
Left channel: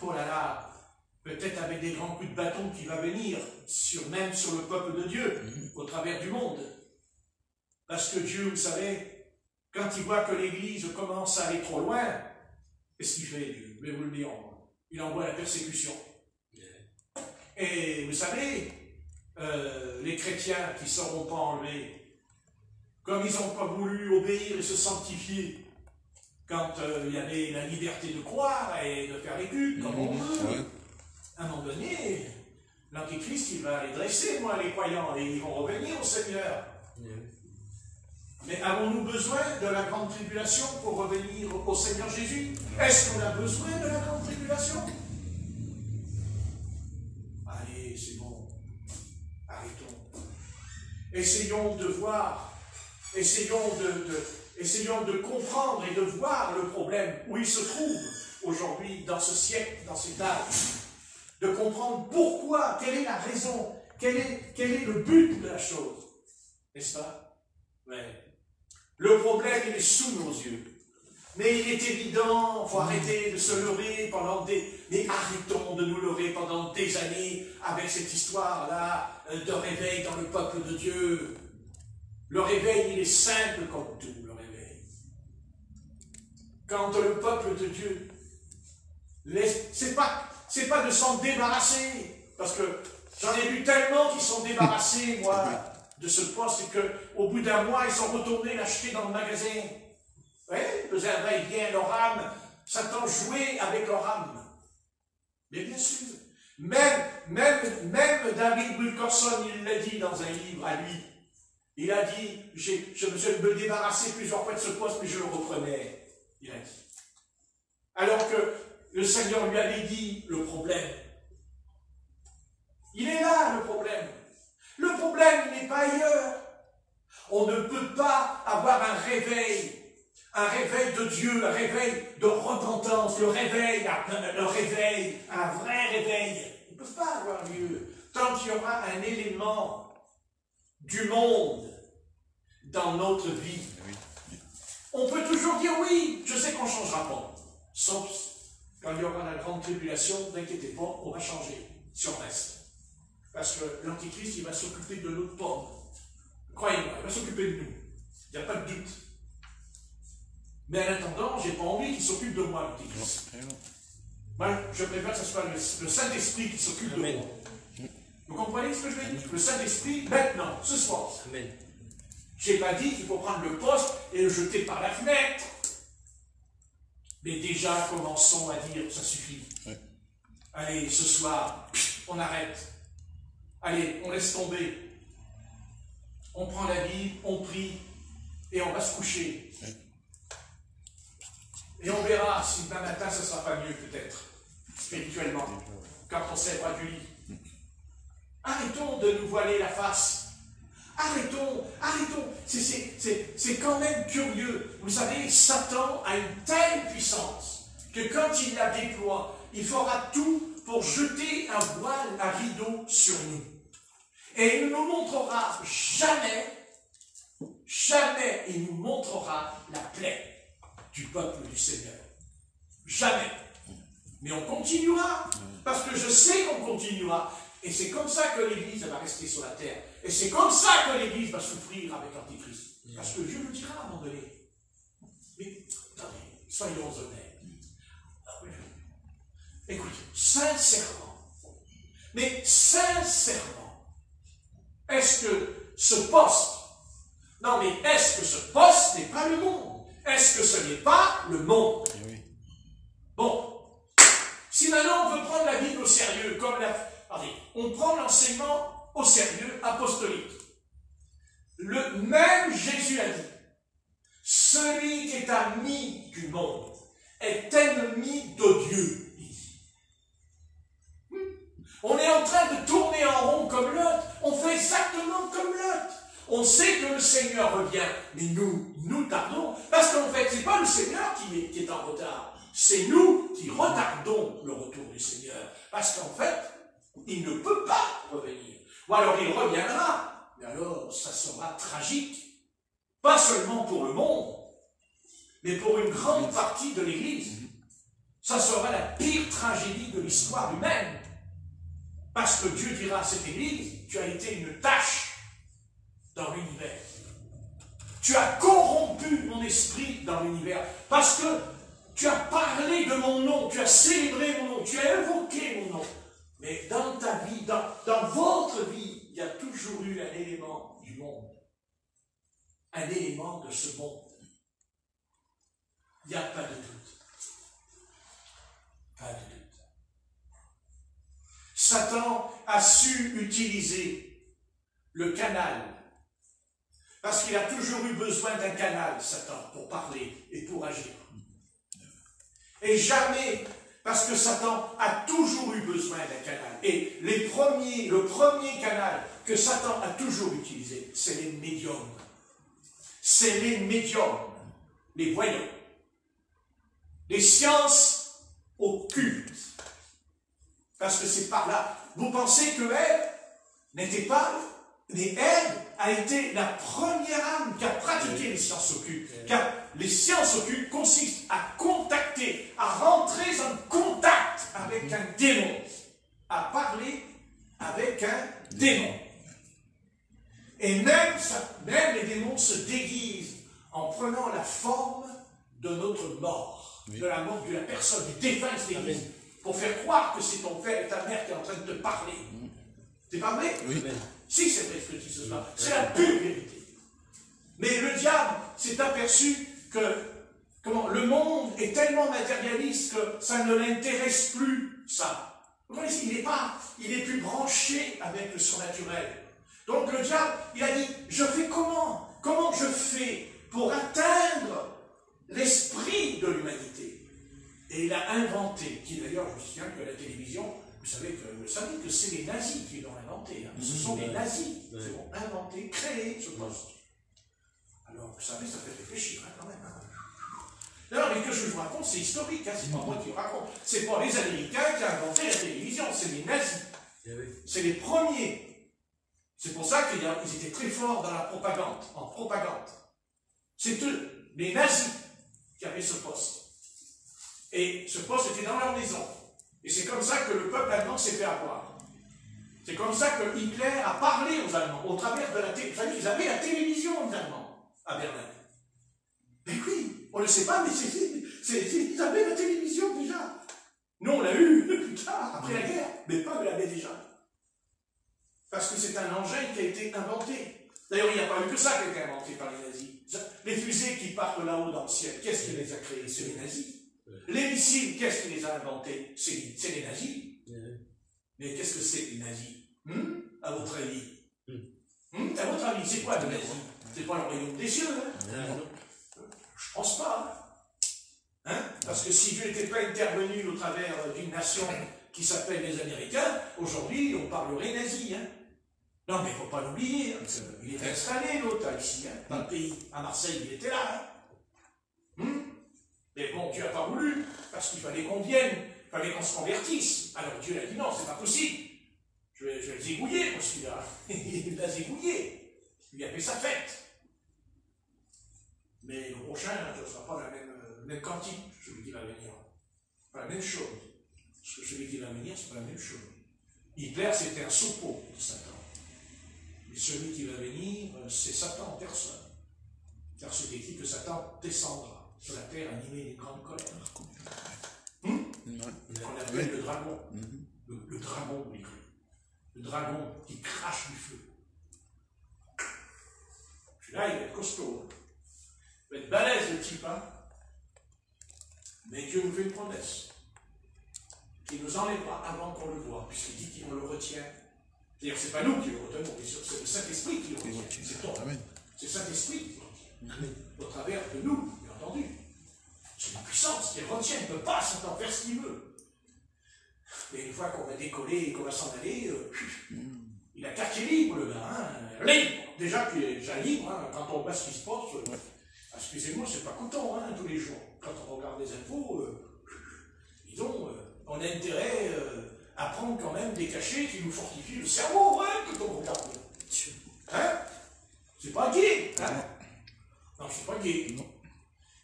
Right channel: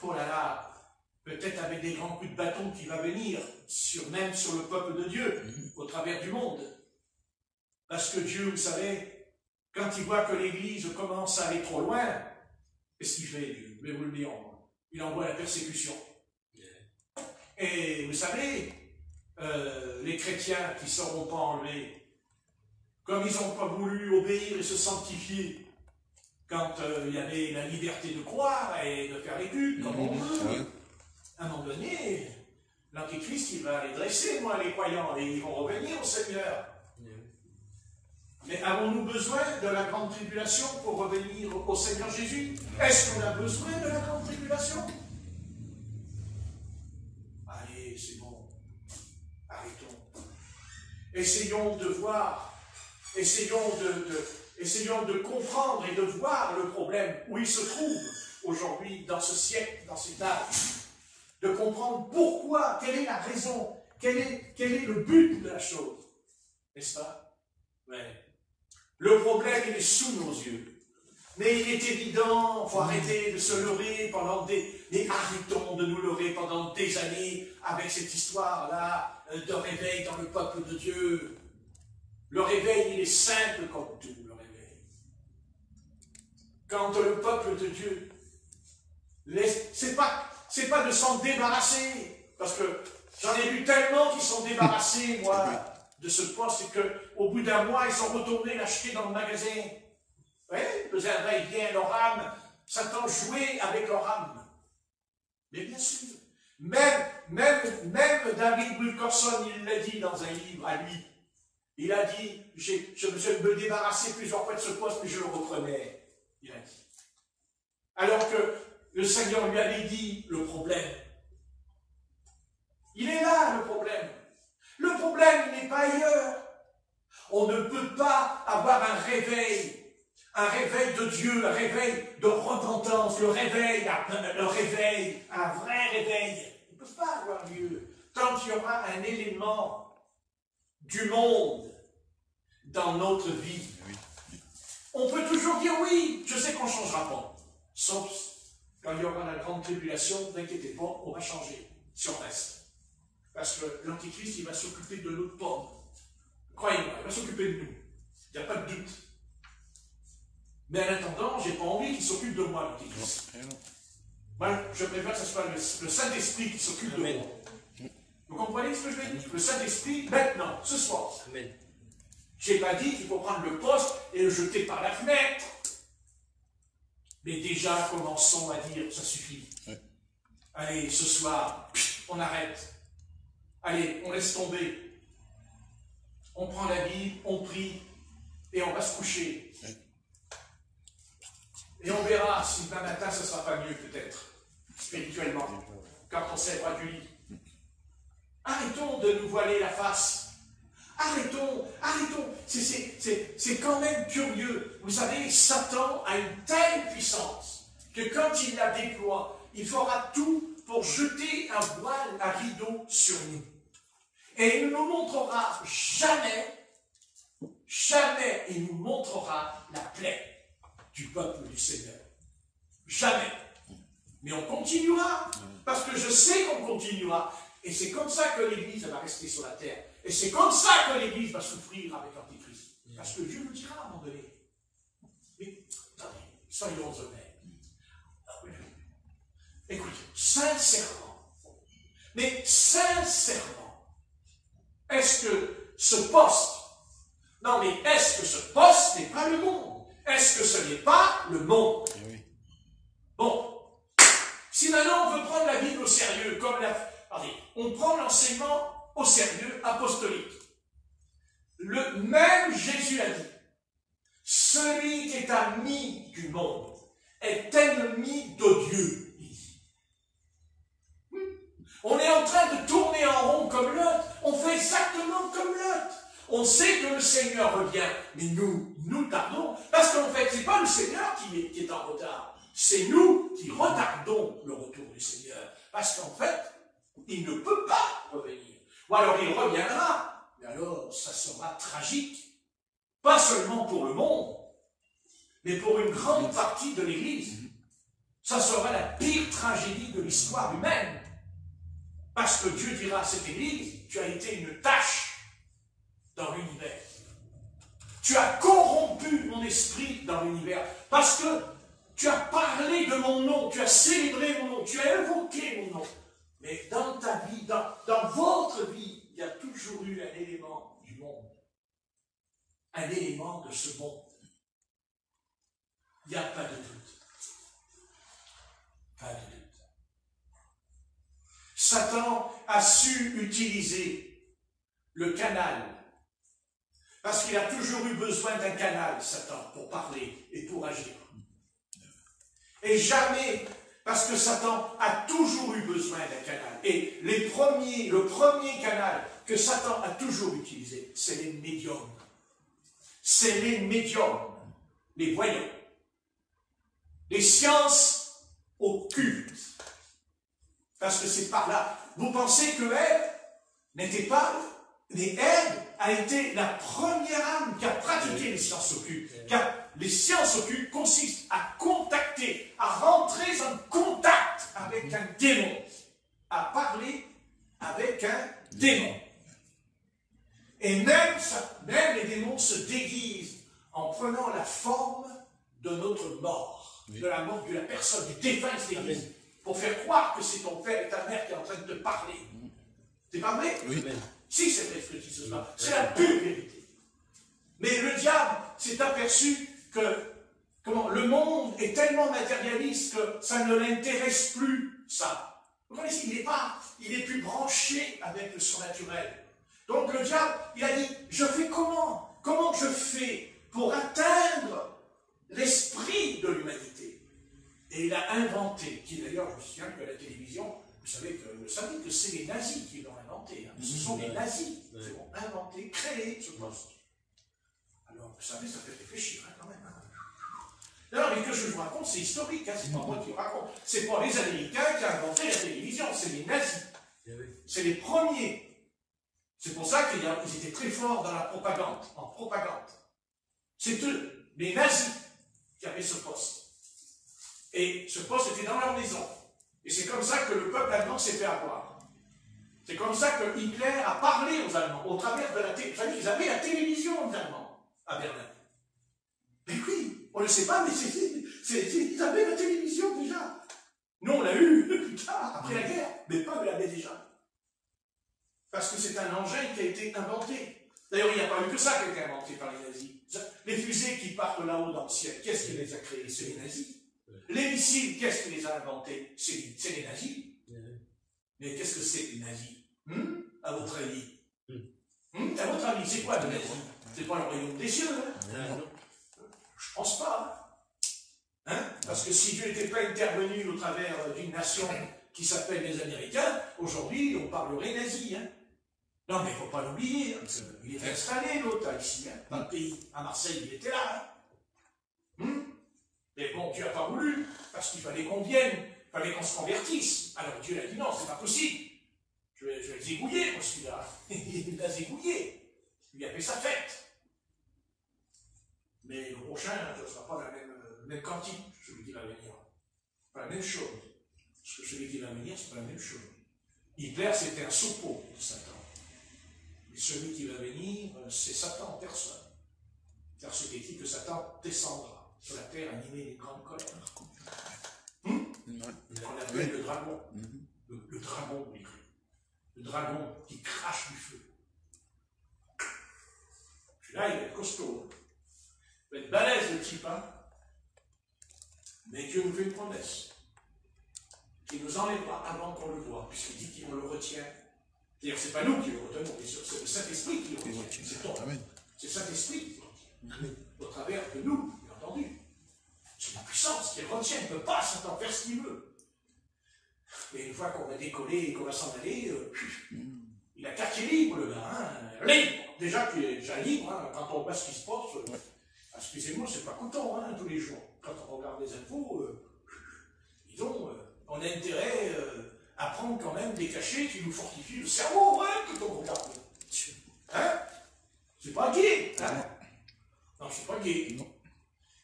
oh là là, peut-être avec des grands coups de bâton qui va venir, même sur le peuple de Dieu, au travers du monde. Parce que Dieu, vous savez, quand il voit que l'Église commence à aller trop loin, qu'est-ce qu'il fait, Dieu? Mais vous le direz, il envoie la persécution. Et vous savez, les chrétiens qui ne seront pas enlevés, comme ils n'ont pas voulu obéir et se sanctifier, quand il y avait la liberté de croire et de faire les cultes, comme on veut, à un moment donné, l'Antéchrist, il va les dresser, moi, les croyants, et ils vont revenir au Seigneur. Mais avons-nous besoin de la grande tribulation pour revenir au Seigneur Jésus? Est-ce qu'on a besoin de la grande tribulation? Allez, c'est bon. Arrêtons. Essayons de voir, essayons de comprendre et de voir le problème où il se trouve aujourd'hui, dans ce siècle, dans cet âge. De comprendre pourquoi, quelle est la raison, quel est le but de la chose. N'est-ce pas? Ouais. Le problème, il est sous nos yeux. Mais il est évident, il faut arrêter de se leurrer pendant mais arrêtons de nous leurrer pendant des années avec cette histoire-là de réveil dans le peuple de Dieu. Le réveil, il est simple comme tout, le réveil. Quand le peuple de Dieu, c'est pas de s'en débarrasser, parce que j'en ai vu tellement qui sont débarrassés, moi, de ce poste, qu'au bout d'un mois, ils sont retournés l'acheter dans le magasin. Oui, le jardin, il vient, leur âme, Satan jouait avec leur âme. Mais bien sûr, même David Wilkerson, il l'a dit dans un livre à lui. Il a dit, je me débarrassais plusieurs fois de ce poste, mais je le reprenais. Il a dit. Alors que le Seigneur lui avait dit le problème. Il est là, le problème. Le problème, il n'est pas ailleurs. On ne peut pas avoir un réveil de Dieu, un réveil de repentance, un vrai réveil. Il ne peut pas avoir lieu tant qu'il y aura un élément du monde dans notre vie. On peut toujours dire oui, je sais qu'on ne changera pas. Sauf quand il y aura la grande tribulation, n'inquiétez pas, on va changer si on reste. Parce que l'Antichrist, il va s'occuper de notre pomme. Croyez-moi, il va s'occuper de nous. Il n'y a pas de doute. Mais en attendant, je n'ai pas envie qu'il s'occupe de moi, l'Antichrist. Moi, je préfère que ce soit le Saint-Esprit qui s'occupe de moi. Vous comprenez ce que je vais dire? Le Saint-Esprit, maintenant, ce soir. Amen. Je n'ai pas dit qu'il faut prendre le poste et le jeter par la fenêtre. Mais déjà, commençons à dire, ça suffit. Ouais. Allez, ce soir, on arrête. Allez, on laisse tomber. On prend la Bible, on prie, et on va se coucher. Ouais. Et on verra si demain matin, ça ne sera pas mieux, peut-être, spirituellement, quand on s'élèvera du lit. Arrêtons de nous voiler la face. Arrêtons. C'est quand même curieux. Vous savez, Satan a une telle puissance que quand il la déploie, il fera tout pour jeter un voile, un rideau sur nous. Et il ne nous montrera jamais, il nous montrera la plaie du peuple du Seigneur. Jamais. Mais on continuera, parce que je sais qu'on continuera. Et c'est comme ça que l'Église va rester sur la terre. Et c'est comme ça que l'Église va souffrir avec l'Antichrist. Parce que Dieu le dira à un moment donné. Mais, attendez, soyons honnêtes. Écoutez, sincèrement, est-ce que ce poste n'est pas le monde? Est-ce que ce n'est pas le monde? Bon, si maintenant on veut prendre la Bible au sérieux, on prend l'enseignement au sérieux apostolique. Le même Jésus a dit, celui qui est ami du monde est ennemi de Dieu. On est en train de tourner en rond comme Lot. On fait exactement comme Lot. On sait que le Seigneur revient, mais nous tardons. Parce qu'en fait, ce n'est pas le Seigneur qui est en retard. C'est nous qui retardons le retour du Seigneur. Parce qu'en fait, il ne peut pas revenir. Ou alors il reviendra. Mais alors, ça sera tragique. Pas seulement pour le monde, mais pour une grande partie de l'Église. Ça sera la pire tragédie de l'histoire humaine. Parce que Dieu dira à cette Église, tu as été une tache dans l'univers. Tu as corrompu mon esprit dans l'univers. Parce que tu as parlé de mon nom, tu as célébré mon nom, tu as invoqué mon nom. Mais dans ta vie, dans votre vie, il y a toujours eu un élément du monde. Un élément de ce monde. Il n'y a pas de doute. Pas de doute. Satan a su utiliser le canal. Parce qu'il a toujours eu besoin d'un canal, Satan, pour parler et pour agir. Et jamais, parce que Satan a toujours eu besoin d'un canal. Et le premier canal que Satan a toujours utilisé, c'est les médiums. C'est les médiums, les voyants, les sciences occultes. Parce que c'est par là. Vous pensez que Ève n'était pas... Mais Ève a été la première âme qui a pratiqué les sciences occultes. Car les sciences occultes consistent à contacter, à rentrer en contact avec un démon. À parler avec un démon. Et même les démons se déguisent en prenant la forme de notre mort. De la mort de la personne, du défunt qui se déguise. Pour faire croire que c'est ton père et ta mère qui est en train de te parler. C'est pas vrai? Oui. Si, c'est vrai ce que je dis ce soir. C'est la pure vérité. Mais le diable s'est aperçu que le monde est tellement matérialiste que ça ne l'intéresse plus, ça. Vous voyez, il est plus branché avec le surnaturel. Donc le diable, il a dit, je fais comment? Comment je fais pour atteindre l'esprit de l'humanité? Et il a inventé, qui d'ailleurs, je me souviens que la télévision, vous savez que c'est les nazis qui l'ont inventé. Hein. Ce sont les nazis qui l'ont inventé, créé ce poste. Alors, vous savez, ça fait réfléchir hein, quand même. Hein. Non, mais que je vous raconte, c'est historique. Hein, c'est pas moi qui vous raconte. C'est pas les Américains qui ont inventé la télévision, c'est les nazis. C'est les premiers. C'est pour ça qu'ils étaient très forts dans la propagande, en propagande. C'est eux, les nazis, qui avaient ce poste. Et ce poste était dans leur maison. Et c'est comme ça que le peuple allemand s'est fait avoir. C'est comme ça que Hitler a parlé aux Allemands, au travers de la télévision. Ils avaient la télévision, aux Allemands, à Berlin. Mais oui, on ne le sait pas, mais ils avaient la télévision déjà. Nous, on l'a eu plus tard, après la guerre, mais pas de l'avait déjà. Parce que c'est un engin qui a été inventé. D'ailleurs, il n'y a pas eu que ça qui a été inventé par les nazis. Les fusées qui partent là-haut dans le ciel, qu'est-ce qui les a créées? C'est les nazis. Les missiles, qu'est-ce qui les a inventés? C'est les nazis. Mais qu'est-ce que c'est que les nazis? À votre avis? À votre avis, c'est quoi le nazis? C'est pas le royaume des cieux, hein? Je pense pas. Hein? Parce que si Dieu n'était pas intervenu au travers d'une nation qui s'appelle les Américains, aujourd'hui, on parlerait nazis. Hein? Non, mais il ne faut pas l'oublier. Hein, il était installé, l'autre, ici, hein, dans le pays. À Marseille, il était là. Hein? Mais bon, Dieu n'a pas voulu, parce qu'il fallait qu'on vienne, il fallait qu'on se convertisse. Alors Dieu a dit non, c'est pas possible. Je vais le zigouiller, pour celui-là. Il l'a zigouillé. Il lui a fait sa fête. Mais le prochain, ce ne sera pas la même quantité, celui qui va venir. Pas la même chose. Parce que celui qui va venir, c'est pas la même chose. Hitler, c'était un sopo de Satan. Et celui qui va venir, c'est Satan en personne. Car c'est écrit que Satan descendra sur la terre animée d'une grande colère. On appelle le dragon. Le dragon, oui. Le dragon qui crache du feu. Celui-là, il va être costaud. Il va être balèze, le type, hein. Mais Dieu nous fait une promesse. Il nous enlèvera avant qu'on le voie, puisqu'il dit qu'on le retient. C'est-à-dire, c'est pas nous qui le retenons, c'est le Saint-Esprit qui le retient. C'est toi. C'est le Saint-Esprit qui le retient. Au travers de nous, bien entendu. C'est la puissance qui retient, il ne peut pas Satan faire ce qu'il veut. Mais une fois qu'on va décoller et qu'on va s'en aller, il a quartier libre, le gars. Hein. Libre. Déjà, libre, hein, quand on voit ce qui se passe, excusez-moi, c'est pas content hein, tous les jours. Quand on regarde les infos, disons, on a intérêt à prendre quand même des cachets qui nous fortifient le cerveau, hein, quand on regarde. Hein? C'est pas gay. Hein? Non, c'est pas gay. Non.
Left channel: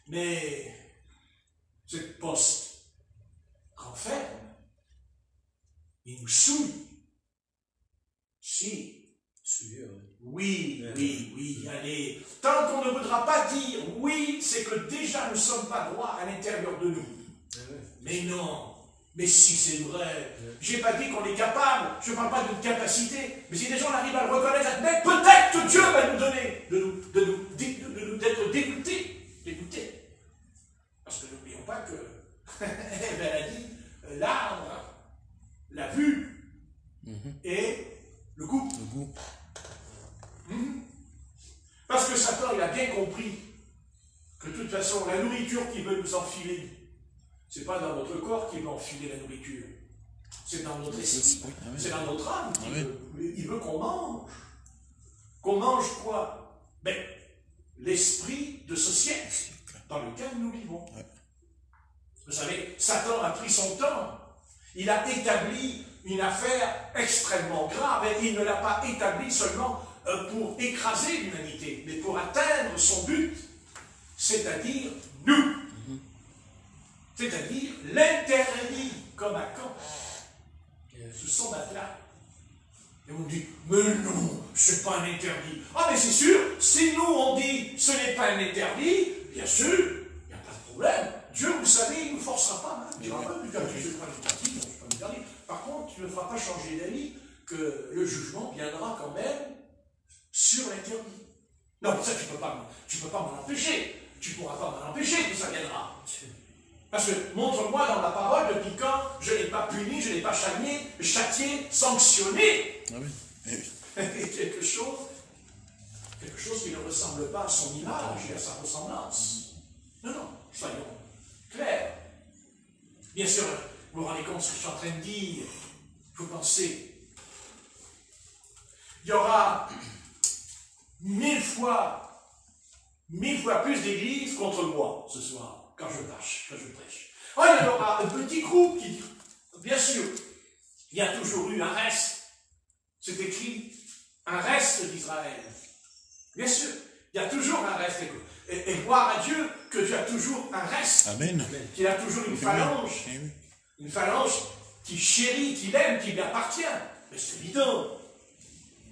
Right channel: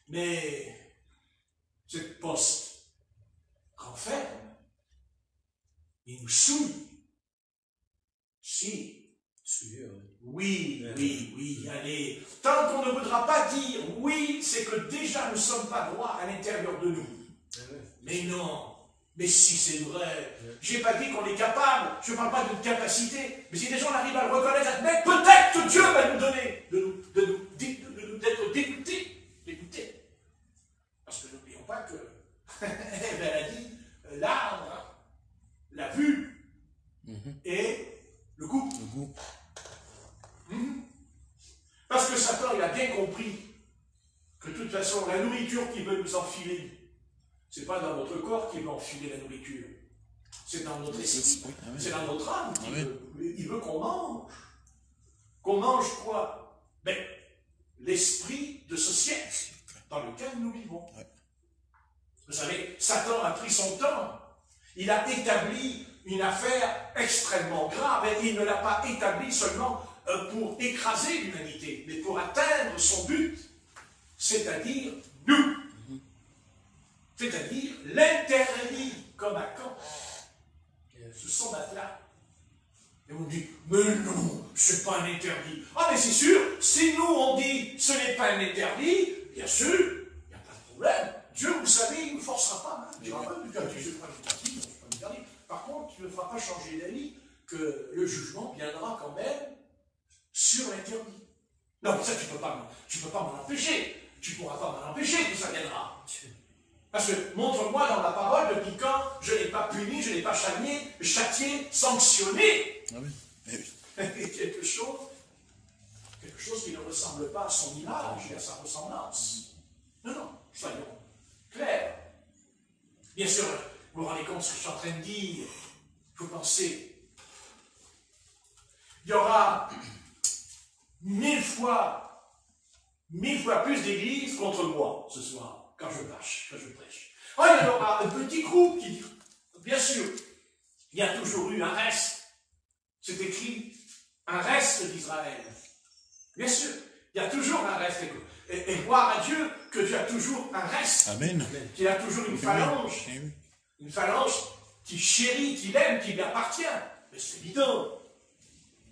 Mais cette poste renferme, il nous souille. Si. Oui, Oui, oui, allez. Tant qu'on ne voudra pas dire oui, c'est que déjà nous ne sommes pas droits à l'intérieur de nous. Mais non. Mais si c'est vrai. Je n'ai pas dit qu'on est capable. Je ne parle pas d'une capacité. Mais si des gens arrivent à le reconnaître, mais peut-être que Dieu va nous donner d'être dégoûtés. Parce que n'oublions pas que elle a dit l'arbre, la vue et le goût. Parce que Satan, il a bien compris que de toute façon, la nourriture qu'il veut nous enfiler, ce n'est pas dans notre corps qu'il veut enfiler la nourriture. C'est dans notre esprit, c'est dans notre âme. Il veut qu'on mange. Qu'on mange quoi? Ben, l'esprit de ce siècle dans lequel nous vivons. Vous savez, Satan a pris son temps. Il a établi une affaire extrêmement grave et il ne l'a pas établi seulement pour écraser l'humanité, mais pour atteindre son but, c'est-à-dire nous. C'est-à-dire l'interdit comme à Caen. Ce sont là. Et on dit, mais non, c'est pas un interdit. Ah, mais c'est sûr, si nous on dit ce n'est pas un interdit, bien sûr, il n'y a pas de problème. Dieu, vous savez, il ne nous forcera pas. Il ne dira pas, interdit. Par contre, il ne fera pas changer d'avis que le jugement viendra quand même sur l'interdit. Non, mais ça, tu ne peux pas m'en empêcher. Tu ne pourras pas m'en empêcher que ça viendra. Parce que montre-moi dans la parole depuis quand je n'ai pas puni, je n'ai pas châtié, sanctionné. Ah oui. quelque chose qui ne ressemble pas à son image et à sa ressemblance. Non, soyons clairs. Bien sûr, vous vous rendez compte de ce que je suis en train de dire. Vous pensez, il y aura 1000 fois plus d'églises contre moi ce soir. Quand je prêche. Il y aura un petit groupe qui dit, bien sûr, il y a toujours eu un reste. C'est écrit, un reste d'Israël. Bien sûr, il y a toujours un reste. Et voir à Dieu que tu as toujours un reste. Amen. Qu'il a toujours une phalange. Une phalange qui chérit, qui l'aime, qui lui appartient. Mais c'est évident.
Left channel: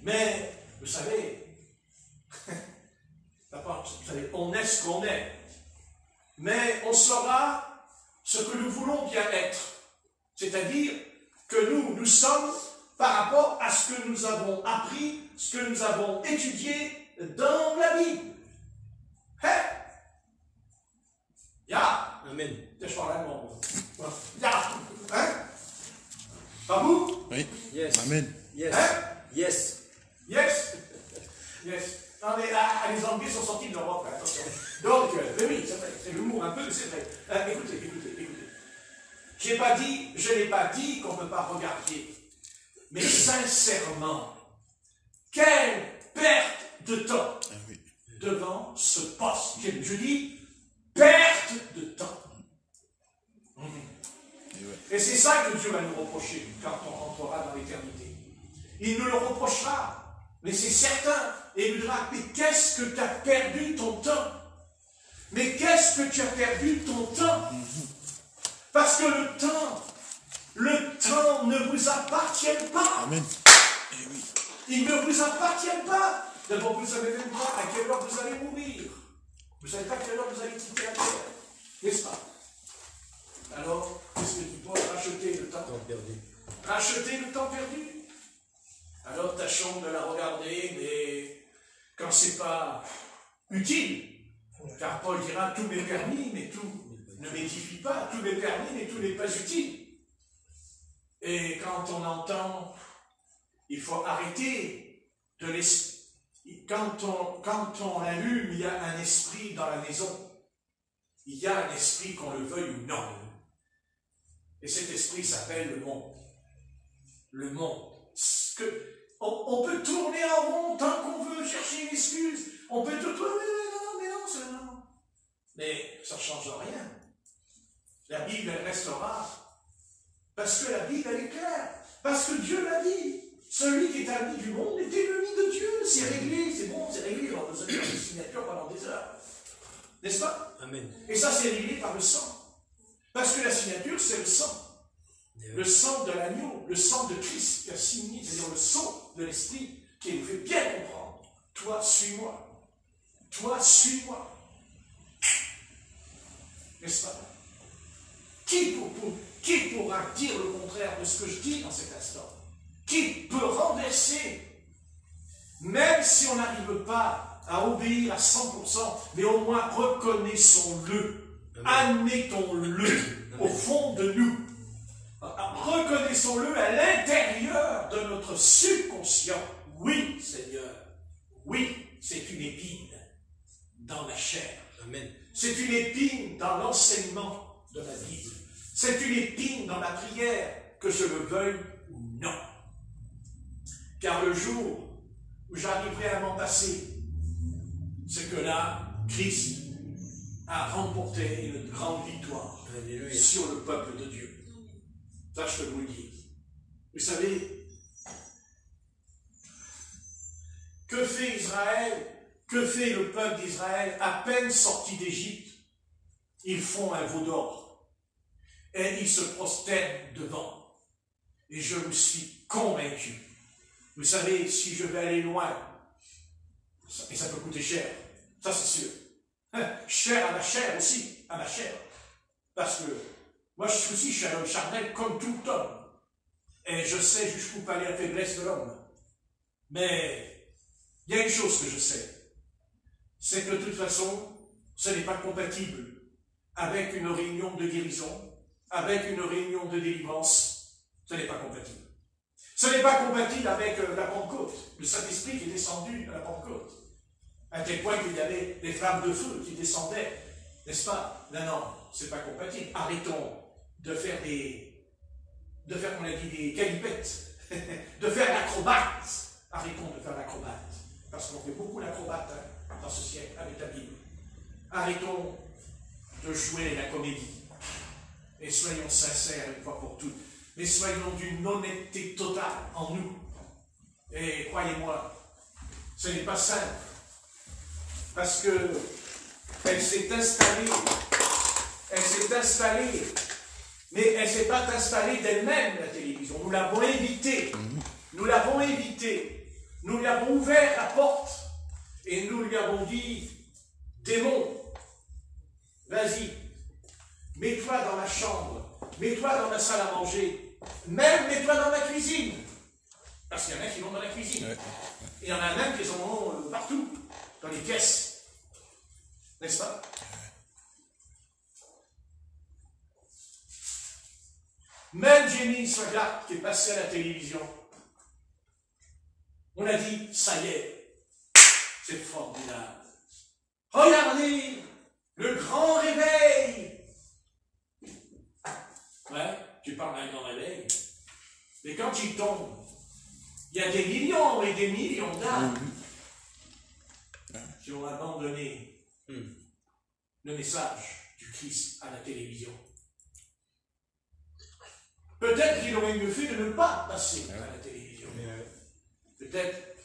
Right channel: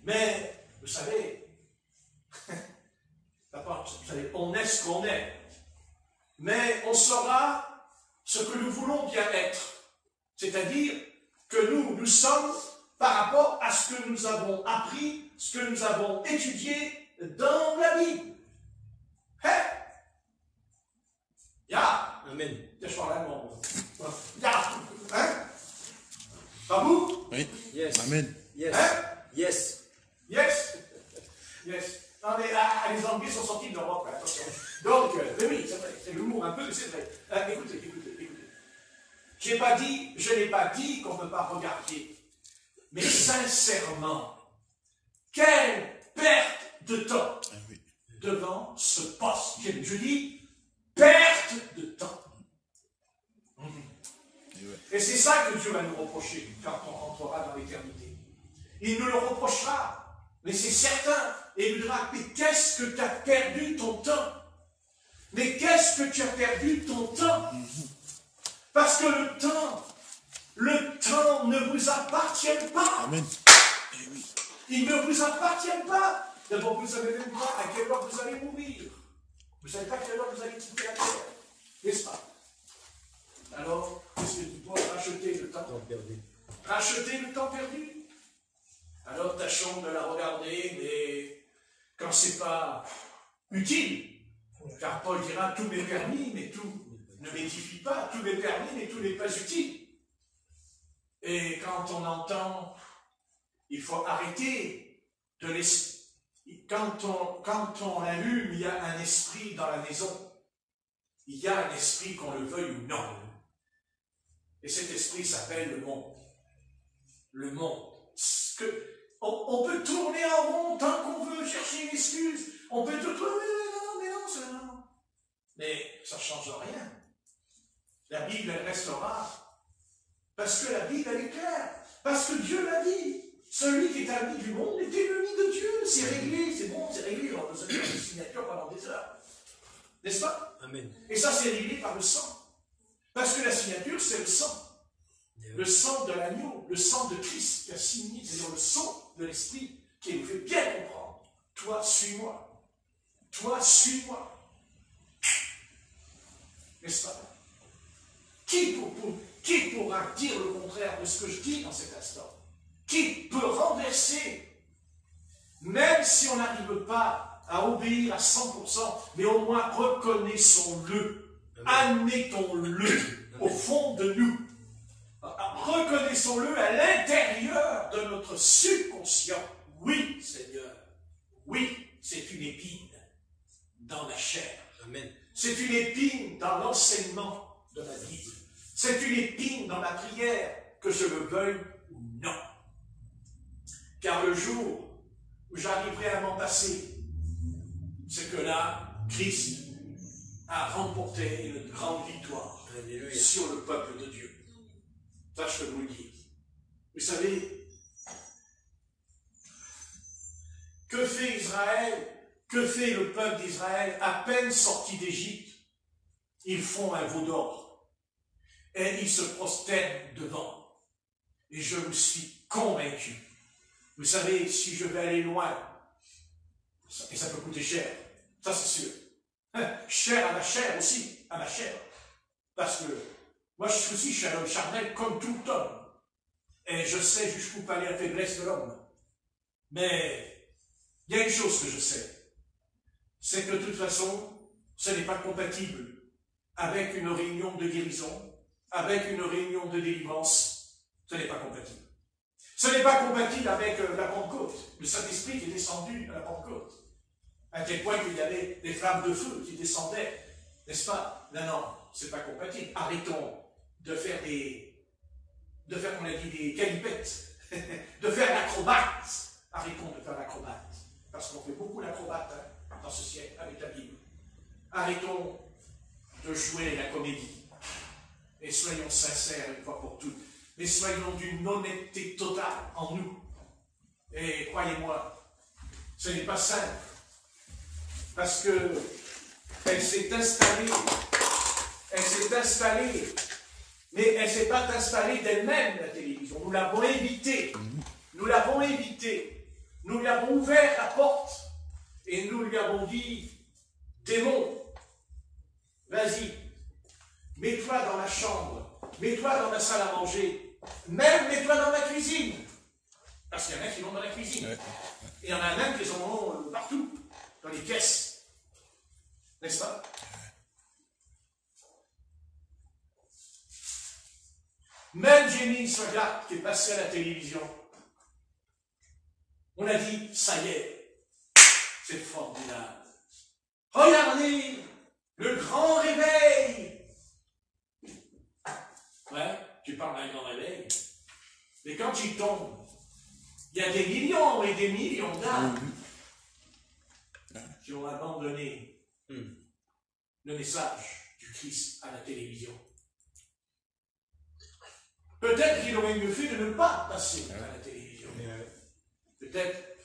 Mais, vous savez, on est ce qu'on est. Mais on saura ce que nous voulons bien être. C'est-à-dire que nous sommes par rapport à ce que nous avons appris, ce que nous avons étudié dans la Bible. Amen. Je parle allemand. Pas vous? Oui. Yes. Amen. Yes. Yes. Yes. Non, mais les Anglais sont sortis de l'Europe, attention. Donc, oui, c'est vrai, c'est l'humour un peu, mais c'est vrai. Écoutez. Je n'ai pas dit qu'on ne peut pas regarder. Mais sincèrement, quelle perte de temps devant ce poste. Je dis, perte de temps. Et c'est ça que Dieu va nous reprocher quand on rentrera dans l'éternité. Il nous le reprochera, mais c'est certain. Et il nous dira, mais qu'est-ce que tu as perdu ton temps? Mais qu'est-ce que tu as perdu ton temps? Parce que le temps ne vous appartient pas. Amen. Il ne vous appartient pas. D'abord, vous ne savez même pas à quelle heure vous allez mourir. Vous ne savez pas à quelle heure vous allez quitter la terre. N'est-ce pas? Alors, est-ce que tu dois racheter le temps perdu? Racheter le temps perdu? Alors, tâchons de la regarder, mais quand ce n'est pas utile, car Paul dira, tout m'est permis, mais tout ne m'édifie pas, tout m'est permis, mais tout n'est pas utile. Et quand on entend, il faut arrêter de laisser. Quand on allume, il y a un esprit dans la maison. Il y a un esprit, qu'on le veuille ou non. Et cet esprit s'appelle le monde. Le monde. On peut tourner en rond tant qu'on veut chercher une excuse. On peut tout tourner, mais non, c'est non. Mais ça ne change rien. La Bible, elle restera. Parce que la Bible, elle est claire. Parce que Dieu l'a dit. Celui qui est ami du monde est ennemi de Dieu. C'est réglé, c'est bon, c'est réglé. On nous a fait des signatures pendant des heures. N'est-ce pas? Amen. Et ça, c'est réglé par le sang. Parce que la signature, c'est le sang. Le sang de l'agneau, le sang de Christ qui a signé, c'est-à-dire le sang de l'Esprit qui nous fait bien comprendre toi, suis-moi. Toi, suis-moi. N'est-ce pas? Qui pourra dire le contraire de ce que je dis dans cet instant? Qui peut renverser? Même si on n'arrive pas à obéir à 100%, mais au moins reconnaissons-le. Admettons-le au fond de nous. Reconnaissons-le à l'intérieur de notre subconscient. Oui, Seigneur, oui, c'est une épine dans la chair. Amen. C'est une épine dans l'enseignement de la Bible. C'est une épine dans la prière, que je le veuille ou non. Car le jour où j'arriverai à m'en passer, c'est que là, Christ a remporté une grande victoire sur le peuple de Dieu. Ça, je peux vous le dire. Vous savez, que fait Israël? Que fait le peuple d'Israël à peine sorti d'Égypte? Ils font un veau d'or et ils se prosternent devant. Et je me suis convaincu. Vous savez, si je vais aller loin, et ça peut coûter cher, ça c'est sûr. Cher à la chair aussi, à ma chair. Parce que moi je suis un homme charnel comme tout homme. Et je sais jusqu'où peut aller la faiblesse de l'homme. Mais il y a une chose que je sais. C'est que de toute façon, ce n'est pas compatible avec une réunion de guérison, avec une réunion de délivrance. Ce n'est pas compatible. Ce n'est pas compatible avec la Pentecôte, le Saint-Esprit qui est descendu à la Pentecôte. À tel point qu'il y avait des flammes de feu qui descendaient, n'est-ce pas? Non, non, c'est pas compatible. Arrêtons de faire comme on a dit, des galipettes, de faire l'acrobate. Arrêtons de faire l'acrobate, parce qu'on fait beaucoup l'acrobate dans ce siècle avec la Bible. Arrêtons de jouer la comédie et soyons sincères une fois pour toutes. Mais soyons d'une honnêteté totale en nous. Et croyez-moi, ce n'est pas simple. Parce que elle s'est installée, mais elle ne s'est pas installée d'elle-même, la télévision. Nous l'avons invitée, nous lui avons ouvert la porte, et nous lui avons dit, démon, vas-y, mets-toi dans la chambre, mets-toi dans la salle à manger, même mets-toi dans la cuisine. Parce qu'il y en a qui vont dans la cuisine. Ouais. Et il y en a même qui en ont partout, dans les caisses. N'est-ce pas? Même Jimmy Swaggart qui est passé à la télévision, on a dit, ça y est, c'est formidable. Regardez, le grand réveil. Ouais, tu parles d'un grand réveil. Mais quand il tombe, il y a des millions et des millions d'âmes qui ont abandonné le message du Christ à la télévision. Peut-être qu'il aurait mieux fait de ne pas passer à la télévision. Peut-être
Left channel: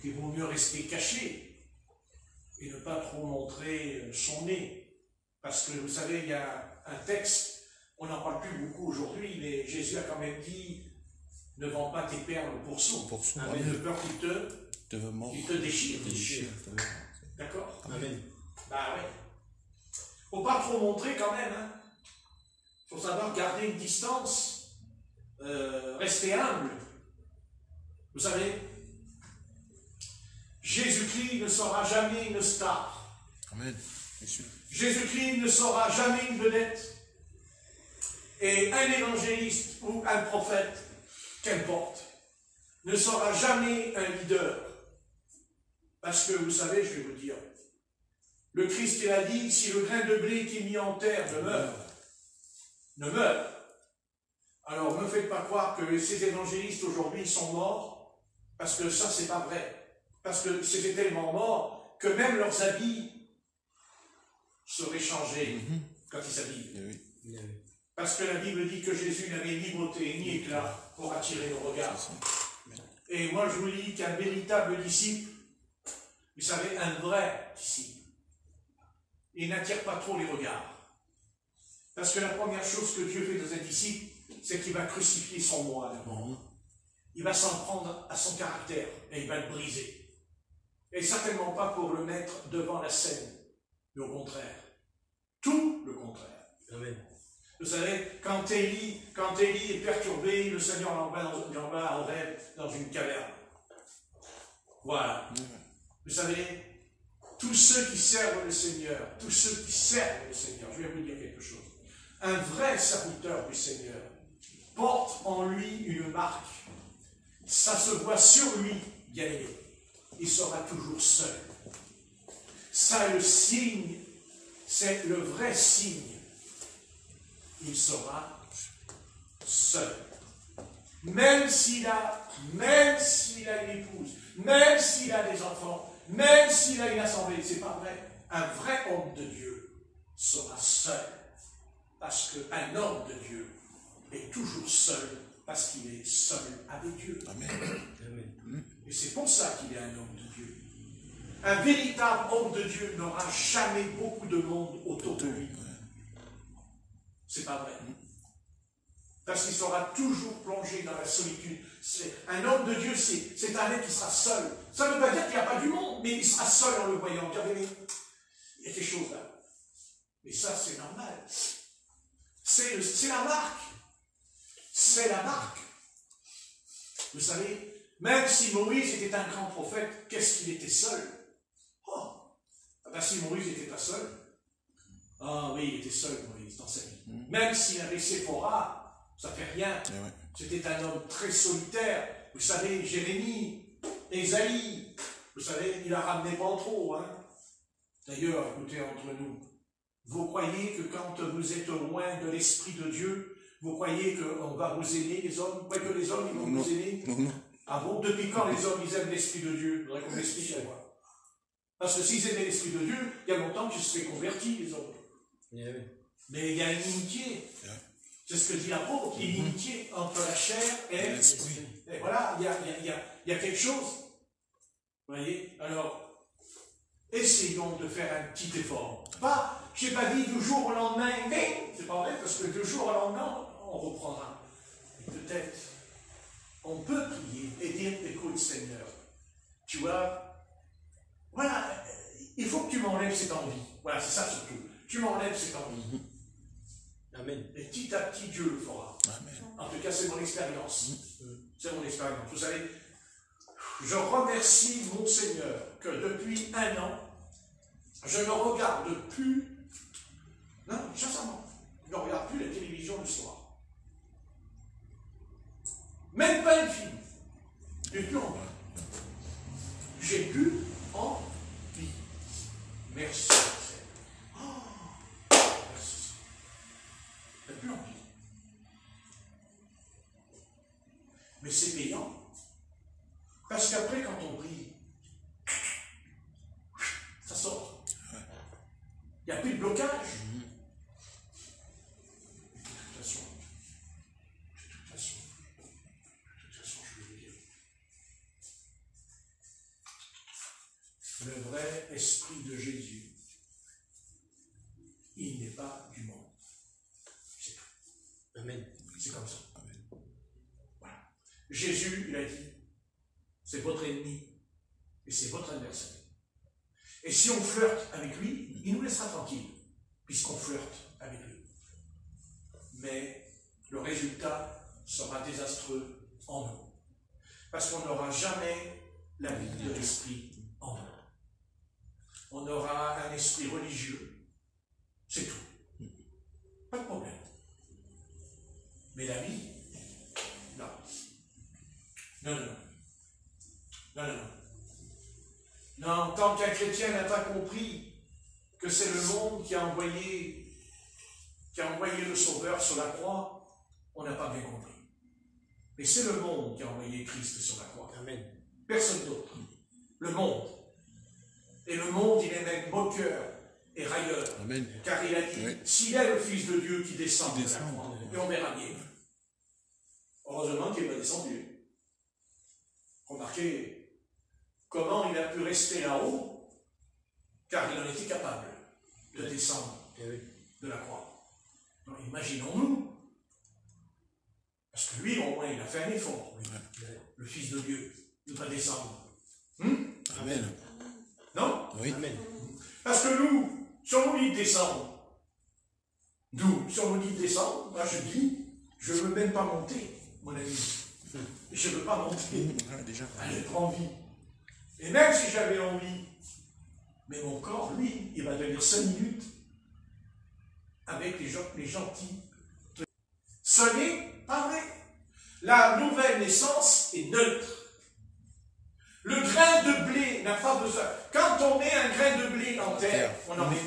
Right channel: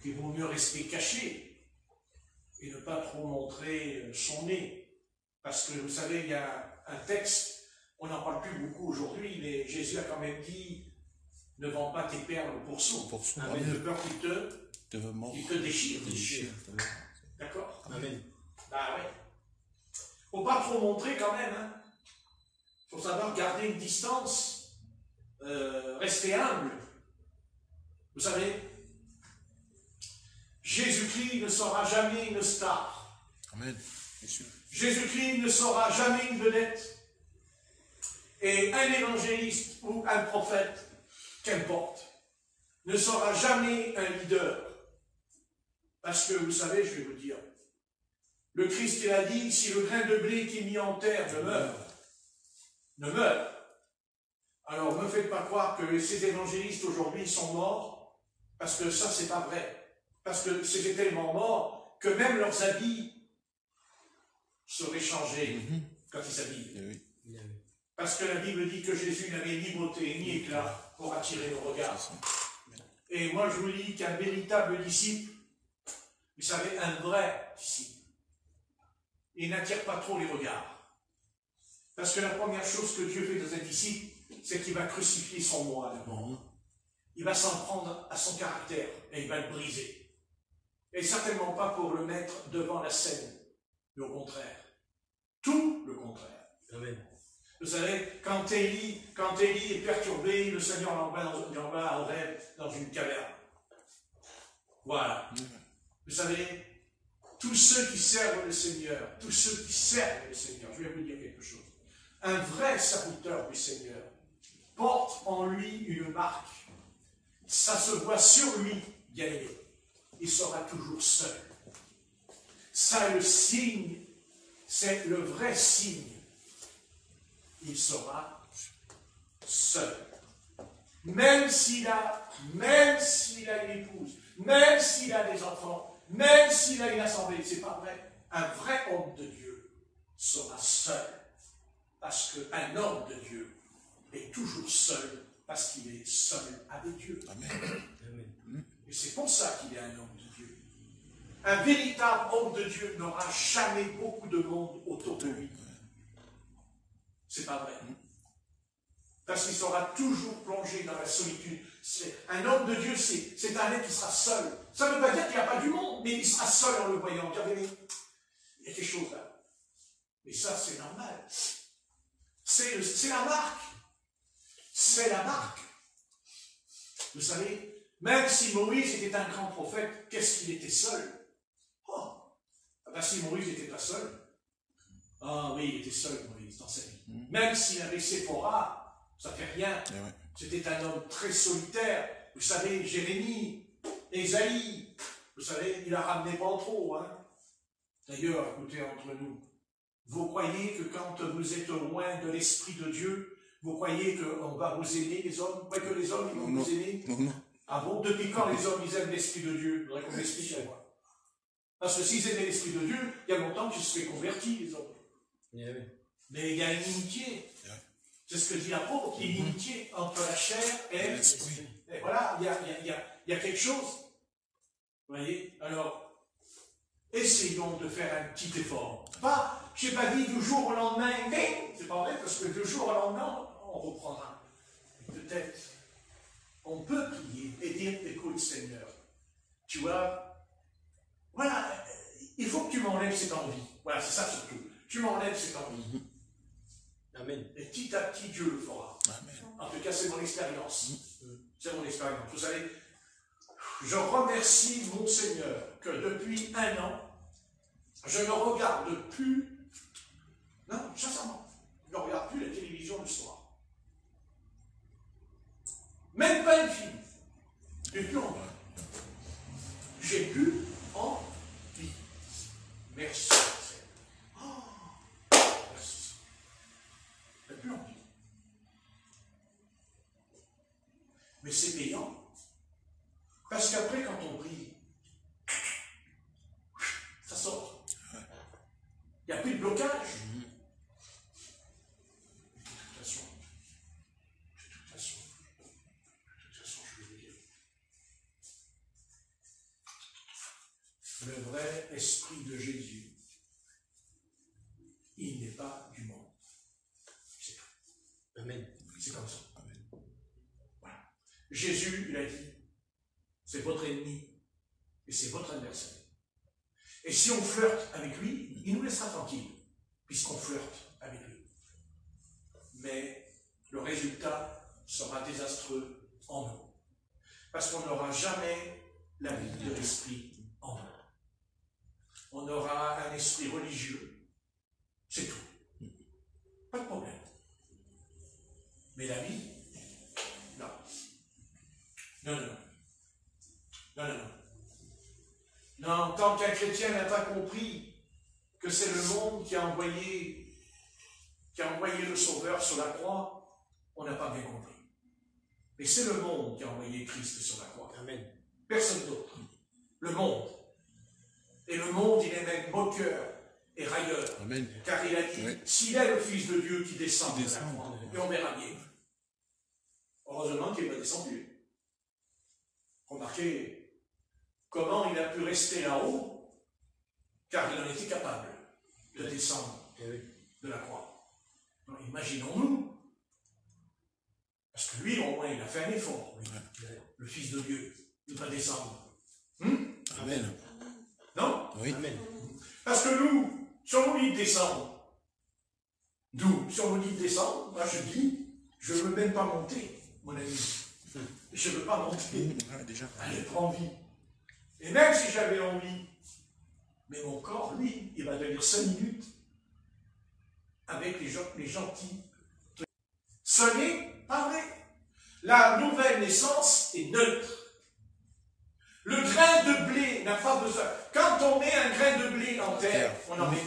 qu'il vaut mieux rester caché et ne pas trop montrer son nez. Parce que vous savez, il y a un texte, on n'en parle plus beaucoup aujourd'hui, mais Jésus a quand même dit, ne vends pas tes perles pour son. Avec de peur qu'il te déchire. D'accord? Amen. Ben oui. Il ne faut pas trop montrer quand même. Il faut savoir garder une distance, rester humble. Vous savez, Jésus-Christ ne sera jamais une star. Amen. Bien sûr. Jésus-Christ ne sera jamais une vedette. Et un évangéliste ou un prophète, qu'importe, ne sera jamais un leader. Parce que, vous savez, je vais vous dire, le Christ il a dit, si le grain de blé qui est mis en terre ne meurt. Alors, ne me faites pas croire que ces évangélistes aujourd'hui sont morts, parce que ça, c'est pas vrai. Parce que c'était tellement mort que même leurs habits seraient changés quand ils s'habillent. Parce que la Bible dit que Jésus n'avait ni beauté ni éclat pour attirer nos regards. Et moi, je vous dis qu'un véritable disciple, vous savez, un vrai disciple, il n'attire pas trop les regards. Parce que la première chose que Dieu fait de un disciple, c'est qu'il va crucifier son moi. Il va s'en prendre à son caractère et il va le briser. Et certainement pas pour le mettre devant la scène, mais au contraire. Tout le contraire. Amen. Vous savez, quand Élie est perturbé, le Seigneur l'envoie en aide dans une caverne. Voilà. Vous savez, tous ceux qui servent le Seigneur, je vais vous dire quelque chose. Un vrai serviteur du Seigneur porte en lui une marque. Ça se voit sur lui, bien aimé. Il sera toujours seul. Ça est le signe, c'est le vrai signe. Il sera seul. Même s'il a une épouse, même s'il a des enfants, même s'il a une assemblée, c'est pas vrai. Un vrai homme de Dieu sera seul. Parce qu'un homme de Dieu est toujours seul, parce qu'il est seul avec Dieu. Amen. Et c'est pour ça qu'il est un homme de Dieu. Un véritable homme de Dieu n'aura jamais beaucoup de monde autour de lui. C'est pas vrai. Parce qu'il sera toujours plongé dans la solitude. Un homme de Dieu, c'est un mec qui sera seul. Ça ne veut pas dire qu'il n'y a pas du monde, mais il sera seul en le voyant. Il y a quelque chose là. Mais ça, c'est normal. C'est la marque. C'est la marque. Vous savez, même si Moïse était un grand prophète, qu'est-ce qu'il était seul? Oh, ben si Moïse n'était pas seul. Ah oui, il était seul, Moïse, dans sa vie. Même s'il avait Séphora, ça ne fait rien. C'était un homme très solitaire. Vous savez, Jérémie, Ésaïe, vous savez, il a ramené pas trop. Hein. D'ailleurs, écoutez, entre nous, vous croyez que quand vous êtes loin de l'Esprit de Dieu, vous croyez qu'on va vous aimer, les hommes? Vous croyez que les hommes, ils vont vous aimer? Non. Ah bon? Depuis quand les hommes, ils aiment l'Esprit de Dieu? Il faudrait qu'on m'explique quoi. Parce que s'ils aimaient l'Esprit de Dieu, il y a longtemps qu'ils se seraient convertis, les hommes. Mais il y a une inimitié. C'est ce que dit l'apôtre, l'inimitié entre la chair et l'esprit. Et voilà, il y a quelque chose. Vous voyez? Alors, essayons de faire un petit effort. Pas, je n'ai pas dit du jour au lendemain, mais c'est pas vrai, parce que du jour au lendemain, on reprendra. Peut-être, on peut prier et dire, écoute Seigneur, tu vois, voilà, il faut que tu m'enlèves cette envie. Voilà, c'est ça surtout. Tu m'enlèves cette envie. Amen. Et petit à petit, Dieu le fera. Amen. En tout cas, c'est mon expérience. C'est mon expérience. Vous savez, je remercie mon Seigneur que depuis 1 an, je ne regarde plus, non, sincèrement, je ne regarde plus la télévision le soir. Même pas une film. J'ai plus envie. J'ai plus envie. Merci. Merci. J'ai plus envie. Mais c'est payant. Parce qu'après, quand on prie, ça sort. Il n'y a plus de blocage. De toute façon, je vais vous dire. Le vrai esprit de Jésus, il n'est pas du monde. C'est tout. Amen. C'est comme ça. Amen. Voilà. Jésus, il a dit, c'est votre ennemi et c'est votre adversaire. Et si on flirte avec lui, il nous laissera tranquille, puisqu'on flirte avec lui. Mais le résultat sera désastreux en nous. Parce qu'on n'aura jamais la vie de l'esprit en nous. On aura un esprit religieux, c'est tout. Pas de problème. Mais la vie, non. Non, non. Non, non. Non, tant qu'un chrétien n'a pas compris que c'est le monde qui a envoyé le Sauveur sur la croix, on n'a pas bien compris. Mais c'est le monde qui a envoyé Christ sur la croix. Amen. Personne d'autre. Le monde. Et le monde, il est même moqueur et railleur. Amen. Car il a dit, s'il est le Fils de Dieu qui descend de la croix, et on est raillé. Heureusement qu'il est descendu. Remarquez comment il a pu rester là-haut, car il en était capable de descendre de la croix. Donc imaginons-nous, parce que lui, au moins, il a fait un effort, le Fils de Dieu, il va descendre. Amen. Non? Oui. Amen. Parce que nous, sur nos livres décembre, moi je dis, je ne veux même pas monter, mon ami. Je ne veux pas monter. Déjà. J'ai pas envie. Et même si j'avais envie, mais mon corps, lui, il va venir 5 minutes avec les gentils. Ce n'est pas vrai. La nouvelle naissance est neutre. Le grain de blé n'a pas besoin. Quand on met un grain de blé en terre, on en met.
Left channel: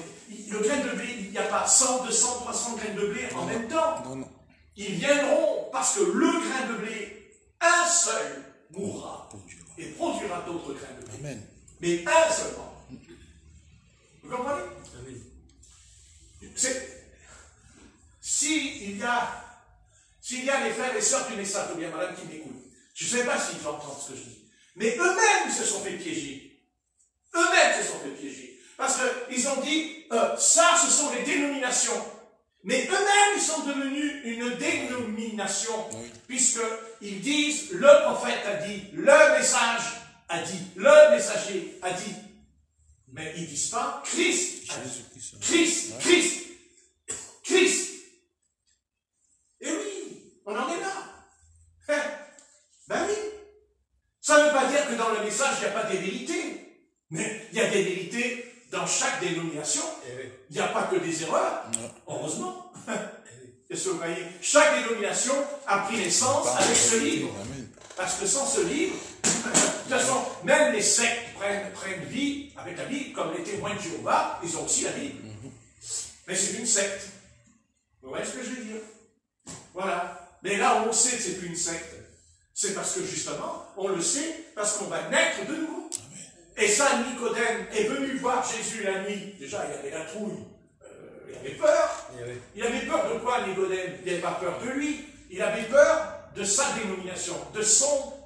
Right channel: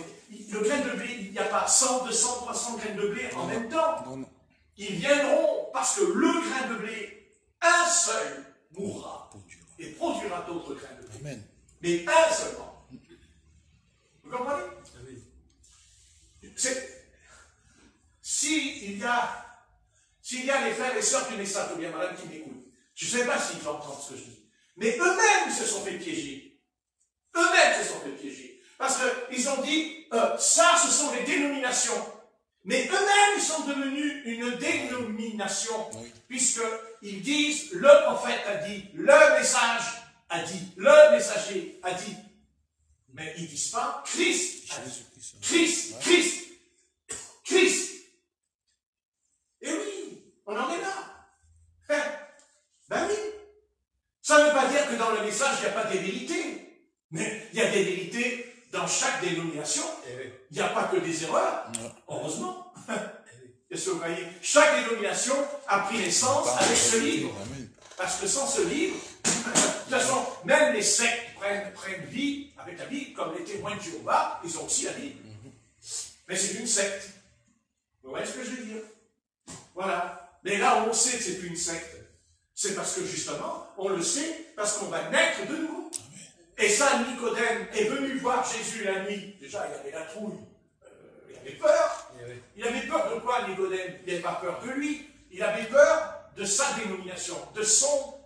Le grain de blé, il n'y a pas 100, 200, 300 grains de blé en même temps. Non, non. Ils viendront parce que le grain de blé, un seul, mourra et produira d'autres grains de blé. Amen. Mais un seulement. Vous comprenez? Amen. S'il y a les frères et sœurs qui naissent, ou bien madame qui m'écoute, je ne sais pas s'ils entendent ce que je dis, mais eux-mêmes se sont fait piéger. Eux-mêmes se sont fait piéger. Parce qu'ils ont dit, ça, ce sont les dénominations. Mais eux-mêmes sont devenus une dénomination, puisqu'ils disent, le prophète a dit, le message a dit, le messager a dit. Mais ils ne disent pas, Christ a dit. Christ, Christ, Christ. Et oui, on en est là. Ben oui. Ça ne veut pas dire que dans le message, il n'y a pas des vérités. Mais il y a des vérités dans chaque dénomination. Il n'y a pas que des erreurs. Heureusement. Est-ce que vous voyez? Chaque dénomination a pris naissance avec ce livre. Parce que sans ce livre, de toute façon, même les sectes prennent vie avec la Bible, comme les témoins de Jéhovah, ils ont aussi la Bible. Mais c'est une secte. Vous voyez ce que je veux dire? Voilà. Mais là, on sait que c'est plus une secte. C'est parce que justement, on le sait, parce qu'on va naître de nouveau. Et ça, Nicodème est venu voir Jésus la nuit. Déjà, il avait la trouille. Il avait peur. Il avait peur de quoi, Nicodème? Il n'avait pas peur de lui. Il avait peur de sa dénomination, de son,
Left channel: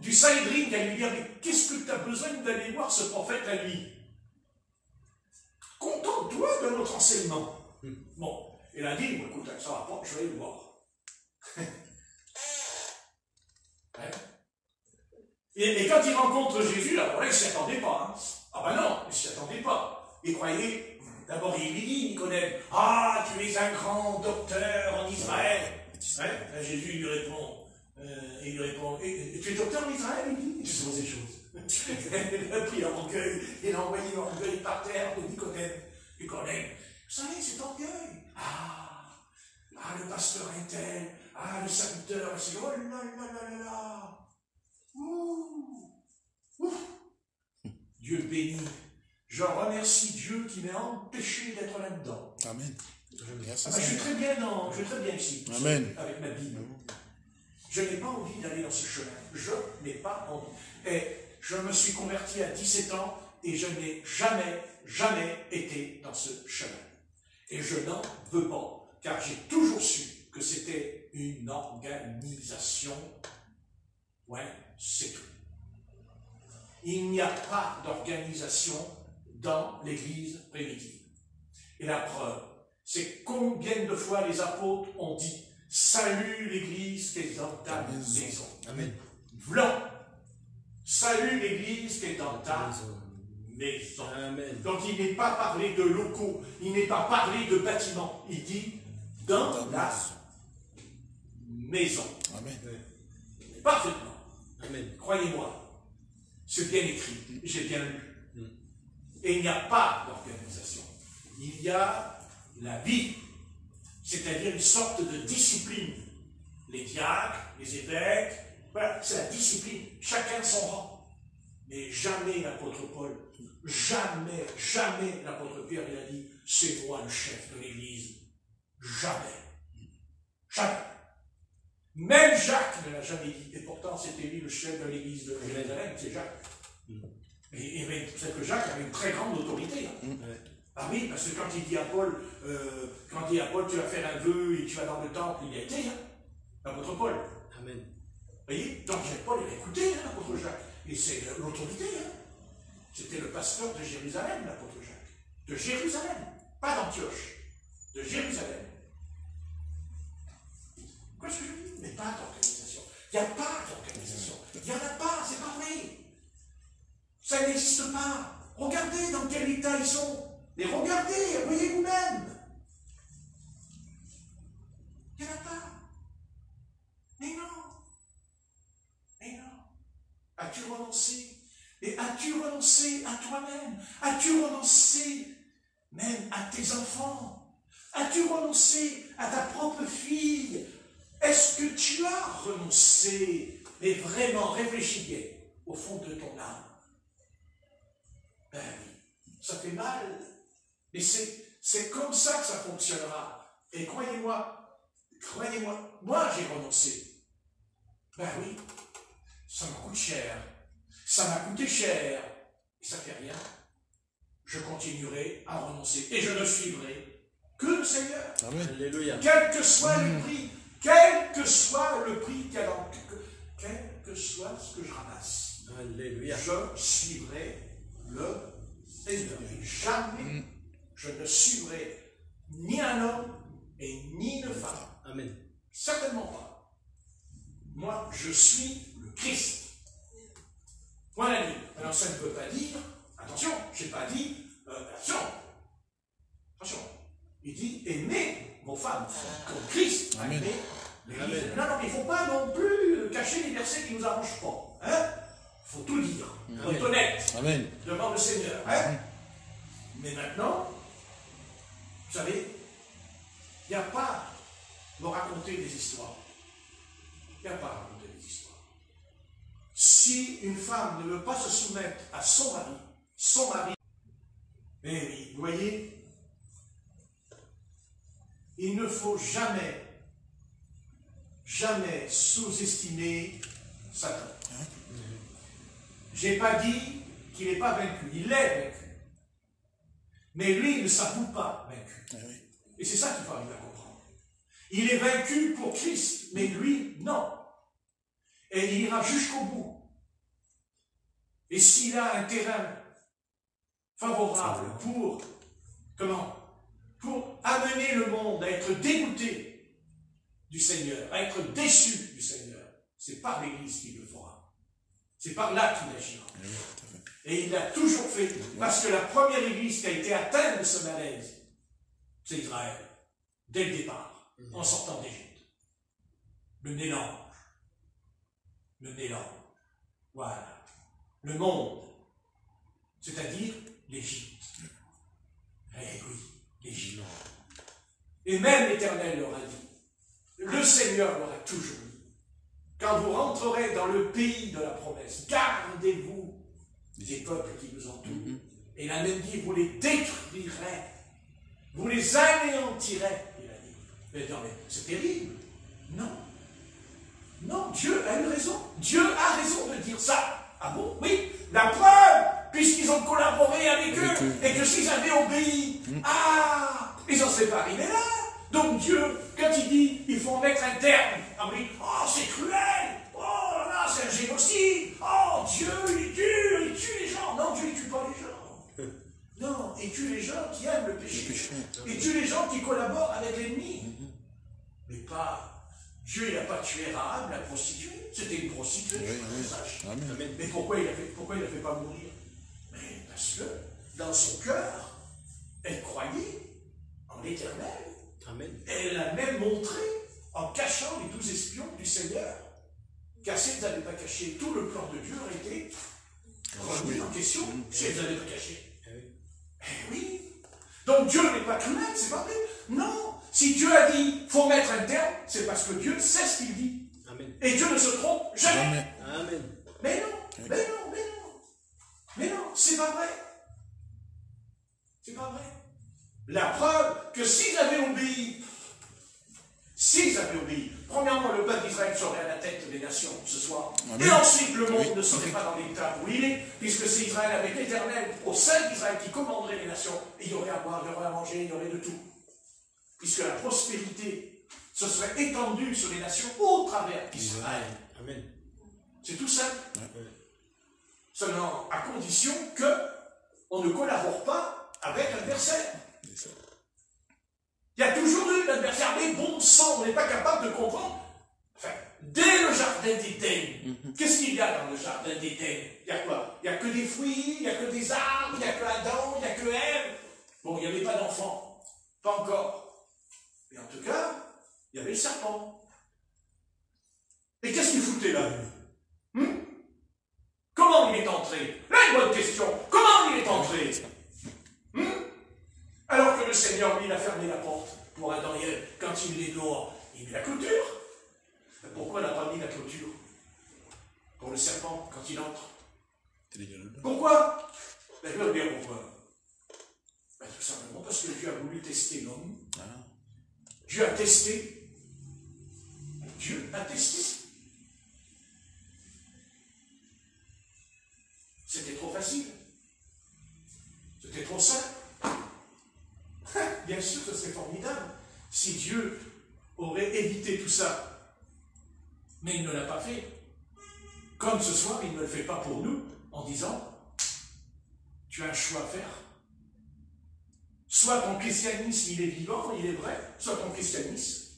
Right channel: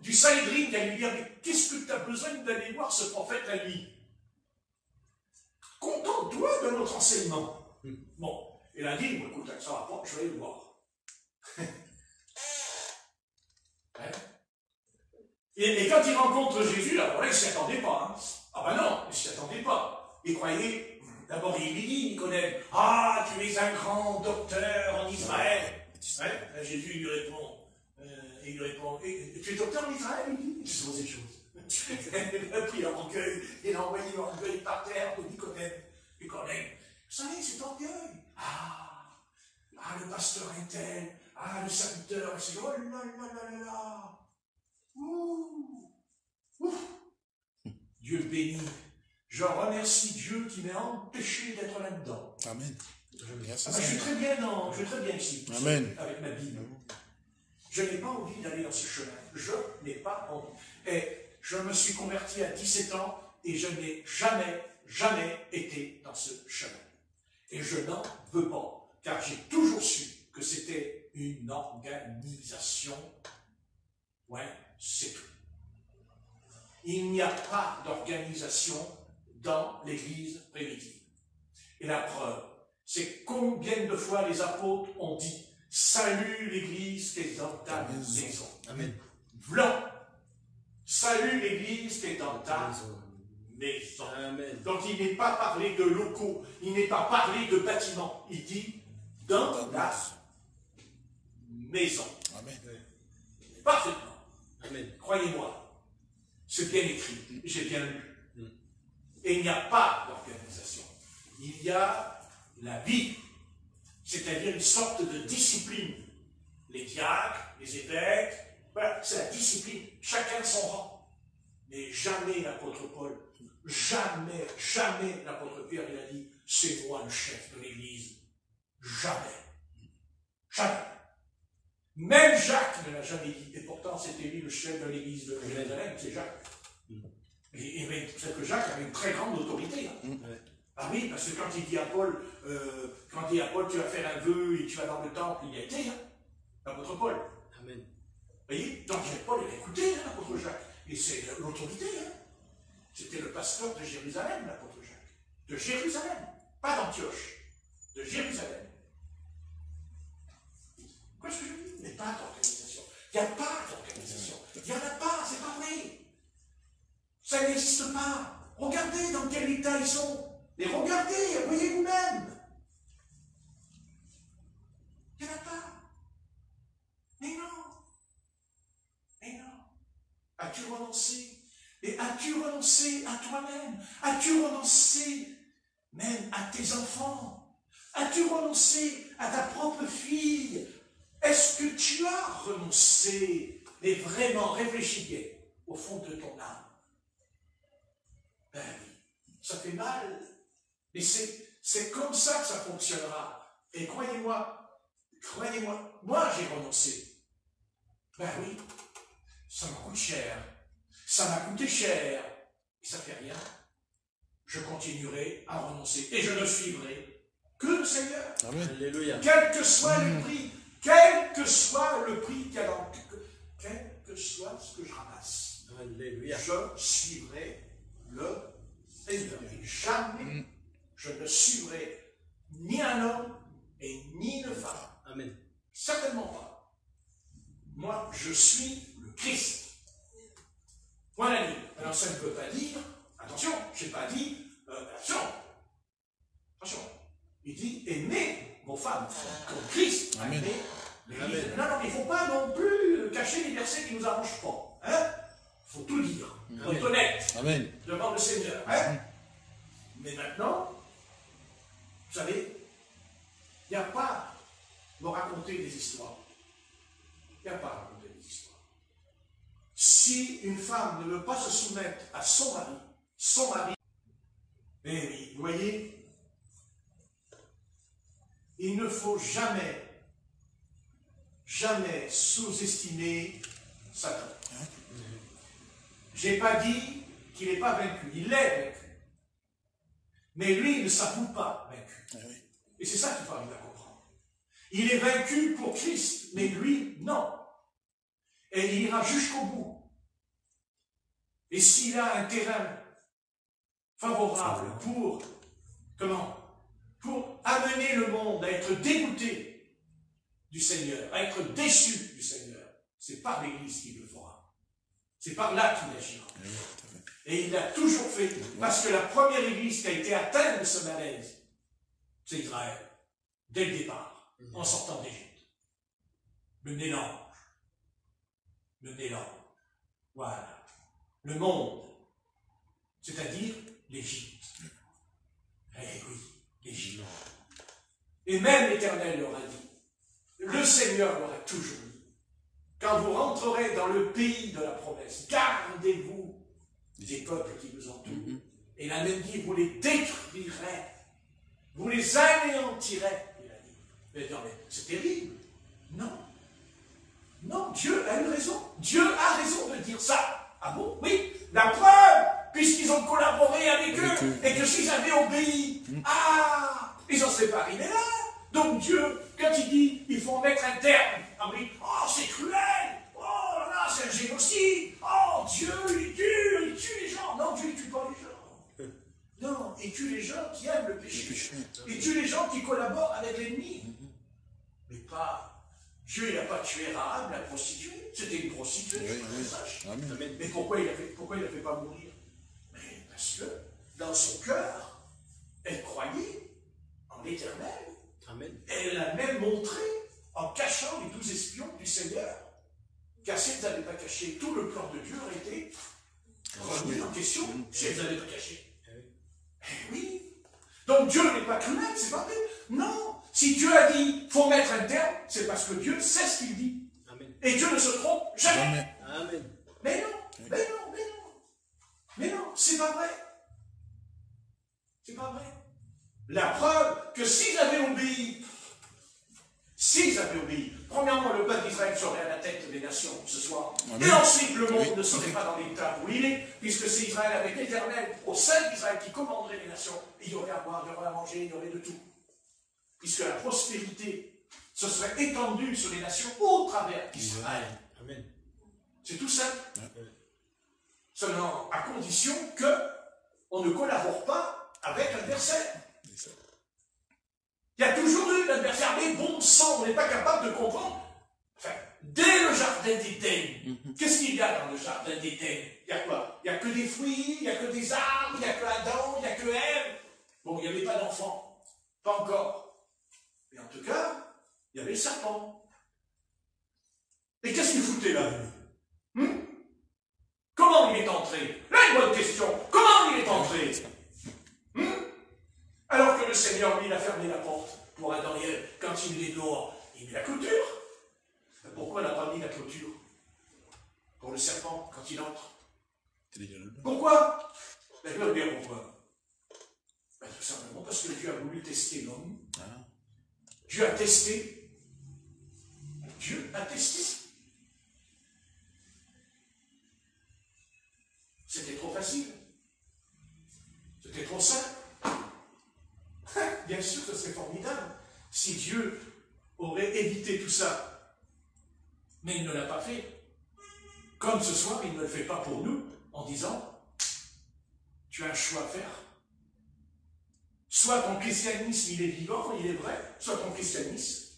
du Saïdrine, qui allait lui dire, mais qu'est-ce que tu as besoin d'aller voir ce prophète la nuit? Contente-toi de notre enseignement. Bon. Il a dit, écoute, ça va pas, je vais le voir. Hein? Et quand il rencontre Jésus, alors là, il ne s'y attendait pas. Hein. Ah ben non, il ne s'y attendait pas. Il croyait, d'abord il lui dit, Nicodème, ah, tu es un grand docteur en Israël. Hein? Jésus lui répond, tu es docteur en Israël? Il dit, tu sais pas ces choses. Il a pris l'orgueil, il a envoyé l'orgueil par terre de Nicodème. Nicodème, vous savez, c'est orgueil. Le pasteur est tel, le serviteur, c'est oh là là là là là. Dieu béni. Je remercie Dieu qui m'a empêché d'être là-dedans. Amen. Je suis très bien ici. Amen. Avec ma Bible. Je n'ai pas envie d'aller dans ce chemin. Je n'ai pas envie. Et je me suis converti à 17 ans et je n'ai jamais été dans ce chemin. Et je n'en veux pas. Car j'ai toujours su que c'était une organisation. Ouais, c'est tout. Il n'y a pas d'organisation dans l'Église primitive. Et la preuve, c'est combien de fois les apôtres ont dit « Salut l'Église qui est dans ta maison. » Amen. Blanc. Salut l'Église qui est dans ta maison. Amen. Donc il n'est pas parlé de locaux, il n'est pas parlé de bâtiments. Il dit dans la maison. Amen. Parfaitement. Amen. Croyez-moi, c'est bien écrit, j'ai bien lu. Et il n'y a pas d'organisation. Il y a la vie, c'est-à-dire une sorte de discipline. Les diacres, les évêques, voilà, c'est la discipline. Chacun son rang. Mais jamais l'apôtre Paul, jamais l'apôtre Pierre il a dit « c'est moi le chef de l'Église ». Jamais. Jamais. Même Jacques ne l'a jamais dit. Et pourtant, c'était lui le chef de l'église de Jérusalem, c'est Jacques. Et c'est que Jacques avait une très grande autorité. Hein. Ah oui, parce que quand il dit à Paul, tu vas faire un vœu et tu vas dans le temple, il y a été, hein, l'apôtre Paul. Amen. Vous voyez, donc Paul, il a écouté, hein, l'apôtre Jacques. Et c'est l'autorité. Hein. C'était le pasteur de Jérusalem, l'apôtre Jacques. De Jérusalem, pas d'Antioche. De Jérusalem. Quoi ce que je dis? Il n'y a pas d'organisation. Il n'y a pas d'organisation. Il n'y en a pas, c'est pas vrai. Ça n'existe pas. As-tu renoncé? Et as-tu renoncé à toi-même? As-tu renoncé même à tes enfants? As-tu renoncé à ta propre fille? Est-ce que tu as renoncé? Mais vraiment, réfléchis bien au fond de ton âme. Ben oui, ça fait mal. Mais c'est comme ça que ça fonctionnera. Et croyez-moi, moi j'ai renoncé. Ben oui, ça me coûte cher. Ça m'a coûté cher. Et ça fait rien. Je continuerai à renoncer. Et je ne suivrai que le Seigneur. Amen. Alléluia. Quel que soit le prix, quel que soit le prix qu'il y a dans, quel que soit ce que je ramasse, Alléluia. je suivrai le Seigneur. Et jamais je ne suivrai ni un homme et ni une femme. Amen. Certainement pas. Moi, je suis le Christ. Point la ligne. Alors ça ne veut pas dire, attention, je n'ai pas dit, attention. Il dit, aimez vos femmes, comme Christ. Amen. Amen. Non, il ne faut pas non plus cacher les versets qui ne nous arrangent pas. Hein? Il faut tout dire. Il faut être honnête Amen. devant le Seigneur. Hein? Mais maintenant, vous savez, il n'y a pas de raconter des histoires. Il n'y a pas de raconter des histoires. Si une femme ne veut pas se soumettre à son mari, eh oui, vous voyez, il ne faut jamais sous-estimer Satan. Je n'ai pas dit qu'il n'est pas vaincu, il est vaincu. Mais lui, il ne s'avoue pas vaincu. Et c'est ça qu'il faut bien comprendre. Il est vaincu pour Christ, mais lui, non. Et il ira jusqu'au bout. Et s'il a un terrain favorable pour amener le monde à être dégoûté du Seigneur, à être déçu du Seigneur, c'est par l'Église qu'il le fera. C'est par là qu'il agira. Et il l'a toujours fait, parce que la première Église qui a été atteinte de ce malaise, c'est Israël, dès le départ, en sortant d'Égypte. Le mélange. Voilà. Le monde, c'est-à-dire l'Égypte. Eh oui, l'Égypte. Et même l'Éternel leur a dit, le Seigneur leur a toujours dit, quand vous rentrerez dans le pays de la promesse, gardez-vous des peuples qui vous entourent. Et il a même dit, vous les détruirez, vous les anéantirez, il a dit. Mais non, mais c'est terrible. Non, Dieu a une raison. Dieu a raison de dire ça. Ah bon? Oui. La preuve, puisqu'ils ont collaboré avec eux, et que s'ils avaient obéi, ils n'en seraient pas arrivés là. Donc Dieu, quand il dit, il faut en mettre un terme, oui, c'est cruel, là, c'est un génocide, Dieu, il tue les gens. Non, Dieu, il ne tue pas les gens. Non, il tue les gens qui aiment le péché. Il tue les gens qui collaborent avec l'ennemi. Mais pas... Dieu n'a pas tué Rahab, la prostituée. C'était une prostituée, mais pourquoi il ne la fait pas mourir? Mais parce que dans son cœur, elle croyait en l'Éternel. Et elle a même montré, en cachant les 12 espions du Seigneur, car si elle n'avait pas caché, tout le plan de Dieu aurait été remis en question si elle n'avait pas caché. Eh oui. Donc Dieu n'est pas cruel, c'est pas vrai. Non. Si Dieu a dit, il faut mettre un terme, c'est parce que Dieu sait ce qu'il dit. Amen. Et Dieu ne se trompe jamais. Amen. Mais non, c'est pas vrai. C'est pas vrai. La preuve que s'ils avaient obéi, premièrement, le peuple d'Israël serait à la tête des nations ce soir. Amen. Et ensuite, le monde ne serait pas dans l'état où il est, puisque c'est Israël avec l'Éternel, au sein d'Israël, qui commanderait les nations. Et il y aurait à boire, il y aurait à manger, il y aurait de tout. Puisque la prospérité se serait étendue sur les nations au travers d'Israël. Amen. C'est tout simple. Seulement, à condition qu'on ne collabore pas avec l'adversaire. Il y a toujours eu l'adversaire, mais bon sang, on n'est pas capable de comprendre. Enfin, dès le jardin d'Éden, qu'est-ce qu'il y a dans le jardin d'Éden? Il y a quoi? Il n'y a que des fruits, il n'y a que des arbres, il n'y a que Adam, il n'y a que Ève. Bon, il n'y avait pas d'enfants. Pas encore. Mais en tout cas, il y avait le serpent. Et qu'est-ce qu'il foutait là? quand il est dehors, il met la clôture. Pourquoi il n'a pas mis la clôture pour le serpent quand il entre? Pourquoi? D'ailleurs, bien pourquoi? Ben, tout simplement parce que Dieu a voulu tester l'homme. Dieu a testé. Dieu a testé. C'était trop facile. C'était trop simple. Bien sûr, ce serait formidable si Dieu aurait évité tout ça. Mais il ne l'a pas fait. Comme ce soir, il ne le fait pas pour nous en disant, tu as un choix à faire. Soit ton christianisme, il est vivant, il est vrai, soit ton christianisme,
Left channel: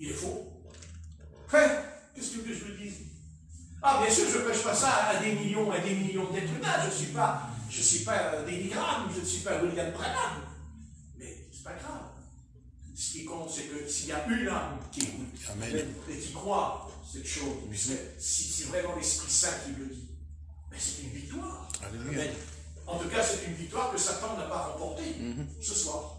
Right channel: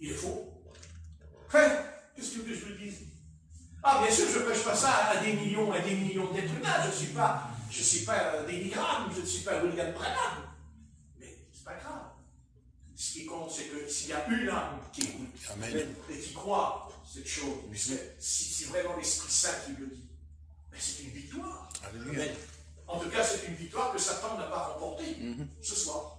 il est faux. Qu'est-ce que je veux dire? Ah, bien sûr, je ne prêche pas ça à des millions d'êtres humains. Je ne suis pas David Graham, je ne suis pas William Branham. Mais c'est pas grave. Ce qui compte, c'est que s'il y a une âme qui écoute et qui croit cette chose, puisque si c'est vraiment l'Esprit Saint qui le dit, mais c'est une victoire. Amen. En tout cas, c'est une victoire que Satan n'a pas remportée ce soir.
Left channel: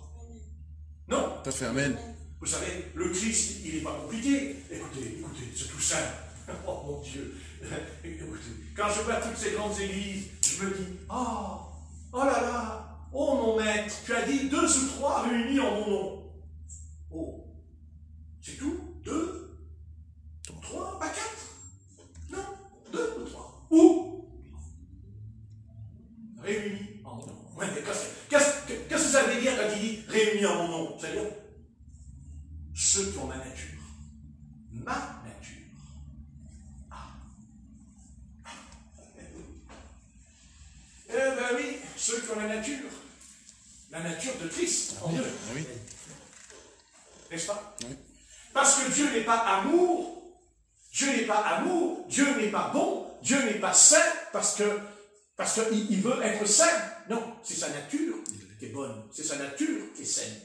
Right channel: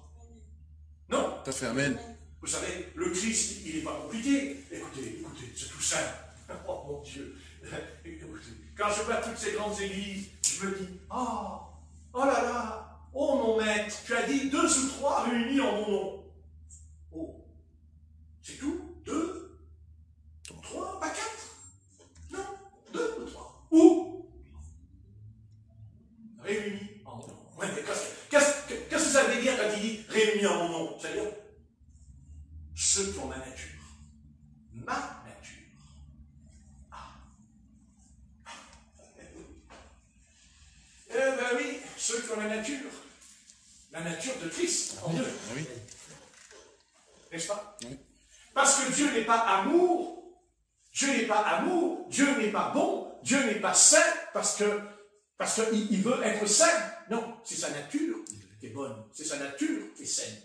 Non. Tout à fait, amen. Vous savez, le Christ, il n'est pas compliqué. Écoutez, c'est tout simple. Oh mon Dieu. Écoutez, quand je vois toutes ces grandes églises, je me dis, oh là là, oh mon maître, tu as dit 2 ou 3 réunis en mon nom. Oh, c'est tout? 2, 3, pas 4? Non, 2 ou 3. Où? Réunis en mon nom. Ouais, mais qu'est-ce que ça veut dire quand il dit réunis en mon nom? C'est-à-dire ceux qui ont ma nature. Ma nature. Oui, ceux qui ont la nature de Christ en Dieu. Oui. N'est-ce pas? Oui. Parce que Dieu n'est pas amour, Dieu n'est pas bon, Dieu n'est pas saint, parce qu'il veut être saint. Non, c'est sa nature qui est bonne, c'est sa nature qui est saine.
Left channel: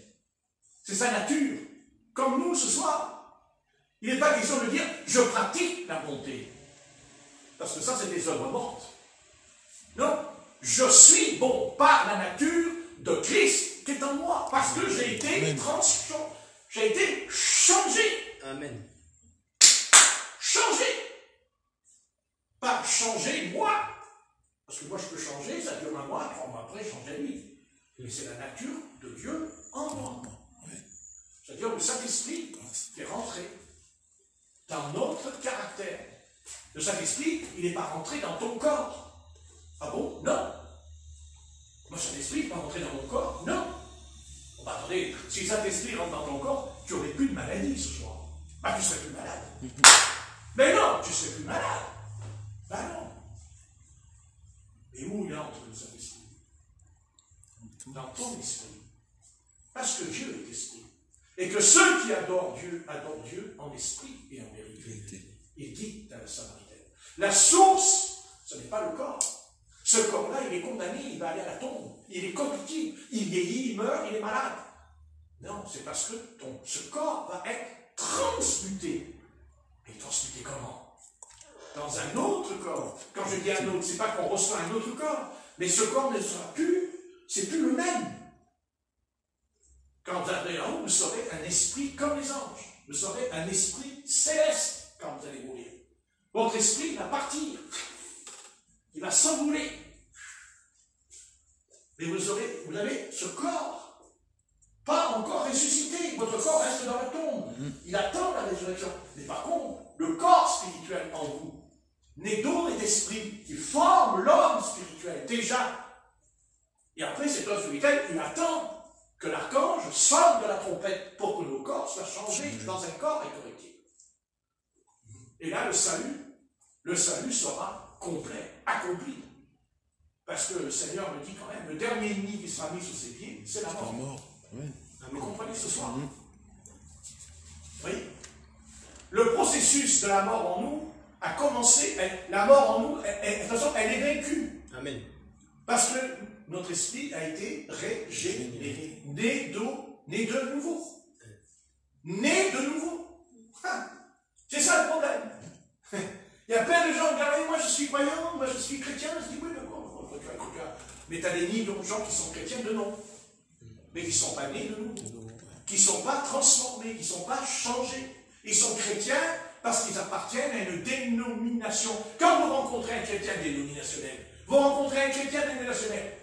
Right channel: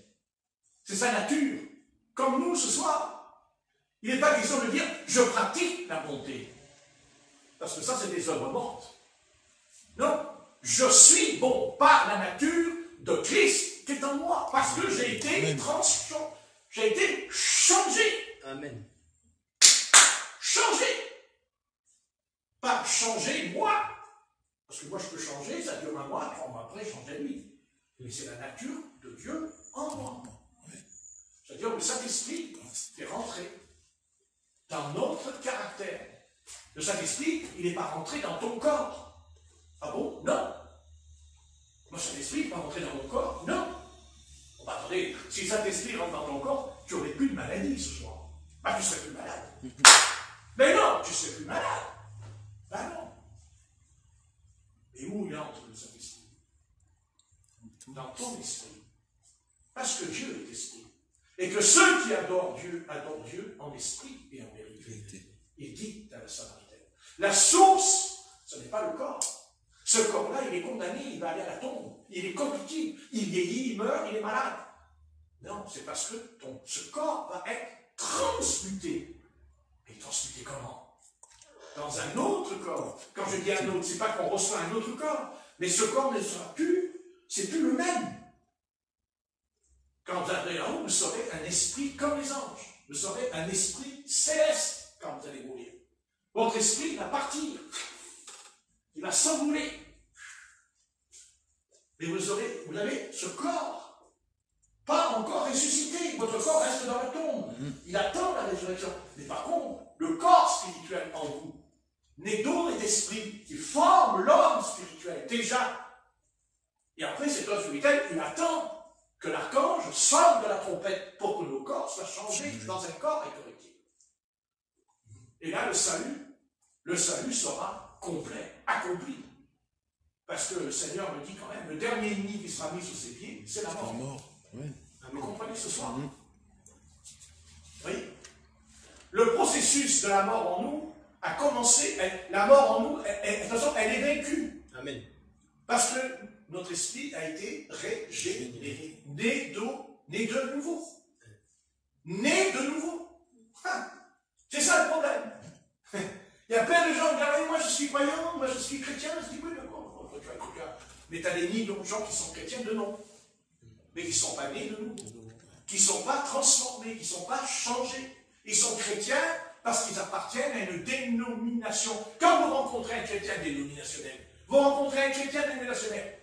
C'est sa nature. Comme nous ce soir, il n'est pas question de dire je pratique la bonté. Parce que ça, c'est des œuvres mortes. Non. Je suis bon par la nature de Christ qui est en moi, parce que j'ai été transformé, j'ai été changé. Amen. Changé. Pas changer moi. Parce que moi je peux changer, ça dure un mois, 3 mois après, changer lui. Mais c'est la nature de Dieu en moi. C'est-à-dire le Saint-Esprit qui est rentré dans notre caractère. Le Saint-Esprit, il n'est pas rentré dans ton corps. Ah bon? Non. Moi, Saint-Esprit n'est pas rentré dans mon corps? Non. Bon, bah, attendez, si Saint-Esprit rentre dans ton corps, tu n'aurais plus de maladie ce soir. Bah, tu serais plus malade. Mais non, tu ne serais plus malade. Bah non. Et où il entre le Saint-Esprit? Dans ton esprit. Parce que Dieu est esprit. Et que ceux qui adorent Dieu en esprit et en vérité. Il dit dans la Samaritaine. La source, ce n'est pas le corps. Ce corps-là, il est condamné, il va aller à la tombe. Il est corruptible, il vieillit, il meurt, il est malade. Non, c'est parce que ce corps va être transmuté. Et transmuté comment? Dans un autre corps. Quand je dis un autre, c'est pas qu'on reçoit un autre corps, mais ce corps ne sera plus, c'est plus le même. Quand vous arriverez là-haut, vous serez un esprit comme les anges. Vous serez un esprit céleste quand vous allez mourir. Votre esprit va partir. Il va s'envoler. Mais vous avez ce corps, pas encore ressuscité. Votre corps reste dans la tombe. Il attend la résurrection. Mais par contre, le corps spirituel en vous, né d'eau et d'esprit, qui forme l'homme spirituel, déjà. Et après, cet homme spirituel, il attend que l'archange sorte de la trompette pour que nos corps soient changés dans un corps incorruptible. Et là, le salut sera complet, accompli. Parce que le Seigneur me dit quand même, le dernier ennemi qui sera mis sous ses pieds, c'est la mort. Oui. Vous comprenez ce soir? Oui. Le processus de la mort en nous a commencé. La mort en nous, de toute façon, elle est vaincue. Amen. Parce que notre esprit a été régénéré, né de nouveau. Né de nouveau. C'est ça le problème. Il y a plein de gens qui disent, moi je suis croyant, moi je suis chrétien. Je dis, oui, d'accord, tu es chrétien. Mais tu as des millions de gens qui sont chrétiens de nom, mais qui ne sont pas nés de nouveau, qui ne sont pas transformés, qui ne sont pas changés. Ils sont chrétiens parce qu'ils appartiennent à une dénomination. Quand vous rencontrez un chrétien dénominationnel, vous rencontrez un chrétien dénominationnel.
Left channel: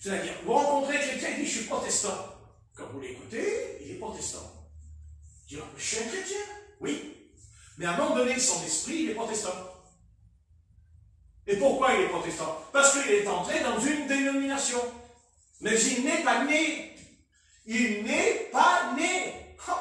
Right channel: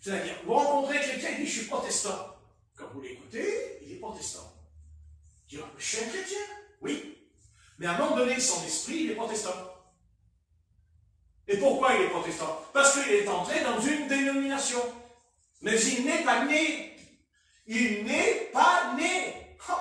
C'est-à-dire, vous rencontrez un chrétien qui dit « je suis protestant ». Quand vous l'écoutez, il est protestant. Il dit « je suis un chrétien ». Oui. Mais à un moment donné, son esprit, il est protestant. Et pourquoi il est protestant? Parce qu'il est entré dans une dénomination. Mais il n'est pas né. Il n'est pas né. Oh,